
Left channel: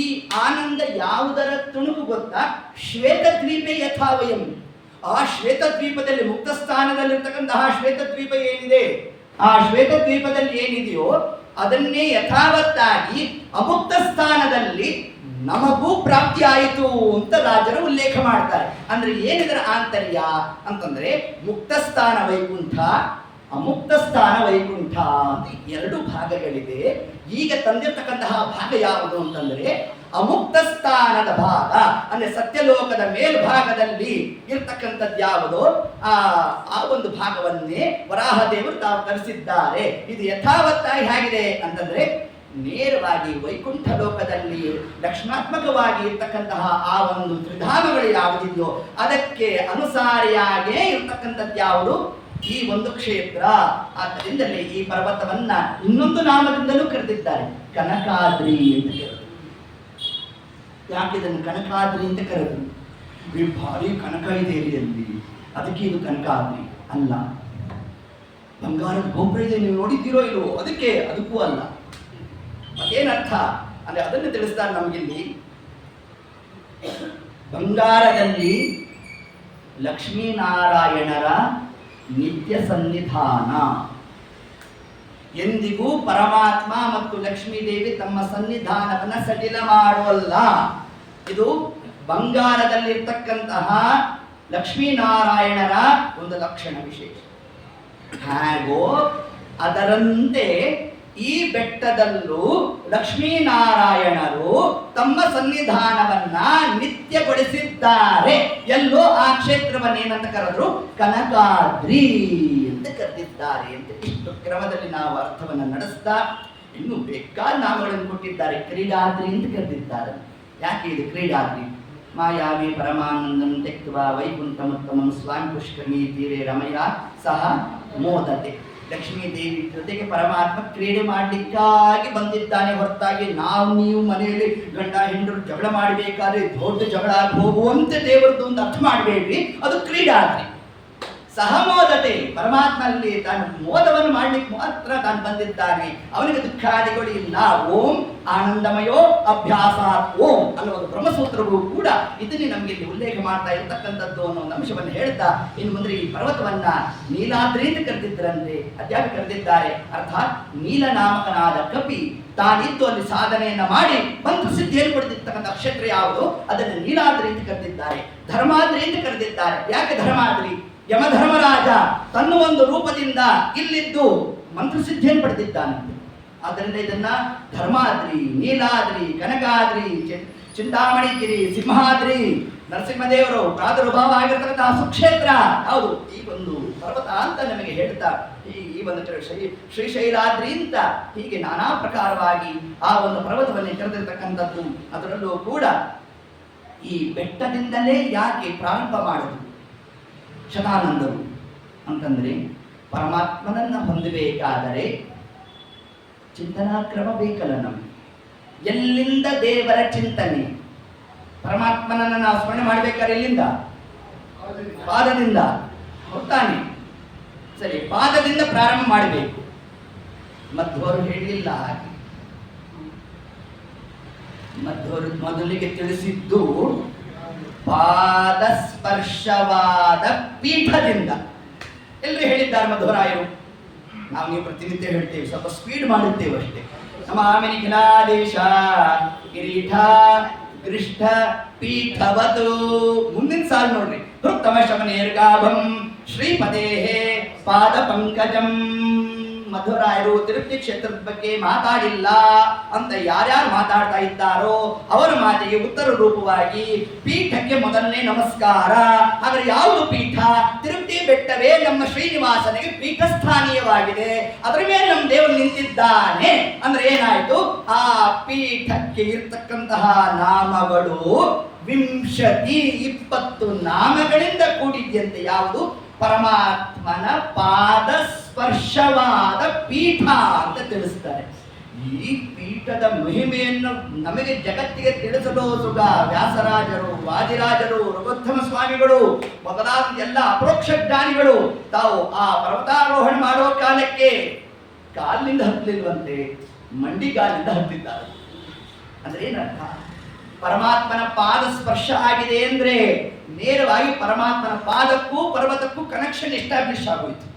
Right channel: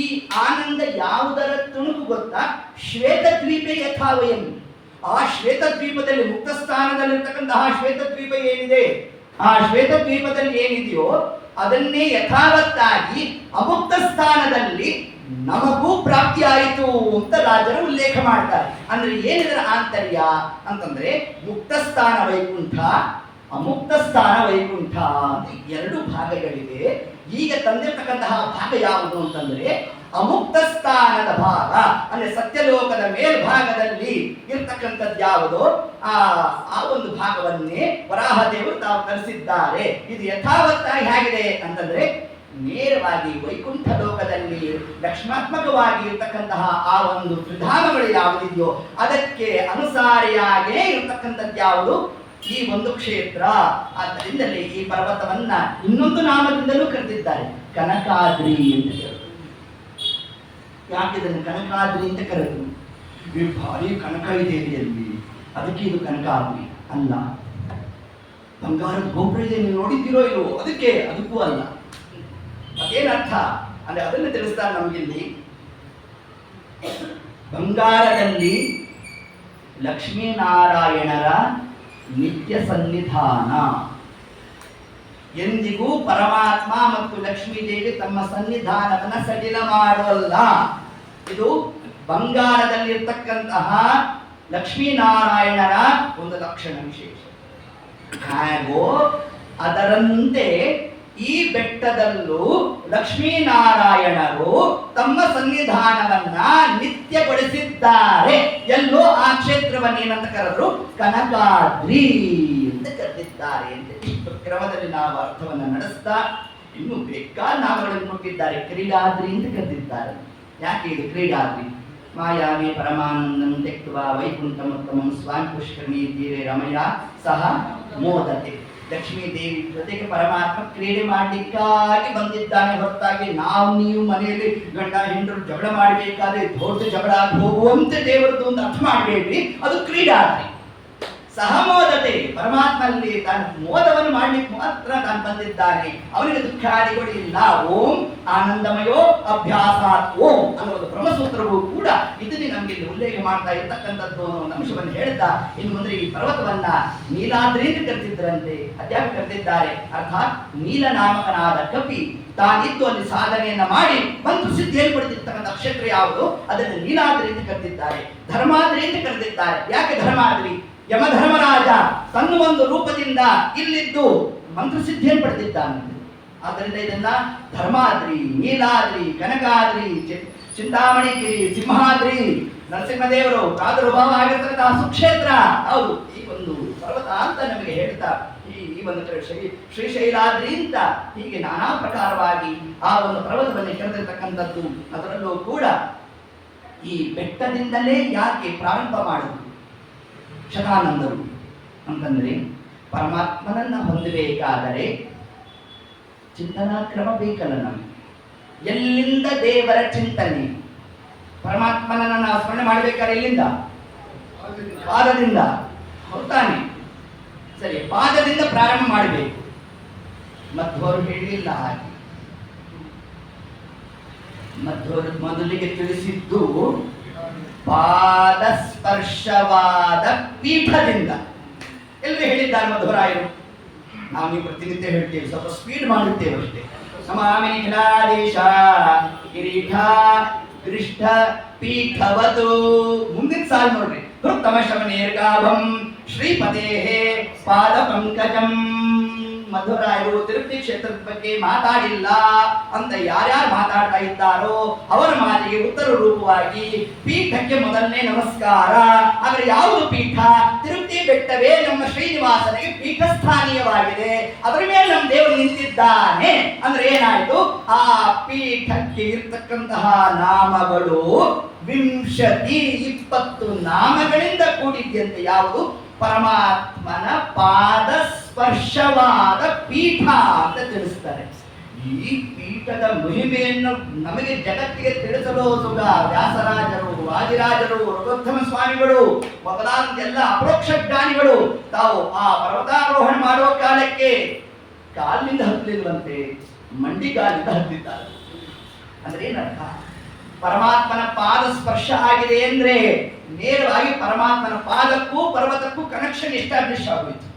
ಈ ಆನಂದ ಯಾವುದರ ತುಣುಕು ಗೊತ್ತಾ, ಶ್ವೇತದ್ವೀಪೆ ಯಥಾವಯಂ. ಆ ಶ್ವೇತದ್ವೀಪದಲ್ಲಿ ಮುಕ್ತ ಸ್ಥಾನದಲ್ಲಿರ್ತಕ್ಕಂತಹ ಶ್ವೇತದ್ವೀಪ ಏನಿದೆ, ಆ ಶ್ವೇತದ್ವೀಪದಲ್ಲಿ ಏನಿದೆಯೋ ಅದನ್ನೇ ಯಥಾವತ್ತಾಗಿ ಅಮುಕ್ತ ಸ್ಥಾನದಲ್ಲಿ ನಮಗೂ ಪ್ರಾಪ್ತಿ ಆಯಿತು ಅಂತ ರಾಜರು ಉಲ್ಲೇಖ ಮಾಡ್ತಾರೆ. ಅಂದ್ರೆ ಏನಿದರ ಆಂತರ್ಯ ಅಂತಂದ್ರೆ ಮುಕ್ತ ಸ್ಥಾನ ವೈಕುಂಠ, ಅಮುಕ್ತ ಸ್ಥಾನ ವೈಕುಂಠ ಅಂತ ಎರಡು ಭಾಗಗಳಿವೆ. ಈಗ ತಂದಿರ್ತಕ್ಕಂತಹ ಭಾಗ ಯಾವುದು ಅಂತಂದ್ರೆ ಅಮುಕ್ತ ಸ್ಥಾನದ ಭಾಗ, ಅಂದ್ರೆ ಸತ್ಯಲೋಕದ ಮೇಲ್ಭಾಗದಲ್ಲಿ ಇರ್ತಕ್ಕಂಥದ್ದು ಯಾವುದೋ ಆ ಒಂದು ಭಾಗವನ್ನೇ ವರಾಹದೇವರು ತಾವು ತರಿಸಿದ್ದಾರೆ. ಇದು ಯಥಾವತ್ತಾಗಿ ಹೇಗಿದೆ ಅಂತಂದ್ರೆ ನೇರವಾಗಿ ವೈಕುಂಠ ಲೋಕದಲ್ಲಿ ಲಕ್ಷಣಾತ್ಮಕವಾಗಿ ಇರ್ತಕ್ಕಂತಹ ಆ ಒಂದು ತ್ರಿಧಾಮಗಳು ಯಾವುದಿದೆಯೋ ಅದಕ್ಕೆ ಅನುಸಾರಿಯಾಗೇ ಇರ್ತಕ್ಕಂಥದ್ದು ಯಾವುದು, ಈ ಒಂದು ಕ್ಷೇತ್ರ. ಆದ್ದರಿಂದಲೇ ಈ ಪರ್ವತವನ್ನ ಇನ್ನೊಂದು ನಾಮದಿಂದಲೂ ಕರೆದಿದ್ದಾರೆ, ಕನಕಾದ್ರಿ ಅಂತ ಹೇಳಿ. ಯಾಕೆ ಇದನ್ನು ಕನಕಾದ್ರಿ ಅಂತ ಕರೆದ್ರು? ಭಾರಿ ಕನಕ ಇದೆ ಅಲ್ಲಿ, ಅದಕ್ಕೆ ಇದು ಕನಕಾದ್ರಿ ಅಲ್ಲ. ಬಂಗಾರದ ಗೋಪುರ ಇದೆ, ನೀವು ನೋಡಿದ್ದೀರೋ ಇಲ್ವೋ, ಅದಕ್ಕೆ ಅದಕ್ಕೂ ಅಲ್ಲ. ಅದೇನರ್ಥ ಅಂದ್ರೆ ಅದನ್ನು ತಿಳಿಸ್ತಾರೆ ನಮಗಿಲ್ಲಿ. ಬಂಗಾರದಲ್ಲಿ ಲಕ್ಷ್ಮೀನಾರಾಯಣರ ನಿತ್ಯ ಸನ್ನಿಧಾನ. ಎಂದಿಗೂ ಪರಮಾತ್ಮ ಮತ್ತು ಲಕ್ಷ್ಮೀದೇವಿ ತಮ್ಮ ಸನ್ನಿಧಾನವನ್ನ ಸಡಿಲ ಮಾಡುವಲ್ಲ. ಇದು ಬಂಗಾರದಲ್ಲಿರ್ತಕ್ಕಂತಹ ಲಕ್ಷ್ಮೀನಾರಾಯಣರ ಒಂದು ಲಕ್ಷಣ ವಿಶೇಷ. ಹಾಗೋ ಅದರಂತೆ ಈ ಬೆಟ್ಟದಲ್ಲೂ ಲಕ್ಷ್ಮೀನಾರಾಯಣರು ತಮ್ಮ ಸನ್ನಿಧಾನವನ್ನ ನಿತ್ಯಗೊಳಿಸಿದ್ದಾರೆ. ಎಲ್ಲೋ ಆ ಕ್ಷೇತ್ರವನ್ನೇನಂತ ಕರೆದ್ರು, ಕನಕಾದ್ರಿ ಅಂತ ಕರೆದಿದ್ದಾರೆ ಅಂತ. ಇಷ್ಟು ಕ್ರಮದಲ್ಲಿ ನಾವು ಅರ್ಥವನ್ನು ನಡೆಸ್ತಾ ಇನ್ನು ಬೇಕಾದ ನಾಮಗಳನ್ನು ಕೊಟ್ಟಿದ್ದಾರೆ. ಕ್ರೀಡಾದ್ರಿ ಅಂತ ಕರೆದಿದ್ದಾರೆ. ಯಾಕೆ ಇದು ಕ್ರೀಡಾದ್ರಿ? ಮಾಯಾವಿ ಪರಮಾನಂದಂ ತೆಕ್ವಾ ವೈಕುಂಠಮುತ್ತಮಂ ಸ್ವಾಮಿ ಪುಷ್ಕರಣಿ ತೀರೆ ರಮಯ ಸಹ ಮೋದತೆ. ಲಕ್ಷ್ಮೀ ದೇವಿ ಜೊತೆಗೆ ಪರಮಾತ್ಮ ಕ್ರೀಡೆ ಮಾಡಲಿಕ್ಕಾಗಿ ಬಂದಿದ್ದಾನೆ ಹೊರತಾಗಿ ನೀವು ಮನೆಯಲ್ಲಿ ಗಂಡ ಹೆಂಡರು ಜಗಳ ಮಾಡಬೇಕಾದ್ರೆ ದೊಡ್ಡ ಜಗಳ ಹೋಗುವಂತೆ ದೇವರದ್ದು ಒಂದು ಅರ್ಥ ಮಾಡಬೇಡ್ರಿ. ಅದು ಕ್ರೀಡಾದ್ರಿ. ಸಹಮೋದತೆ, ಪರಮಾತ್ಮನಲ್ಲಿ ತಾನು ಮೋದವನ್ನು ಮಾಡ್ಲಿಕ್ಕೆ ಮಾತ್ರ ತಾನು ಬಂದಿದ್ದಾನೆ, ಅವನಿಗೆ ದುಃಖಾದಿಗಳು ಇಲ್ಲ. ಓಂ ಆನಂದಮಯೋ ಅಭ್ಯಾಸಾತ್ ಓಂ ಅನ್ನೋದು ಬ್ರಹ್ಮಸೂತ್ರವೂ ಕೂಡ ಇದನ್ನೇ ನಮಗೆ ಉಲ್ಲೇಖ ಮಾಡ್ತಾ ಇರ್ತಕ್ಕಂಥದ್ದು ಅನ್ನೋ ಒಂದು ಅಂಶವನ್ನು ಹೇಳ್ತಾ ಇನ್ನು ಮುಂದೆ ಈ ಪರ್ವತವನ್ನ ನೀಲಾದ್ರಿ ಅಂತ ಕರೆದಿದ್ದರಂತೆ. ಅದ್ಯಾಕೆ ಕರೆದಿದ್ದಾರೆ? ಅರ್ಥಾತ್ ನೀಲನಾಮಕನಾದ ಕಪಿ ತಾನಿದ್ದು ಅಲ್ಲಿ ಸಾಧನೆಯನ್ನ ಮಾಡಿ ಬಂದು ಸಿದ್ಧಿಯನ್ನು ಪಡೆದಿರ್ತಕ್ಕಂಥ ನಕ್ಷತ್ರ ಯಾವುದು ಅದನ್ನು ನೀಲಾದ್ರಿ ಅಂತ ಕರೆದಿದ್ದಾರೆ. ಧರ್ಮಾದ್ರಿ ಅಂತ ಕರೆದಿದ್ದಾರೆ. ಯಾಕೆ ಧರ್ಮಾದ್ರಿ? ಯಮಧರ್ಮರಾಜ ತನ್ನ ಒಂದು ರೂಪದಿಂದ ಇಲ್ಲಿದ್ದು ಮಂತ್ರಸಿದ್ಧಿಯನ್ನು ಪಡೆದಿದ್ದಾನಂತೆ. ಆದ್ದರಿಂದ ಇದನ್ನ ಧರ್ಮಾದ್ರಿ, ನೀಲಾದ್ರಿ, ಕನಕಾದ್ರಿ, ಚಿಂತಾಮಣಿಗಿರಿ, ಸಿಂಹಾದ್ರಿ, ನರಸಿಂಹದೇವರು ಪ್ರಾದುರ್ಭಾವ ಆಗಿರ್ತಕ್ಕಂತಹ ಸುಕ್ಷೇತ್ರ ಯಾವುದು ಈ ಒಂದು ಪರ್ವತ ಅಂತ ನಮಗೆ ಹೇಳ್ತಾ ಈ ಒಂದು ಕಡೆ ಶ್ರೀಶೈಲಾದ್ರಿ ಅಂತ ಹೀಗೆ ನಾನಾ ಪ್ರಕಾರವಾಗಿ ಆ ಒಂದು ಪರ್ವತವನ್ನು ಕರೆದಿರ್ತಕ್ಕಂಥದ್ದು. ಅದರಲ್ಲೂ ಕೂಡ ಈ ಬೆಟ್ಟದಿಂದಲೇ ಯಾಕೆ ಪ್ರಾರಂಭ ಮಾಡಿದ್ರು ಶತಾನಂದರು ಅಂತಂದ್ರೆ, ಪರಮಾತ್ಮನನ್ನ ಹೊಂದಬೇಕಾದರೆ ಚಿಂತನಾ ಕ್ರಮ ಬೇಕಲ್ಲ ನಮಗೆ. ಎಲ್ಲಿಂದ ದೇವರ ಚಿಂತನೆ, ಪರಮಾತ್ಮನನ್ನ ನಾವು ಸ್ಮರಣೆ ಮಾಡಬೇಕಾದ್ರೆ ಎಲ್ಲಿಂದ? ಪಾದದಿಂದ. ಹೊತ್ತಾನೆ ಸರಿ, ಪಾದದಿಂದ ಪ್ರಾರಂಭ ಮಾಡಬೇಕು. ಮಧ್ವರು ಹೇಳಲಿಲ್ಲ ಹಾಗೆ. ಮಧ್ವರು ಮೊದಲಿಗೆ ತಿಳಿಸಿದ್ದು ಪಾದ ಸ್ಪರ್ಶವಾದ ಪೀಠದಿಂದ. ಎಲ್ಲರೂ ಹೇಳಿದ್ದಾರೆ ಮಧ್ವರಾಯರು. ನಾವು ನೀವು ಪ್ರತಿನಿತ್ಯ ಹೇಳ್ತೇವೆ, ಸ್ವಲ್ಪ ಸ್ಪೀಡ್ ಮಾಡುತ್ತೇವೆ ಅಷ್ಟೇ. ನಮಾಮಿ ನಿಖಿಲಾದೇಶ ಕಿರೀಟ ಗೃಷ್ಠ ಪೀಠವತು. ಮುಂದಿನ ಸಾಲು ನೋಡ್ರಿ, ಹೃತ್ತಮ ಶಮನೇರ್ಗಾಭಂ ಶ್ರೀಪದೇ ಪಾದ ಪಂಕಜಂ. ಮಧ್ವರಾಯರು ತಿರುಪತಿ ಕ್ಷೇತ್ರದ ಬಗ್ಗೆ ಮಾತಾಡಿಲ್ಲ ಅಂತ ಯಾರ್ಯಾರು ಮಾತಾಡ್ತಾ ಇದ್ದಾರೋ ಅವರ ಮಾತಿಗೆ ಉತ್ತರ ರೂಪವಾಗಿ ಪೀಠಕ್ಕೆ ಮೊದಲನೇ ನಮಸ್ಕಾರ. ಆದರೆ ಯಾವುದು ಪೀಠ? ತಿರುಪತಿ ಬೆಟ್ಟವೇ ನಮ್ಮ ಶ್ರೀನಿವಾಸನಿಗೆ ಪೀಠಸ್ಥಾನೀಯವಾಗಿದೆ. ಅದರ ಮೇಲೆ ನಮ್ಮ ದೇವರು ನಿಂತಿದ್ದಾನೆ ಅಂದ್ರೆ ಏನಾಯ್ತು? ಆ ಪೀಠಕ್ಕೆ ಇರ್ತಕ್ಕಂತಹ ನಾಮಗಳು 20 ನಾಮಗಳಿಂದ ಕೂಡಿದ್ಯಂತೆ. ಯಾವುದು? ಪರಮಾತ್ಮನ ಪಾದ ಸ್ಪರ್ಶವಾದ ಪೀಠ ಅಂತ ತಿಳಿಸ್ತಾರೆ. ಈ ಪೀಠದ ಮಹಿಮೆಯನ್ನು ನಮಗೆ ಜಗತ್ತಿಗೆ ತಿಳಿಸಲು ಸುಗ ವ್ಯಾಸರಾಜರು, ವಾದಿರಾಜರು, ರಘುತ್ತಮ ಸ್ವಾಮಿಗಳು ಮೊದಲಾದ ಎಲ್ಲ ಅಪರೋಕ್ಷ ಜ್ಞಾನಿಗಳು ತಾವು ಆ ಪರ್ವತಾರೋಹಣ ಮಾಡುವ ಕಾಲಕ್ಕೆ ಕಾಲಿನಿಂದ ಹತ್ತಲಿಲ್ವಂತೆ, ಮಂಡಿ ಕಾಲಿಂದ ಹತ್ತಿದ್ದಾರೆ. ಅಂದ್ರೆ ಏನರ್ಥ? ಪರಮಾತ್ಮನ ಪಾದ ಸ್ಪರ್ಶ ಆಗಿದೆ ಅಂದ್ರೆ ನೇರವಾಗಿ ಪರಮಾತ್ಮನ ಪಾದಕ್ಕೂ ಪರ್ವತಕ್ಕೂ ಕನೆಕ್ಷನ್ ಎಸ್ಟಾಬ್ಲಿಷ್ ಆಗೋಯ್ತು.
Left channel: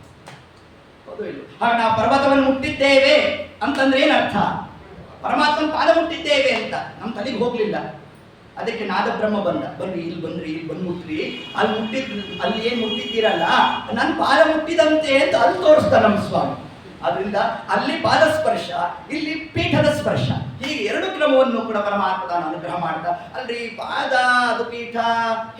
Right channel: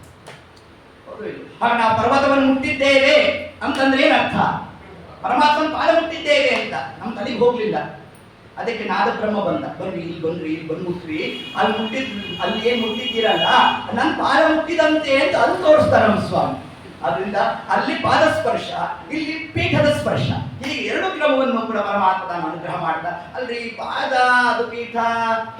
ಹೌದು ಇಲ್ಲ? ಹಾಗೆ ನಾವು ಪರ್ವತವನ್ನು ಮುಟ್ಟಿದ್ದೇವೆ ಅಂತಂದ್ರೆ ಏನರ್ಥ? ಪರಮಾತ್ಮನ ಪಾದ ಮುಟ್ಟಿದ್ದೇವೆ ಅಂತ ನಮ್ಮ ತಲೆಗೆ ಹೋಗ್ಲಿಲ್ಲ. ಅದಕ್ಕೆ ನಾದ ಬ್ರಹ್ಮ ಬಂದ, ಬನ್ರಿ ಇಲ್ಲಿ ಬನ್ರಿ, ಇಲ್ಲಿ ಬಂದು ಮುಟ್ರಿ, ಅಲ್ಲಿ ಮುಟ್ಟಿದ್ ಅಲ್ಲಿ ಏನ್ ಮುಟ್ಟಿದ್ದೀರಲ್ಲ ನನ್ನ ಪಾದ ಮುಟ್ಟಿದಂತೆ ಅಂತ ಅಲ್ಲಿ ತೋರಿಸ್ತಾರೆ ನಮ್ಮ ಸ್ವಾಮಿ. ಆದ್ರಿಂದ ಅಲ್ಲಿ ಪಾದ ಸ್ಪರ್ಶ, ಇಲ್ಲಿ ಪೀಠದ ಸ್ಪರ್ಶ, ಹೀಗೆ ಎರಡು ಕ್ರಮವನ್ನು ಕೂಡ ಪರಮಾತ್ಮ ಅನುಗ್ರಹ ಮಾಡ್ತಾ. ಅಲ್ರಿ ಪಾದ ಅದು ಪೀಠ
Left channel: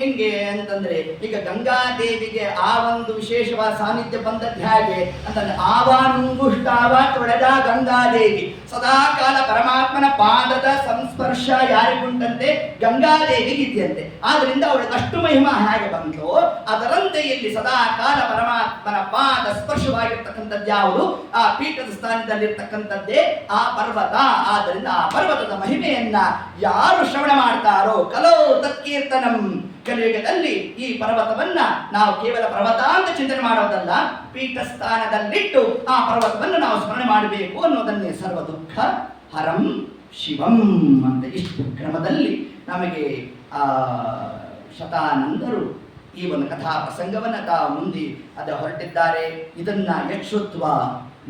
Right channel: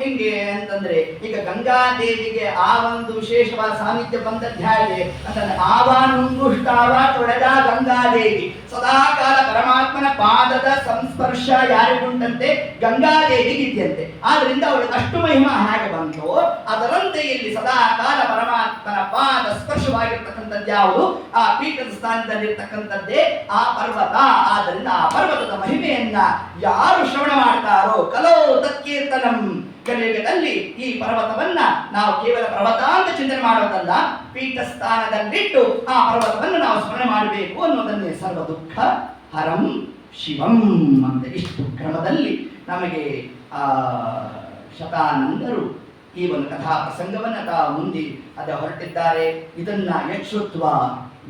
ಹೆಂಗೆ ಅಂತಂದ್ರೆ, ಈಗ ಗಂಗಾದೇವಿಗೆ ಆ ಒಂದು ವಿಶೇಷವಾದ ಸಾನ್ನಿಧ್ಯ ಬಂದದ್ದು ಹೇಗೆ ಅಂತಂದ್ರೆ, ಆವಾನುಂಗುಷ್ಟಾವ ತೊಳೆದ ಗಂಗಾದೇವಿ ಸದಾ ಕಾಲ ಪರಮಾತ್ಮನ ಪಾದದ ಸಂಸ್ಪರ್ಶ ಯಾರಿಗುಂಟಂತೆ? ಗಂಗಾದೇವಿಗೆ ಇದೆಯಂತೆ. ಆದ್ರಿಂದ ಅವಳಿಗೆ ಅಷ್ಟು ಮಹಿಮಾ ಹೇಗೆ ಬಂತು ಅದರಂತೆ ಇಲ್ಲಿ ಸದಾ ಕಾಲ ಪರಮಾತ್ಮನ ಪಾದ ಸ್ಪರ್ಶವಾಗಿರ್ತಕ್ಕಂಥದ್ದು ಯಾವುದು? ಆ ಪೀಠದ ಸ್ಥಾನದಲ್ಲಿರ್ತಕ್ಕಂಥದ್ದೇ ಆ ಪರ್ವತ. ಆದ್ದರಿಂದ ಆ ಪರ್ವತದ ಮಹಿಮೆಯನ್ನ ಯಾರು ಶ್ರವಣ ಮಾಡ್ತಾರೋ ಕಲೋ ತತ್ಕೀರ್ತನಂ, ಕಲಿಯುಗದಲ್ಲಿ ಈ ಪರ್ವತವನ್ನ ನಾವು ಕೇವಲ ಪರ್ವತ ಅಂತ ಚಿಂತನೆ ಮಾಡೋದಲ್ಲ, ಪೀಠ ಸ್ಥಾನದಲ್ಲಿಟ್ಟು ಆ ಪರ್ವತವನ್ನು ನಾವು ಸ್ಮರಣೆ ಮಾಡಬೇಕು ಅನ್ನೋದನ್ನೇ ಸರ್ವ ದುಃಖ ಹರಂ ಶಿವಂ ಅಂತ ಇಷ್ಟು ಕ್ರಮದಲ್ಲಿ ನಮಗೆ ಆ ಶತಾನಂದರು ಈ ಒಂದು ಕಥಾ ಪ್ರಸಂಗವನ್ನು ತಾವು ಮುಂದೆ ಹೊರಟಿದ್ದಾರೆ. ಇದನ್ನ ಯಕ್ಷುತ್ವ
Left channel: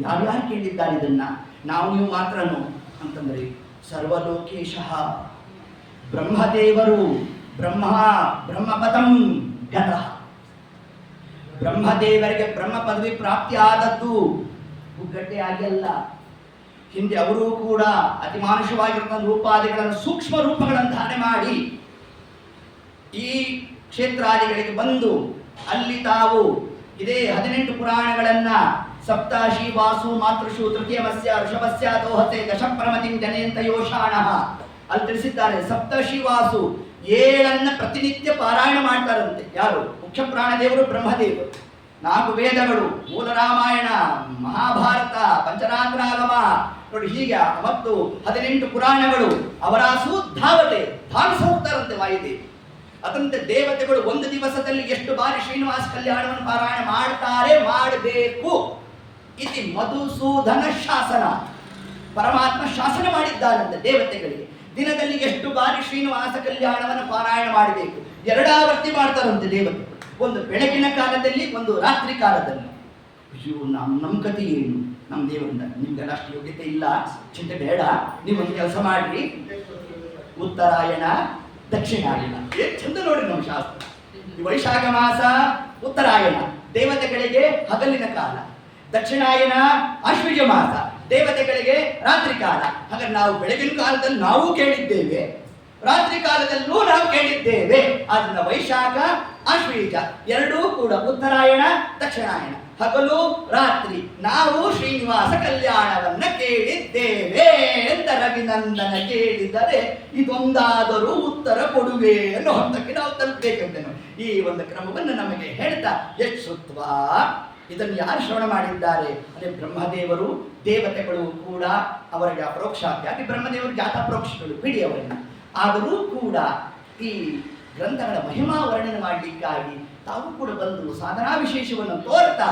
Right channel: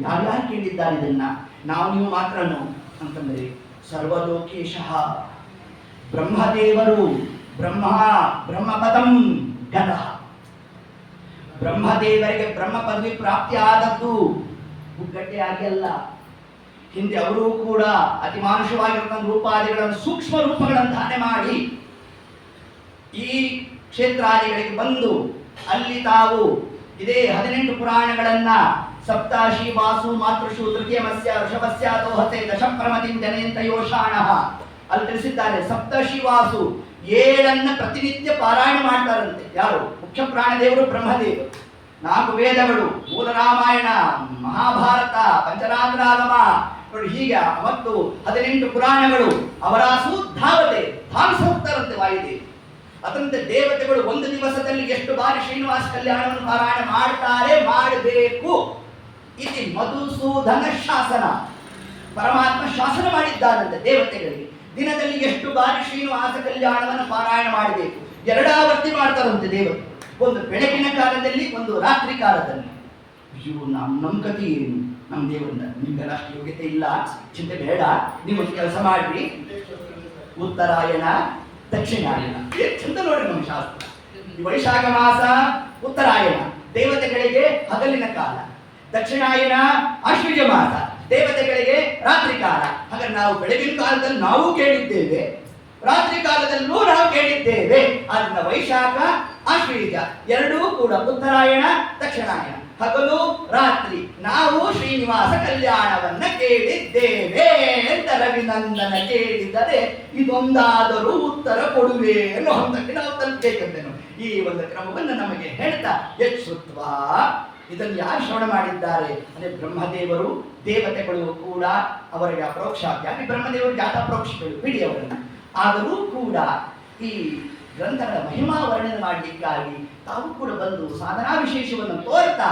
ಯಾರ್ಯಾರು ಕೇಳಿದ್ದಾರೆ ಇದನ್ನ? ನಾವು ನೀವು ಮಾತ್ರನು ಅಂತಂದ್ರೆ, ಸರ್ವಲೋಕೇಶಃ ಬ್ರಹ್ಮದೇವರು ಬ್ರಹ್ಮಪದಂ ಗತಃ. ಬ್ರಹ್ಮದೇವರಿಗೆ ಬ್ರಹ್ಮ ಪದವಿ ಪ್ರಾಪ್ತಿ ಆದದ್ದು ಹುಗ್ಗಟ್ಟೆ ಆಗಿ ಅಲ್ಲ. ಹಿಂದೆ ಅವರೂ ಕೂಡ ಅತಿಮಾನುಷವಾಗಿರ್ತಕ್ಕಂಥ ರೂಪಾದಿಗಳನ್ನು ಸೂಕ್ಷ್ಮ ರೂಪಗಳನ್ನು ಧಾರಣೆ ಮಾಡಿ ಈ ಕ್ಷೇತ್ರಾದಿಗಳಿಗೆ ಬಂದು ಅಲ್ಲಿ ತಾವು ಇದೇ 18 ಪುರಾಣಗಳನ್ನ ಸಪ್ತಾಶಿ ವಾಸು ಮಾತೃಷು ತೃತೀಯಮಸ್ಯ ಋಷಭಸ್ಯ ದೋಹತೆ ದಶಪ್ರಮತಿಂ ಜನಯಂತ ಯೋಷಾಣಃ ಅಲ್ಲಿ ತಿಳಿಸಿದ್ದಾರೆ. ಸಪ್ತಶಿ ವಾಸು 7 ಪ್ರತಿನಿತ್ಯ ಪಾರಾಯಣ ಮಾಡ್ತಾರಂತೆ. ಯಾರು? ಮುಖ್ಯ ಪ್ರಾಣದೇವರು ಬ್ರಹ್ಮದೇವರು. 4 ವೇದಗಳು, ಮೂಲ ರಾಮಾಯಣ, ಮಹಾಭಾರತ, ಪಂಚರಾತ್ರಾಗಮ ನೋಡಿ ಹೀಗೆ ಮತ್ತು 18 ಪುರಾಣಗಳು ಅವರಾಸು ಧಾವತೆ ಭಾವಿಸ ಹೋಗ್ತಾರಂತೆ ವಾಯುದೇವಿ. ಅದರಂತೆ ದೇವತೆಗಳು ಒಂದು ದಿವಸದಲ್ಲಿ ಎಷ್ಟು ಬಾರಿ ಶ್ರೀನಿವಾಸ ಕಲ್ಯಾಣವನ್ನು ಪಾರಾಯಣ ಮಾಡ್ತಾರೆ, ಮಾಡಬೇಕು. ಇತಿ ಮಧುಸೂದನ ಶಾಸನ, ಪರಮಾತ್ಮ ಶಾಸನ ಮಾಡಿದ್ದಾನಂತೆ ದೇವತೆಗಳಿಗೆ. ದಿನದಲ್ಲಿ ಎಷ್ಟು ಬಾರಿ ಶ್ರೀನಿವಾಸ ಕಲ್ಯಾಣವನ್ನು ಪಾರಾಯಣ ಮಾಡಬೇಕು, 2 ಆವರ್ತಿ ಮಾಡ್ತಾರಂತೆ ದೇವತೆಗಳು. ಒಂದು ಬೆಳಗಿನ ಕಾಲದಲ್ಲಿ, ಒಂದು ರಾತ್ರಿ ಕಾಲದಲ್ಲಿ. ಅಯ್ಯೋ ನಮ್ಮ ಕಥೆ ಏನು? ನಮ್ಮ ದೇವರಿಂದ ನಿಮ್ಗೆಲ್ಲ ಅಷ್ಟು ಯೋಗ್ಯತೆ ಇಲ್ಲ, ಚಿಂತೆ ಬೇಡ, ನೀವೊಂದು ಕೆಲಸ ಮಾಡ್ರಿ, ಉತ್ತರಾಯಣ ದಕ್ಷಿಣಾಯನ ಚಂದ ನೋಡಿ ನಮ್ಮ ಶಾಸ್ತ್ರ. ವೈಶಾಖ ಮಾಸ ಉತ್ತರಾಯಣ ದೇವತೆಗಳಿಗೆ ಹಗಲಿನ ಕಾಲ, ದಕ್ಷಿಣಾಯನ ಆಶ್ವಯುಜ ಮಾಸ ದೇವತೆಗಳಿಗೆ ರಾತ್ರಿ ಕಾಲ. ಹಾಗಾದ್ರೆ ನಾವು ಬೆಳಗಿನ ಕಾಲದಲ್ಲಿ ನಾವು ಕೇಳಿದ್ದೇವೆ, ರಾತ್ರಿ ಕಾಲದಲ್ಲೂ ನಾವು ಕೇಳಿದ್ದೇವೆ. ಅದನ್ನ ವೈಶಾಖ ಆಶ್ವಯುಜ ಎರಡೂ ಕೂಡ ಉತ್ತರಾಯಣ ದಕ್ಷಿಣಾಯನ. ಹಗಲು ರಾತ್ರಿ ನಾವು ಶ್ರೀನಿವಾಸ ಕಲ್ಯಾಣವನ್ನ ಕೇಳಿದ್ದೇವೆ ಅಂತ ರವಿನಂದನ ಕೇಳಿದರೆ ಇದೊಂದಾದರೂ ಉತ್ತರ ಕೊಡುವೆ ಅನ್ನೋ ಹಂತಕ್ಕೆ ನಾವು ತಲುಪಬೇಕೆಂದನು. ಈ ಒಂದು ಕ್ರಮವನ್ನು ನಮಗೆ ಹೇಳ್ತಾ ಯಕ್ಷುತ್ವ ಇದನ್ನು ಯಾರು ಶ್ರವಣ ಮಾಡಿದ್ದಾರೆ ಅಂದರೆ ಬ್ರಹ್ಮದೇವರು, ದೇವತೆಗಳು ಕೂಡ ಅವರಿಗೆ ಅಪರೋಕ್ಷಾಗಿ ಬ್ರಹ್ಮದೇವರು ಜಾತಾಪರೋಕ್ಷಗಳು ಬಿಡಿ ಅವರನ್ನು. ಆದರೂ ಕೂಡ ಈ ಗ್ರಂಥಗಳ ಮಹಿಮಾ ವರ್ಣನೆ ಮಾಡಲಿಕ್ಕಾಗಿ ತಾವು ಕೂಡ ಬಂದು ಸಾಧನಾ ವಿಶೇಷವನ್ನು ತೋರ್ತಾ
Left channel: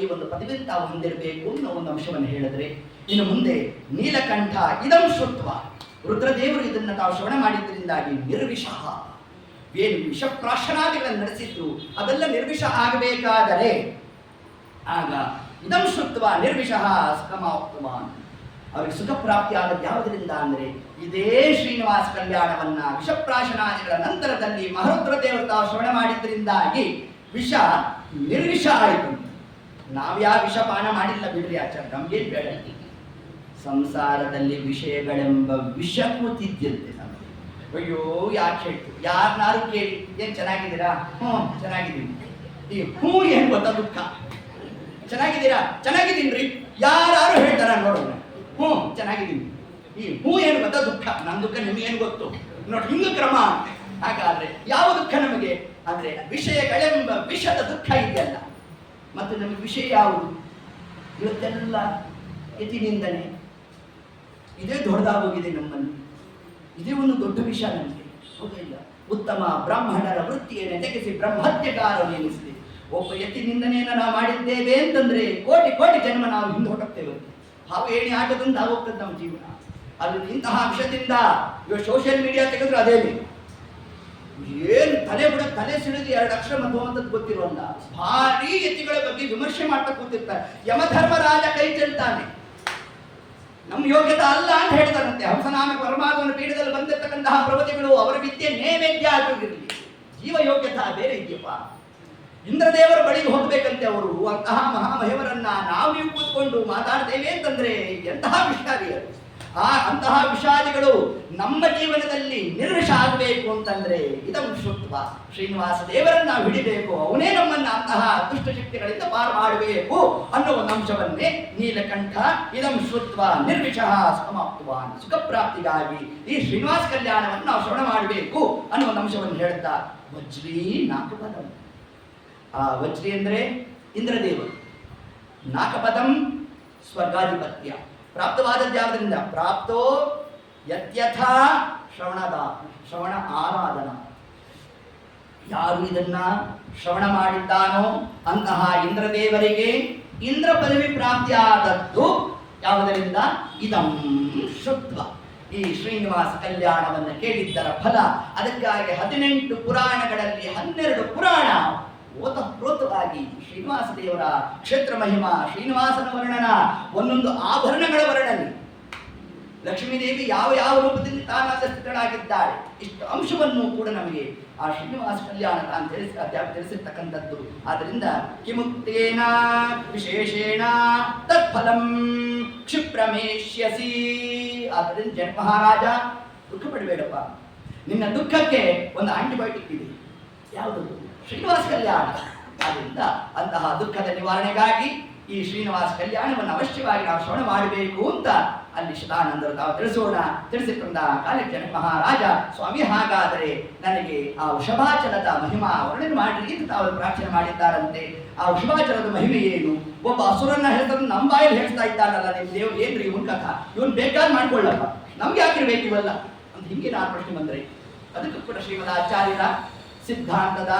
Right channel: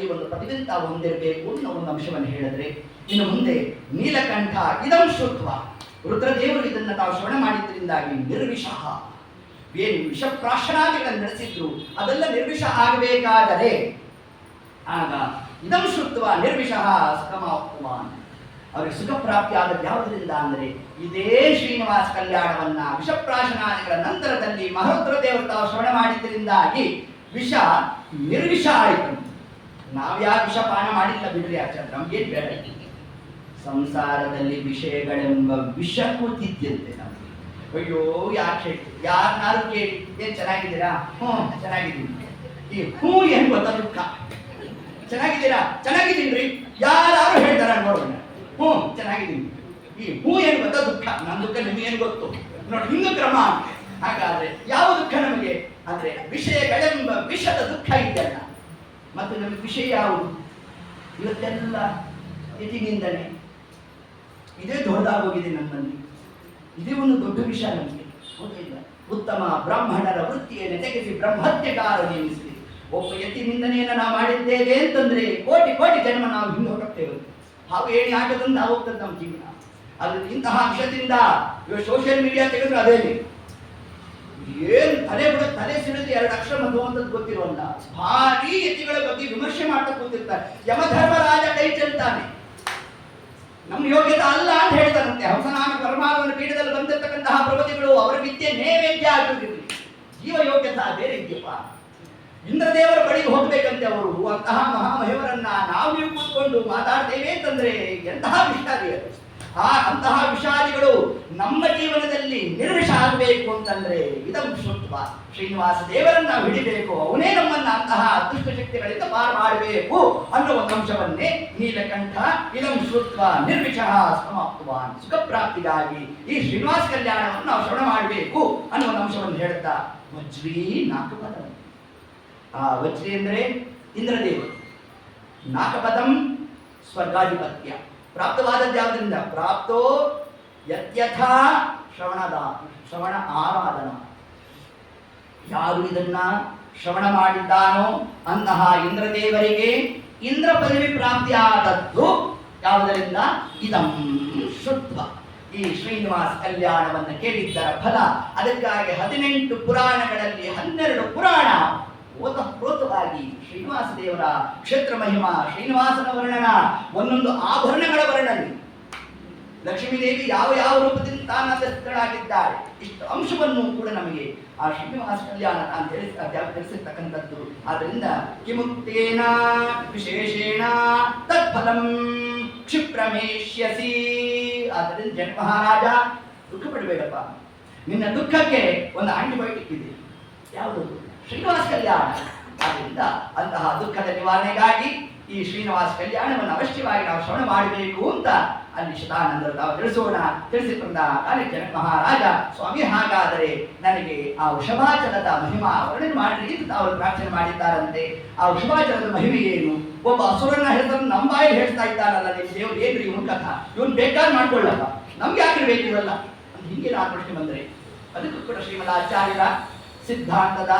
ಈ ಒಂದು ಪದವಿಯನ್ನು ತಾವು ಹೊಂದಿರಬೇಕು ಅನ್ನೋ ಒಂದು ಅಂಶವನ್ನು ಹೇಳಿದ್ರೆ, ಇನ್ನು ಮುಂದೆ ನೀಲಕಂಠ ಇದಂ ಶ್ರುತ್ವ ರುದ್ರದೇವರು ಇದನ್ನು ತಾವು ಶ್ರವಣ ಮಾಡಿದ್ದರಿಂದಾಗಿ ನಿರ್ವಿಷಃ ಏನು ವಿಷಪ್ರಾಶನಾದಿಗಳನ್ನು ನಡೆಸಿದ್ರು ಅದೆಲ್ಲ ನಿರ್ವಿಷ ಆಗಬೇಕಾದರೆ ಆಗ ಇದಂ ಶ್ರುತ್ವ ನಿರ್ವಿಷಃ ಸುಖಮಾಪ್ತವಾನ್ ಅವರಿಗೆ ಸುಖ ಪ್ರಾಪ್ತಿ ಆದದ್ದು ಯಾವುದರಿಂದ ಅಂದರೆ ಇದೇ ಶ್ರೀನಿವಾಸ ಕಲ್ಯಾಣವನ್ನ ವಿಷಪ್ರಾಶನಾದಿಗಳ ನಂತರದಲ್ಲಿ ಮಹರುದ್ರ ದೇವರು ತಾವು ಶ್ರವಣ ಮಾಡಿದ್ದರಿಂದಾಗಿ ವಿಷ ನಿರ್ವಿಷ ಆಯಿತು. ನಾವ್ಯಾವ ವಿಷಪಾನ ಮಾಡಿಲ್ಲ ಬಿಡ್ರಿ ಆಚಾರ್ಯ, ನಮ್ಗೇನು ಬೇಡ. ಸಂಸಾರದಲ್ಲಿ ವಿಷಯಗಳೆಂಬ ವಿಷ ಕೂತಿದ್ಯಂತೆ ನಮಗೆ. ಅಯ್ಯೋ ಯಾಕೆ ಹೇಳ್ತು, ಯಾರನ್ನಾರು ಕೇಳಿ ಏನ್ ಚೆನ್ನಾಗಿದ್ದೀರಾ? ಚೆನ್ನಾಗಿದ್ದೀನಿ. ಈ ಏನ್ ಗೊತ್ತಾ ದುಃಖ. ಚೆನ್ನಾಗಿದ್ದೀರಾ? ಚೆನ್ನಾಗಿದ್ದೀನ್ರಿ. ಯಾರು ಹೇಳ್ತಾರ ನೋಡೋಣ. ಚೆನ್ನಾಗಿದ್ದೀನಿ. ಈ ಏನು ಗೊತ್ತಾ ದುಃಖ. ನನ್ನ ದುಃಖ ನಿಮಗೇನು ಗೊತ್ತು ನೋಡಿ, ಹಿಂಗ ಕ್ರಮ. ಹಾಗಾದ್ರೆ ಯಾವ ದುಃಖ ನಮಗೆ ಅಂದ್ರೆ ವಿಷಯಗಳೆಂಬ ವಿಷದ ದುಃಖ ಇದೆಯಲ್ಲ. ಮತ್ತು ನಮಗೆ ವಿಷಯ ಯಾವುದು? ಇವತ್ತೆಲ್ಲ ಯತಿನಿಂದನೆ. ಇದೇ ದೊಡ್ಡದಾಗೋಗಿದೆ ನಮ್ಮಲ್ಲಿ. ಇದೇ ಒಂದು ದೊಡ್ಡ ವಿಷಯ ನಮಗೆ, ಹೌದು ಇಲ್ಲ? ಉತ್ತಮ ಬ್ರಾಹ್ಮಣರ ವೃತ್ತಿಯನ್ನು ತೆಗೆಸಿ ಬ್ರಹ್ಮತ್ಯಕಾರವೆನಿಸಿ ಒಬ್ಬ ಯತಿನಿಂದನೆಯನ್ನು ನಾವು ಮಾಡಿದ್ದೇವೆ ಅಂತಂದ್ರೆ ಕೋಟಿ ಕೋಟಿ ಜನ್ಮ ನಾವು ಹಿಂದೆ ಹೊರಟೋಗ್ತೇವೆ. ಹಾವು ಏಣಿ ಆಗದಂತ ಹೋಗ್ತದೆ ನಮ್ಮ ಜೀವನ. ಅದು ಇಂತಹ ವಿಷಯದಿಂದ ಇವಾಗ ಸೋಷಿಯಲ್ ಮೀಡಿಯಾ ತೆಗೆದ್ರೆ ಅದೇನೆ ಏನು ತಲೆ ಸಿಡಿದು 2 ಅಕ್ಷರ ಮಧುವಂತದ್ದು ಗೊತ್ತಿರೋಲ್ಲ. ಭಾರಿ ಯತಿಗಳ ಬಗ್ಗೆ ವಿಮರ್ಶೆ ಮಾಡ್ತಾ ಕೂತಿರ್ತಾರೆ. ಯಮಧರ್ಮರಾಜ ಕೈ ಚೆಲ್ತಾನೆ, ನಮ್ಮ ಯೋಗ್ಯತೆ ಅಲ್ಲ ಅಂತ ಹೇಳ್ತಾರಂತೆ. ಹಂಸನಾಮ ಪರಮಾತ್ಮನ ಪೀಠದಲ್ಲಿ ಬಂದಿರತಕ್ಕಂತಹ ಪ್ರವತಿಗಳು ಅವರ ವಿದ್ಯೆ ನೈವೇದ್ಯ ಆಗಿರಲಿ, ಜೀವ ಯೋಗ್ಯತಾ ಬೇರೆ ಇದೆಯಪ್ಪ. ಇಂದ್ರದೇವರ ಬಳಿಗೆ ಹೋಗ್ಬೇಕಂತೆ ಅವರು. ಅಂತಹ ಮಹಾಮಹಿಮರನ್ನ ನಾವು ನೀವು ಕೂತ್ಕೊಂಡು ಮಾತಾಡ್ತೇವೆ ಅಂತಂದ್ರೆ ಎಂತಹ ವಿಷಾದಿಗಳು. ಅಂತಹ ವಿಷಾದಿಗಳು ನಮ್ಮ ಜೀವನದಲ್ಲಿ ನಿರ್ವಿಷ ಆಗಬೇಕು ಅಂತಂದ್ರೆ ಇದಂ ಶ್ರುತ್ವ ಶ್ರೀನಿವಾಸ ದೇವರನ್ನ ನಾವು ಹಿಡಿಬೇಕು, ಅವನೇ ನಮ್ಮನ್ನ ಅಂತಹ ದುಷ್ಟಶಕ್ತಿಗಳಿಂದ ಪಾರು ಮಾಡಬೇಕು ಅನ್ನೋ ಒಂದು ಅಂಶವನ್ನೇ ನೀಲಕಂಠ ಇದಂ ಶ್ರುತ್ವ ನಿರ್ವಿಷಃ ಸಮಾಪ್ತವಾನ್ ಸುಖ ಪ್ರಾಪ್ತಿಗಾಗಿ ಈ ಶ್ರೀನಿವಾಸ ಕಲ್ಯಾಣವನ್ನು ನಾವು ಶ್ರವಣ ಮಾಡಬೇಕು ಅನ್ನೋ ಒಂದು ಅಂಶವನ್ನು ಹೇಳ್ತಾ ವಜ್ರೀ ನಾಕಪದ. ಆ ವಜ್ರಿ ಅಂದರೆ ಇಂದ್ರದೇವರು, ನಾಕಪದಂ ಸ್ವರ್ಗಾಧಿಪತ್ಯ. ಪ್ರಾಪ್ತವಾದದ್ದು ಯಾವುದರಿಂದ? ಪ್ರಾಪ್ತೋ ಯತ್ಯಥ ಶ್ರವಣ ಆರಾಧನ. ಯಾರು ಇದನ್ನ ಶ್ರವಣ ಮಾಡಿದ್ದಾನೋ ಅಂತಹ ಇಂದ್ರದೇವರಿಗೆ ಇಂದ್ರ ಪದವಿ ಪ್ರಾಪ್ತಿ ಆದದ್ದು ಯಾವುದರಿಂದ? ಇದಂ ಶ್ರುತ್ವ ಈ ಶ್ರೀನಿವಾಸ ಕಲ್ಯಾಣವನ್ನು ಕೇಳಿದ್ದರ ಫಲ. ಅದಕ್ಕಾಗಿ 18 ಪುರಾಣಗಳಲ್ಲಿ 12 ಪುರಾಣ ಓತಪ್ರೋತವಾಗಿ ಶ್ರೀನಿವಾಸ ದೇವರ ಕ್ಷೇತ್ರ ಮಹಿಮಾ, ಶ್ರೀನಿವಾಸನ ವರ್ಣನ, ಒಂದೊಂದು ಆಭರಣಗಳ ವರ್ಣನೆ, ಲಕ್ಷ್ಮೀದೇವಿ ಯಾವ ಯಾವ ರೂಪದಿಂದ ತಾನಾಗಿದ್ದಾಳೆ, ಇಷ್ಟು ಅಂಶವನ್ನು ಕೂಡ ನಮಗೆ ಆ ಶ್ರೀನಿವಾಸ ಕಲ್ಯಾಣ ತಾನು ತಿಳಿಸಿರ್ತಕ್ಕಂಥದ್ದು. ಆದ್ದರಿಂದ ಕಿಮುಕ್ತೇನ ವಿಶೇಷೇಣ ತತ್ಫಲಂ ಕ್ಷಿಪ್ರಮೇಷ್ಯಸಿ. ಆದ್ದರಿಂದ ಜನ ಮಹಾರಾಜ ದುಃಖ ಪಡಬೇಡಪ್ಪ, ನಿನ್ನ ದುಃಖಕ್ಕೆ ಒಂದು ಆಂಟಿಬಯೋಟಿಕ್ ಇದೆ. ಯಾವುದು? ಶ್ರೀನಿವಾಸ ಕಲ್ಯಾಣ. ಆದ್ದರಿಂದ ಅಂತಹ ದುಃಖದ ನಿವಾರಣೆಗಾಗಿ ಈ ಶ್ರೀನಿವಾಸ ಕಲ್ಯಾಣವನ್ನು ಅವಶ್ಯವಾಗಿ ನಾವು ಶ್ರವಣ ಮಾಡಬೇಕು ಅಂತ ಅಲ್ಲಿ ಶತಾನಂದರು ತಾವು ತಿಳಿಸಿಕೊಂಡ ಕಾಲಿ ಜನಕ ಮಹಾರಾಜ, ಸ್ವಾಮಿ ಹಾಗಾದರೆ ನನಗೆ ಆ ವೃಷಭಾಚಲದ ಮಹಿಮಾ ವರ್ಣನೆ ಮಾಡಿ ಅಂತ ತಾವು ಪ್ರಾರ್ಥನೆ ಮಾಡಿದ್ದಾರಂತೆ. ಆ ವೃಷಭಾಚಲದ ಮಹಿಮೆ ಏನು? ಒಬ್ಬ ಅಸುರನ ಹೆಸರನ್ನು ನಮ್ಮ ಬಾಯಲ್ಲಿ ಹೇಳ್ತಾ ಇದ್ದಾರಲ್ಲ ನಿಮ್ಮ ದೇವರು, ಏನ್ರಿ ಇವನ್ ಕಥಾ, ಇವನ್ ಬೇಕಾದ್ರೆ ಮಾಡ್ಕೊಳ್ಳಪ್ಪ, ನಮ್ಗೆ ಯಾಕಿರ್ಬೇಕು ಇವೆಲ್ಲ ಅಂತ ಹಿಂಗೆ ನಾನು ಪ್ರಶ್ನೆ ಬಂದರೆ ಅದಕ್ಕೂ ಕೂಡ ಶ್ರೀಮದ್ ಆಚಾರ್ಯರ ಸಿದ್ಧಾಂತದ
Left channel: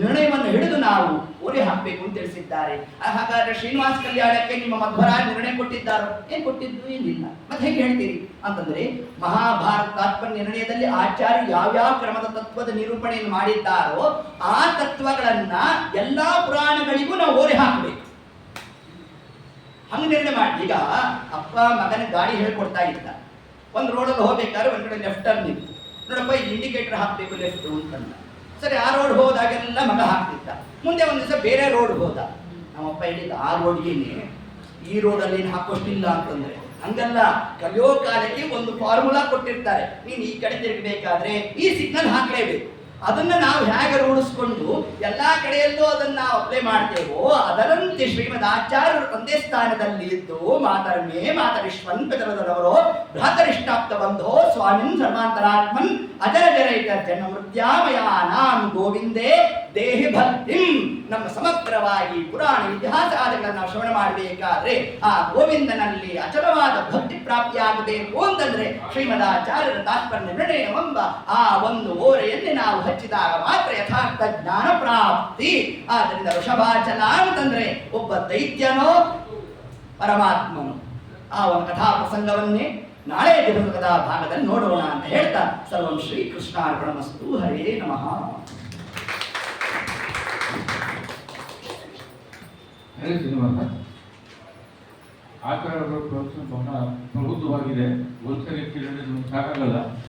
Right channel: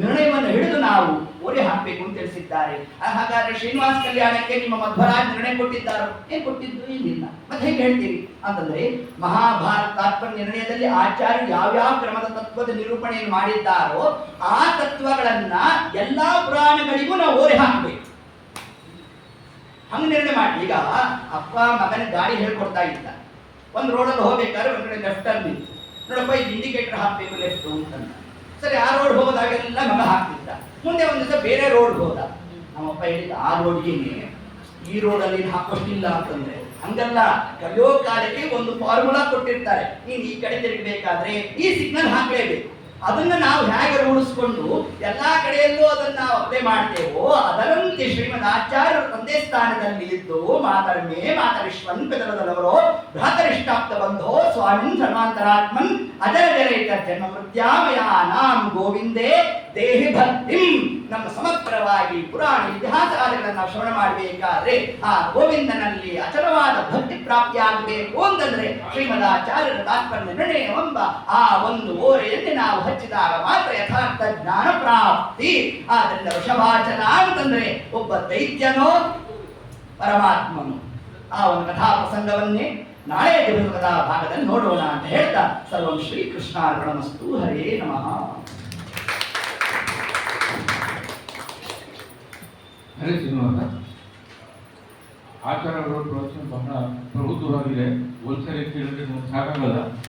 ನಿರ್ಣಯವನ್ನು ಹಿಡಿದು ನಾವು ಓರೆ ಹಾಕಬೇಕು ಅಂತ ತಿಳಿಸಿದ್ದಾರೆ. ಹಾಗಾದ್ರೆ ಶ್ರೀನಿವಾಸ ಕಲ್ಯಾಣಕ್ಕೆ ನಿಮ್ಮ ಮಧ್ವರಾಜ ನಿರ್ಣಯ ಕೊಟ್ಟಿದ್ದಾರೋ? ಏನ್ ಕೊಟ್ಟಿದ್ದು? ಏನಿಲ್ಲ. ಮತ್ತೆ ಹೇಗೆ ಹೇಳ್ತೀರಿ ಅಂತಂದ್ರೆ ಮಹಾಭಾರತ ತಾತ್ಪರ್ಯ ನಿರ್ಣಯದಲ್ಲಿ ಆಚಾರ್ಯರು ಯಾವ್ಯಾವ ಕ್ರಮದ ತತ್ವದ ನಿರೂಪಣೆಯನ್ನು ಮಾಡಿದ್ದಾರೋ ಆ ತತ್ವಗಳನ್ನ ಎಲ್ಲಾ ಪುರಾಣಗಳಿಗೂ ನಾವು ಓರೆ ಹಾಕಬೇಕು. ಹಂಗ ನಿರ್ಣಯ ಮಾಡಿ. ಈಗ ಅಪ್ಪ ಮಗನ ಗಾಡಿ ಹೇಳ್ಕೊಡ್ತಾ ಇದ್ದ, ಒಂದು ರೋಡಲ್ಲಿ ಹೋಗ್ಬೇಕಾದ್ರೆ ಒಂದ್ ಕಡೆ ಲೆಫ್ಟ್ ಟರ್ನ್ ಇತ್ತು, ನೋಡಪ್ಪ ಇದು ಇಂಡಿಕೇಟರ್ ಹಾಕ್ಬೇಕು ಲೆಫ್ಟ್ ಅಂತಂದ. ಸರಿ, ಆ ರೋಡ್ ಹೋದಾಗೆಲ್ಲ ಮಗ ಹಾಕ್ತಿದ್ದ. ಮುಂದೆ ಒಂದು ದಿವಸ ಬೇರೆ ರೋಡ್ ಹೋದ. ನಮ್ಮಪ್ಪ ಹೇಳಿದ, ಆ ರೋಡ್ಗೆ ಈ ರೋಡಲ್ಲಿ ಹಾಕೋಷ್ಟಿಲ್ಲ ಅಂತಂದ್ರೆ ಹಂಗಲ್ಲ, ಕಲಿಯೋ ಕಾಲಕ್ಕೆ ಒಂದು ಫಾರ್ಮುಲಾ ಕೊಟ್ಟಿರ್ತಾರೆ. ನೀನು ಈ ಕಡೆ ತಿರುಗಬೇಕಾದ್ರೆ ಈ ಸಿಗ್ನಲ್ ಹಾಕ್ಲೇಬೇಕು, ಅದನ್ನು ನಾವು ಹೇಗೆ ರೂಢಿಸ್ಕೊಂಡು ಎಲ್ಲ ಕಡೆಯಲ್ಲೂ ಅದನ್ನು ನಾವು ಅಪ್ಲೈ ಮಾಡ್ತೇವೋ ಅದರಂತೆ ಶ್ರೀಮದ್ ಆಚಾರ್ಯರ ತಂದೆ ಸ್ಥಾನದಲ್ಲಿ ಇದ್ದು ಮಾತರ್ಮೇ ಮಾತರಿಶ್ವನ್ ಪಿತರದವರು ಭ್ರಾತರಿಷ್ಟಾಪ್ತ ಬಂಧೋ ಸ್ವಾಮಿನ್ ಸರ್ವಾಂತರಾತ್ಮನ್ ಅಜರ ಜರೈತ ಜನ್ಮ ಮೃತ್ಯಾಮಯ ನಾಂ ಗೋವಿಂದೇ ದೇಹಿ ಭಕ್ತಿಂ. ನಮ್ಮ ಸಮಗ್ರವಾಗಿ ಪುರಾಣ ಇತಿಹಾಸ ಆದಿಗಳನ್ನು ನಾವು ಶ್ರವಣ ಮಾಡಬೇಕಾದ್ರೆ ಆ ಗೋವಿಂದನಲ್ಲಿ ಅಚಲವಾದ ಭಕ್ತಿ ಪ್ರಾಪ್ತಿಯಾಗಬೇಕು ಅಂತಂದ್ರೆ ಶ್ರೀಮದಾಚಾರ್ಯರ ತಾತ್ಪರ್ಯ ನಿರ್ಣಯವೆಂಬ ಆ ಒಂದು ಓರೆಯಲ್ಲಿ ನಾವು ಹಚ್ಚಿದಾಗ ಮಾತ್ರ ಯಥಾರ್ಥ ಜ್ಞಾನ ಪ್ರಾಪ್ತಿ. ಆದ್ದರಿಂದ ವೃಷಭಾಚಲ ಅಂತಂದ್ರೆ ಒಬ್ಬ ದೈತ್ಯನೋ ಪರಮಾತ್ಮನು. ಆ ಒಂದು ಕಥಾ ಪ್ರಸಂಗವನ್ನೇ ನಾಳೆ ಕಥಾ ಭಾಗದಲ್ಲಿ ನೋಡೋಣ ಅಂತ ಹೇಳ್ತಾ ಸರ್ವಂ ಶ್ರೀಕೃಷ್ಣಾರ್ಪಣಮಸ್ತು. ಹರೇ ನಮಃ. ಹರೇ ಶ್ರೀನಿವಾಸ, ಆಚಾರ್ಯರ ಪ್ರವಚನ ಬಹಳ ಪ್ರಬುದ್ಧವಾಗಿದೆ. ಒಂದ್ಸರಿ ಕೇಳಿದ್ರೆ ನಮ್ಗೆ ಸಾಕಾಗಲ್ಲ.